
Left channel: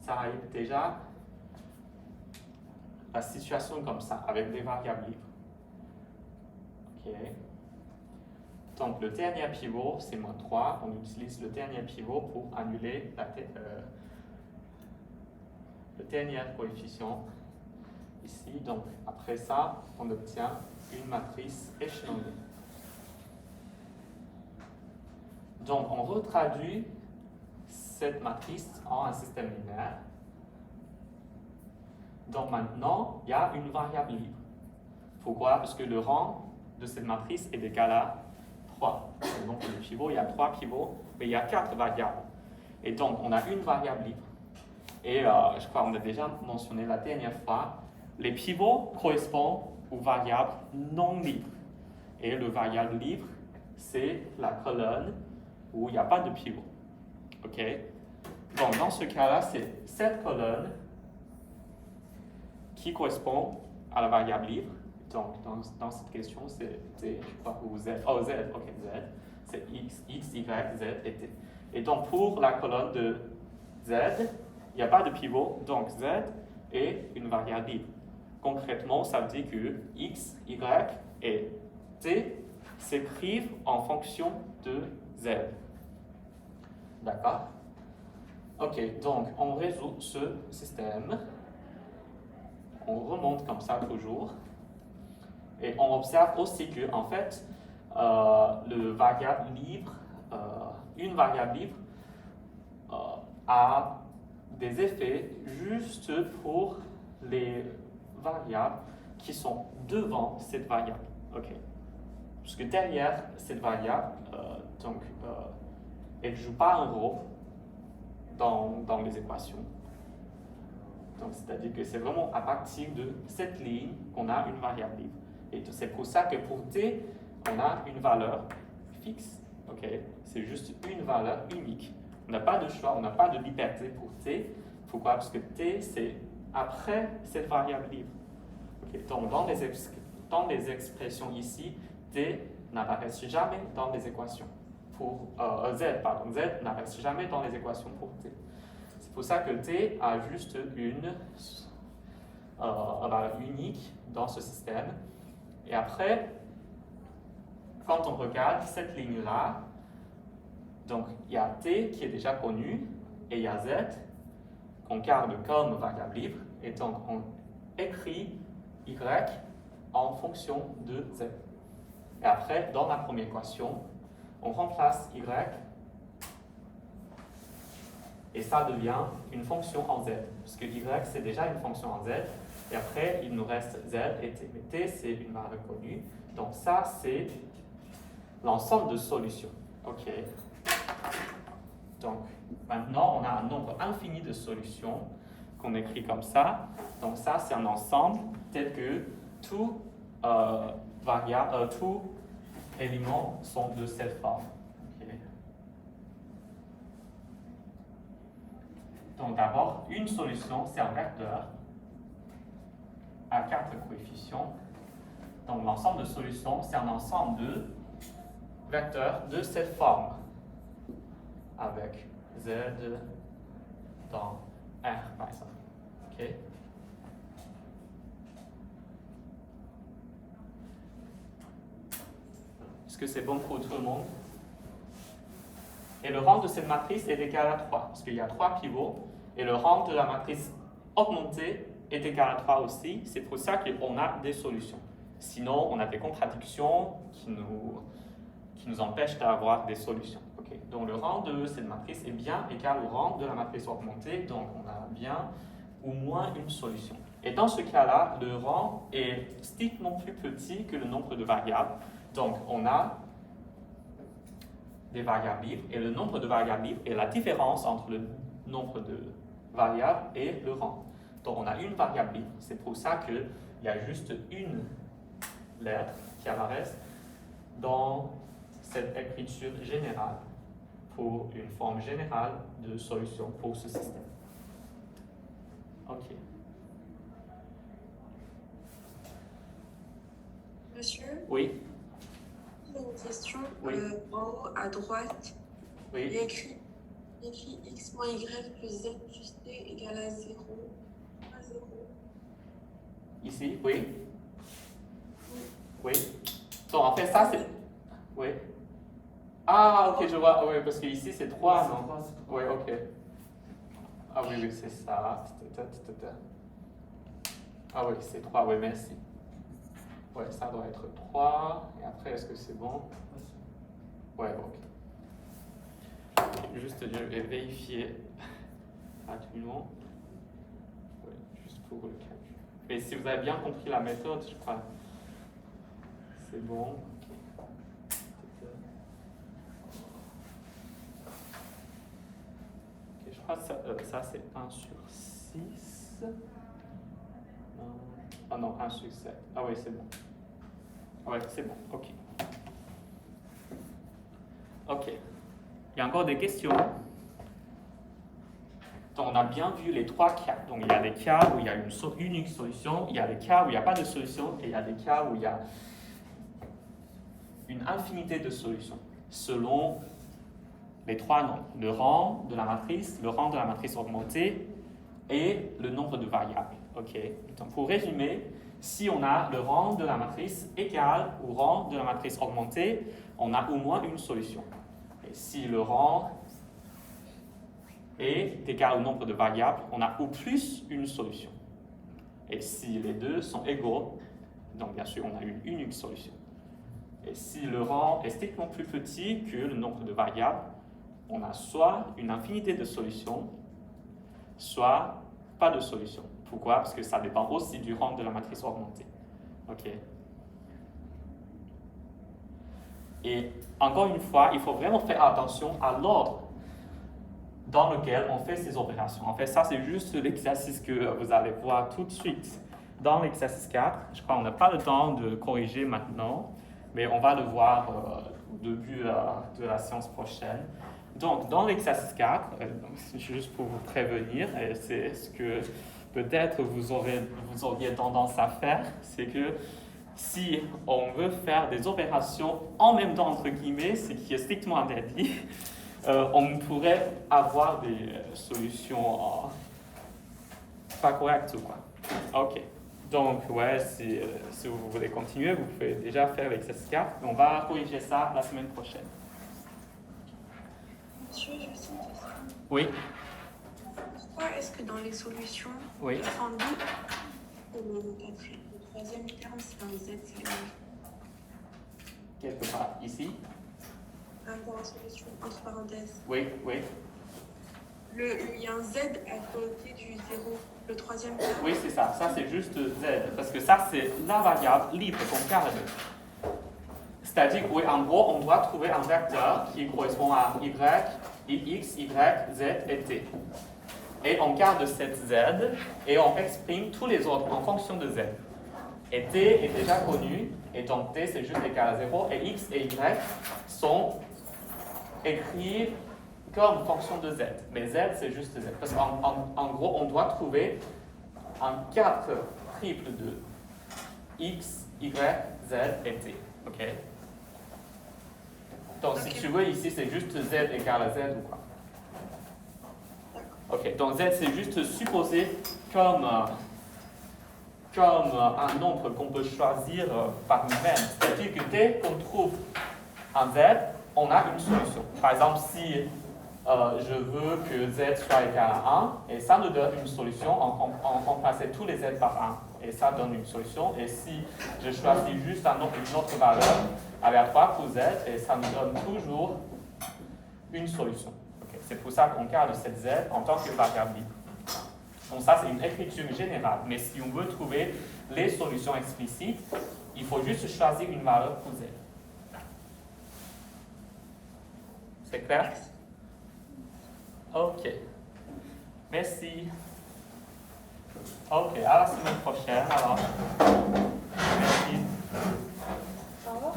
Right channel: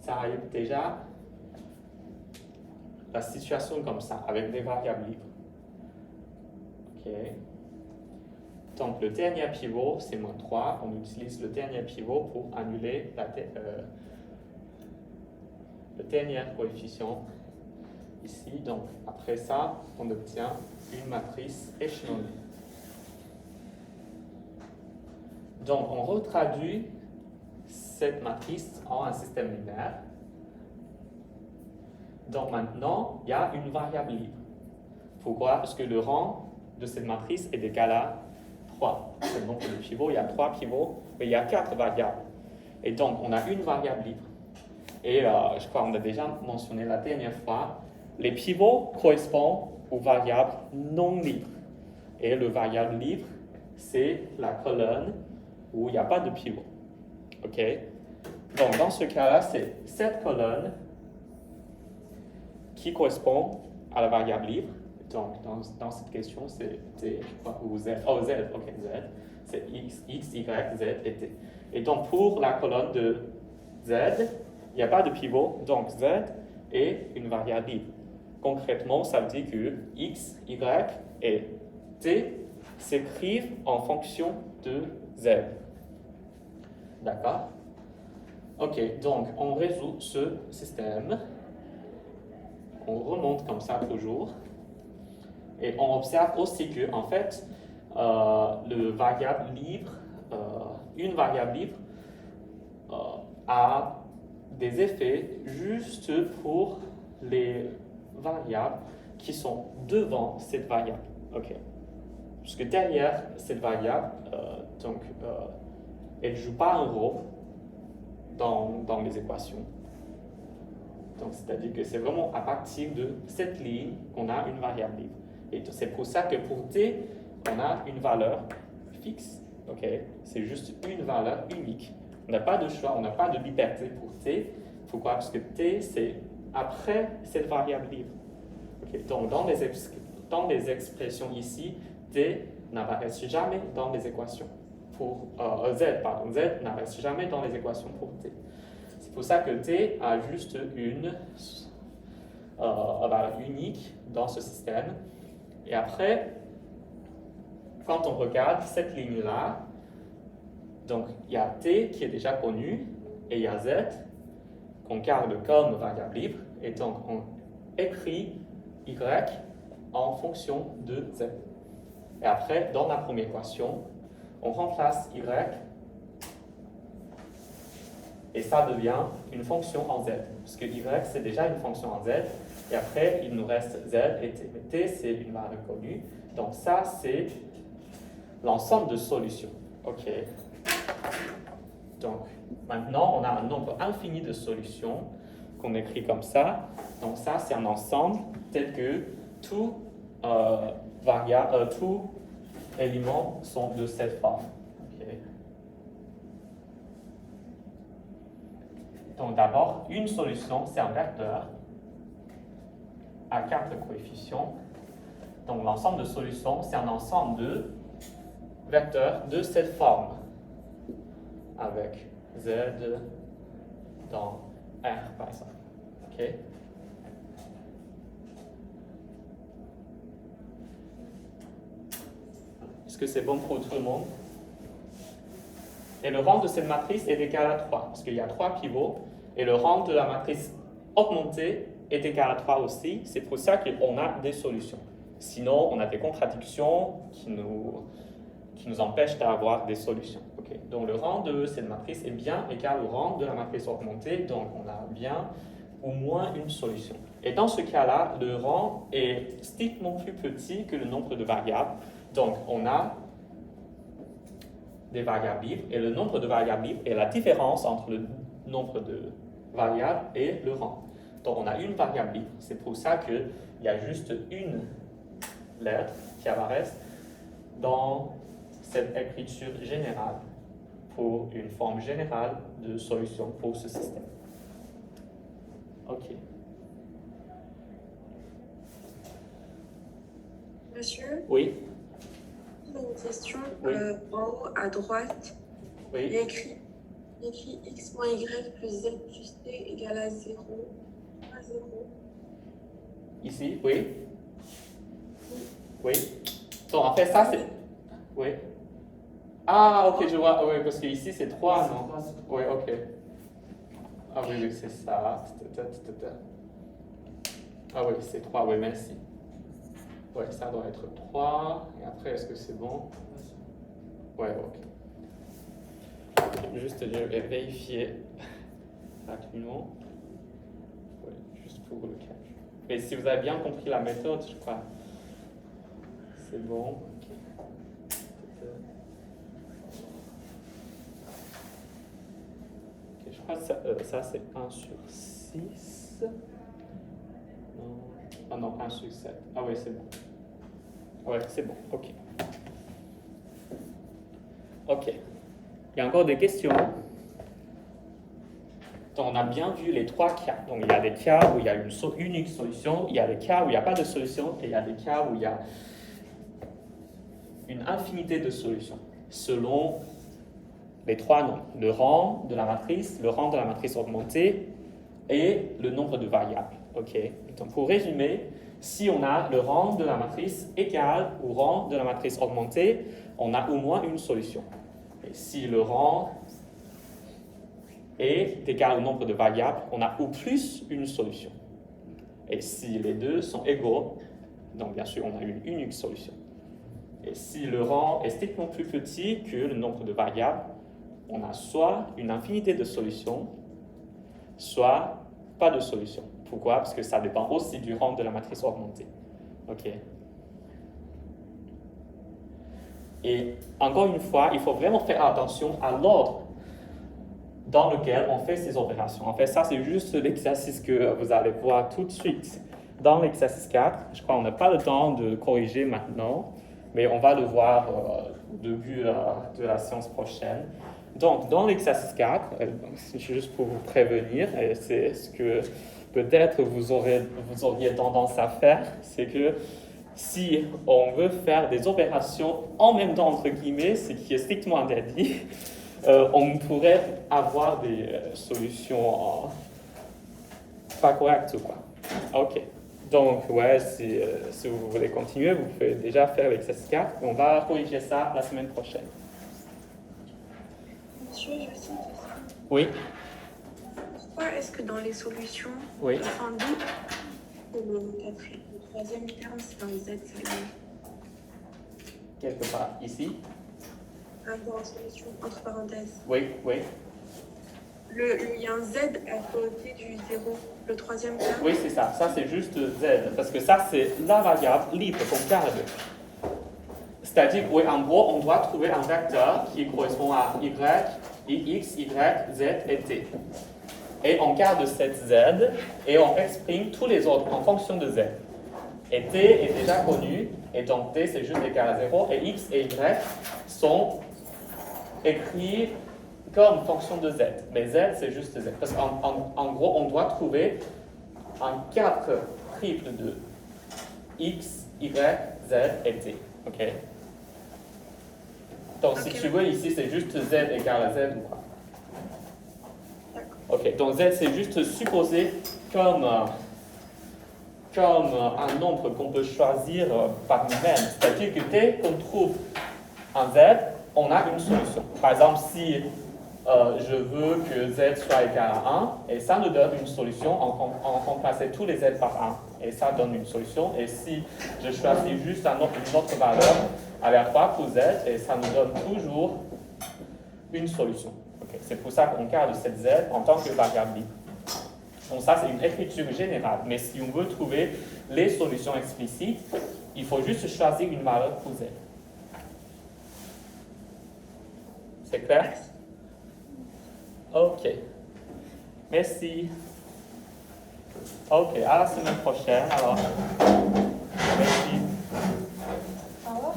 ça arrive déjà la situation comme ça, avec des variables libres. Okay. Donc le dernier pivot, c'est moins 3. On utilise le dernier pivot pour annuler le dernier coefficient ici. Donc après ça, on obtient une matrice échelonnée. Donc on retraduit cette matrice en un système linéaire. Donc maintenant, il y a une variable libre. Pourquoi? Parce que le rang de cette matrice est égal à 3. Donc le pivot, il y a 3 pivots, mais il y a 4 variables. Et donc on a une variable libre. Et je crois qu'on a déjà mentionné la dernière fois, les pivots correspondent aux variables non libres. Et le variable libre, c'est la colonne où il n'y a pas de pivot. Ok? Donc dans ce cas-là, c'est cette colonne qui correspond à la variable libre. Donc, dans cette question, c'est T, je crois, ou Z. Oh, Z, ok, Z. C'est X, Y, Z et T. Et donc, pour la colonne de Z, il n'y a pas de pivot, donc Z est une variable libre. Concrètement, ça veut dire que X, Y et T s'écrivent en fonction de Z. D'accord? Ok, donc on résout ce système. On remonte comme ça toujours. Et on observe aussi que, en fait, une variable libre a des effets juste pour les variables qui sont devant cette variable. Okay. Parce que derrière cette variable, elle ne joue pas un rôle dans les équations. Donc, c'est-à-dire que c'est vraiment à partir de cette ligne qu'on a une variable libre. Et c'est pour ça que pour t, on a une valeur fixe. Okay? C'est juste une valeur unique. On n'a pas de choix, on n'a pas de liberté pour t. Pourquoi? Parce que t, c'est après cette variable libre. Okay? Donc, dans les expressions ici, t n'apparaît jamais dans les équations. Pour z n'apparaît jamais dans les équations pour t. C'est pour ça que t a juste valeur unique dans ce système. Et après, quand on regarde cette ligne-là, donc il y a t qui est déjà connu et il y a z qu'on garde comme variable libre. Et donc on écrit y en fonction de z. Et après, dans la première équation, on remplace y et ça devient une fonction en z. Parce que y, c'est déjà une fonction en z. Et après, il nous reste z et t. Mais t, c'est une valeur connue. Donc ça, c'est l'ensemble de solutions. OK. Donc, maintenant, on a un nombre infini de solutions qu'on écrit comme ça. Donc ça, c'est un ensemble tel que tous éléments sont de cette forme. Okay. Donc d'abord, une solution, c'est un vecteur à 4 coefficients. Donc l'ensemble de solutions, c'est un ensemble de vecteurs de cette forme, avec z dans R, par exemple. OK? Est-ce que c'est bon pour tout le monde? Et le rang de cette matrice est égal à 3, parce qu'il y a 3 pivots, et le rang de la matrice augmentée est égal à 3 aussi. C'est pour ça qu'on a des solutions. Sinon, on a des contradictions qui nous empêchent d'avoir des solutions. Okay. Donc le rang de cette matrice est bien égal au rang de la matrice augmentée, donc on a bien au moins une solution. Et dans ce cas-là, le rang est strictement plus petit que le nombre de variables. Donc on a des variables libres, et le nombre de variables libres est la différence entre le nombre de variables et le rang. Donc on a une variable libre, c'est pour ça qu'il y a juste une lettre qui apparaît dans cette écriture générale pour une forme générale de solution pour ce système. OK. Monsieur, Oui. une question. Oui. En haut à droite, Oui. il y a écrit x moins y plus z plus t égale à 0. À 0. Ici, oui. Oui. Donc en fait, ça c'est. Oui. Ah, ok, je vois. Oui, parce que ici c'est 3, non? Oui, ok. Ah oui, oui, c'est ça. Ah oui, c'est 3, oui, merci. Oui, ça doit être 3. Et après, est-ce que c'est bon? Oui, ok. Juste vérifier rapidement. Oui, juste pour le calcul. Et si vous avez bien compris la méthode, je crois. C'est bon. Okay, je crois que ça c'est 1 sur 6. Ah non, 1 sur 7. Ah oui, c'est bon. Ouais, c'est bon. OK. OK. Il y a encore des questions? Donc, on a bien vu les 3 cas. Donc, il y a des cas où il y a une unique solution, il y a des cas où il n'y a pas de solution, et il y a des cas où il y a une infinité de solutions, selon les 3 noms. Le rang de la matrice, le rang de la matrice augmentée et le nombre de variables. OK. Donc, pour résumer, si on a le rang de la matrice égal au rang de la matrice augmentée, on a au moins une solution. Et si le rang est égal au nombre de variables, on a au plus une solution. Et si les deux sont égaux, donc bien sûr, on a une unique solution. Et si le rang est strictement plus petit que le nombre de variables, on a soit une infinité de solutions, soit pas de solution. Pourquoi? Parce que ça dépend aussi du rang de la matrice augmentée. OK. Et encore une fois, il faut vraiment faire attention à l'ordre dans lequel on fait ces opérations. En fait, ça, c'est juste l'exercice que vous allez voir tout de suite dans l'exercice 4. Je crois qu'on n'a pas le temps de corriger maintenant, mais on va le voir au début de la séance prochaine. Donc, dans l'exercice 4, c'est juste pour vous prévenir, c'est ce que peut-être vous auriez tendance à faire, c'est que si on veut faire des opérations en même temps, entre guillemets, ce qui est strictement interdit, on pourrait avoir des solutions pas correctes ou quoi. Ok. Donc, ouais, si vous voulez continuer, vous pouvez déjà faire l'exercice 4. On va corriger ça la semaine prochaine. Monsieur, je sais ça. Oui, Pourquoi est-ce que dans les solutions, oui. enfin, le troisième terme, c'est un Z seulement? Quelque part ici. Dans la solution, entre parenthèses. Oui, oui. Il y a un Z à côté du 0, le troisième terme. Oui, c'est ça. Ça, c'est juste Z. Parce que ça, c'est la variable libre qu'on garde. C'est-à-dire, oui, en gros, on doit trouver un vecteur qui correspond à X, Y, Z et T. Et on garde cette Z et on exprime tous les autres en fonction de Z. Et T est déjà connu, et donc T c'est juste égal à 0, et X et Y sont écrits comme fonction de Z. Mais Z c'est juste Z. Parce qu'en gros, on doit trouver un 4 triple de X, Y, Z et T. Ok? Donc si tu veux, ici c'est juste Z égale à Z ou pas. Ok, donc Z c'est juste supposé comme un nombre qu'on peut choisir par nous-mêmes. C'est-à-dire que dès qu'on trouve un Z, on a une solution. Par exemple, si je veux que Z soit égal à 1, et ça nous donne une solution, on remplace tous les Z par 1, et ça donne une solution. Et si je choisis juste une autre valeur aléatoire pour Z, et ça nous donne toujours une solution. Okay. C'est pour ça qu'on garde cette Z en tant que variable libre. Donc ça, c'est une écriture générale. Mais si on veut trouver les solutions explicites, il faut juste choisir une valeur pour Z. C'est clair? Ok. Merci. Ok, à la semaine prochaine alors. Merci. Au revoir.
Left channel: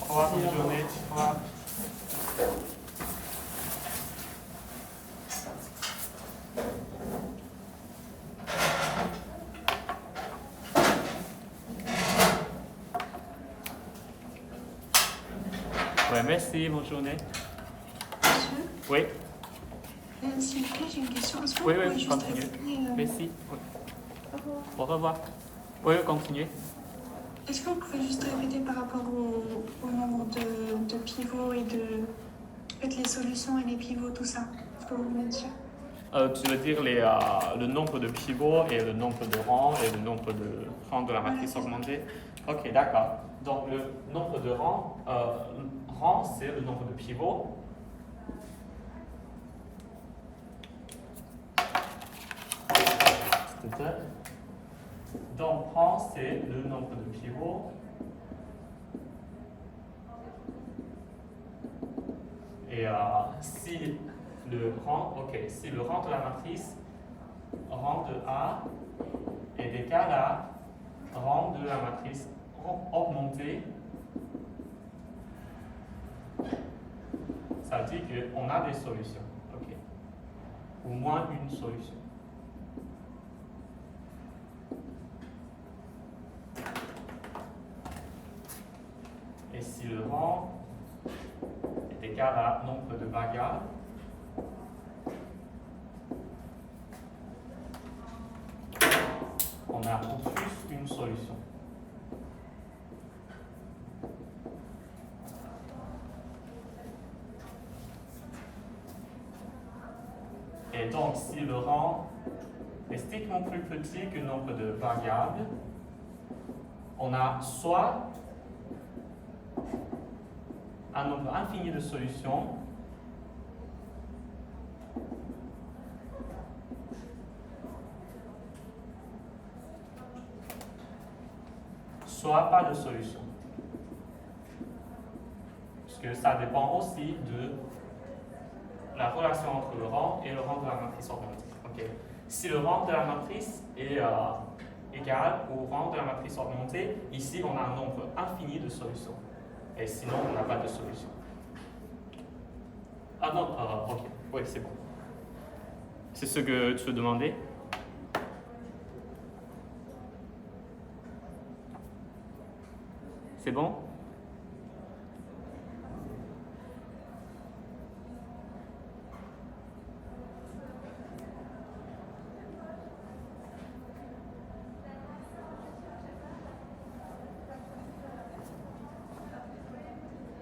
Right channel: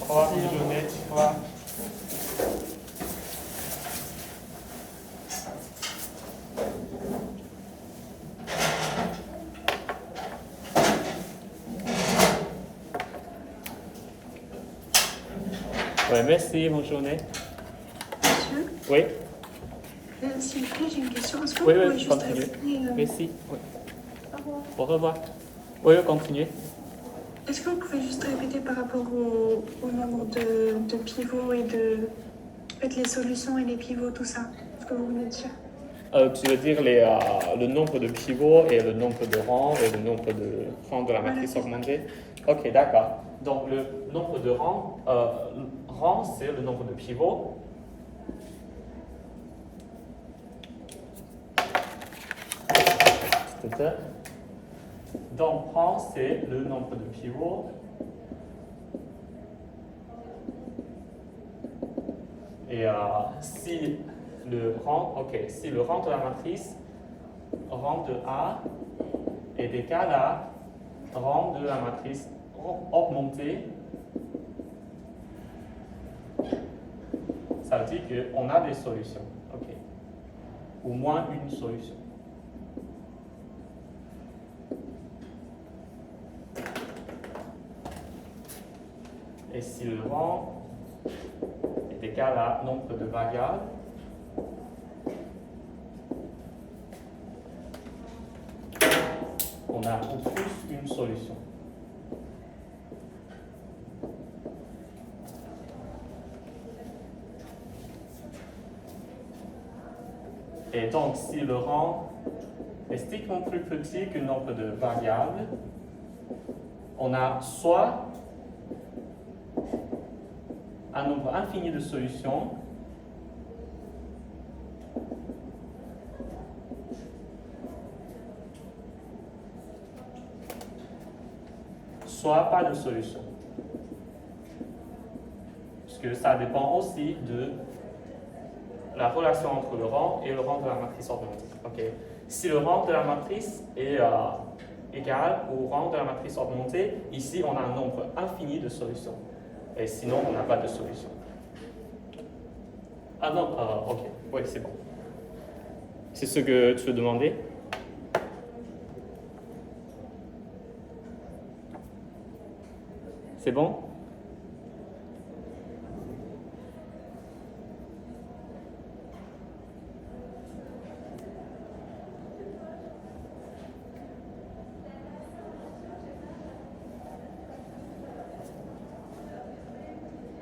Au revoir, bonne journée. Au revoir. Ouais, merci, bonne journée. Monsieur, Oui, s'il vous plaît, j'ai une question. Est-ce que oui, vous oui, pouvez juste continue. répéter, Merci. Oui. Au revoir. Au revoir. Oui, continuez. est-ce que vous pouvez juste répéter par rapport au nombre de pivots et de en fait, les solutions et les pivots, tout ça? Ce que vous voulez dire? Tu veux dire le nombre de pivots et le nombre de rangs et le nombre de rangs de la matrice augmentée? Ok, d'accord. Donc le nombre de rangs, c'est le nombre de pivots. Donc rang, c'est le nombre de pivots. Et si le rang de la matrice, rang de A, est égal à rang de la matrice augmentée, ça veut dire qu'on a des solutions. Ok. Ou moins une solution. Et si le rang est égal à nombre de variables, on a tout plus une solution. Et donc, si le rang est strictement plus petit que le nombre de variables, on a soit un nombre infini de solutions, soit pas de solution. Parce que ça dépend aussi de la relation entre le rang et le rang de la matrice augmentée. Okay. Si le rang de la matrice est égal au rang de la matrice augmentée, ici on a un nombre infini de solutions. Et sinon, on n'a pas de solution. Ah non, ok, oui, c'est bon. C'est ce que tu veux demander? C'est bon?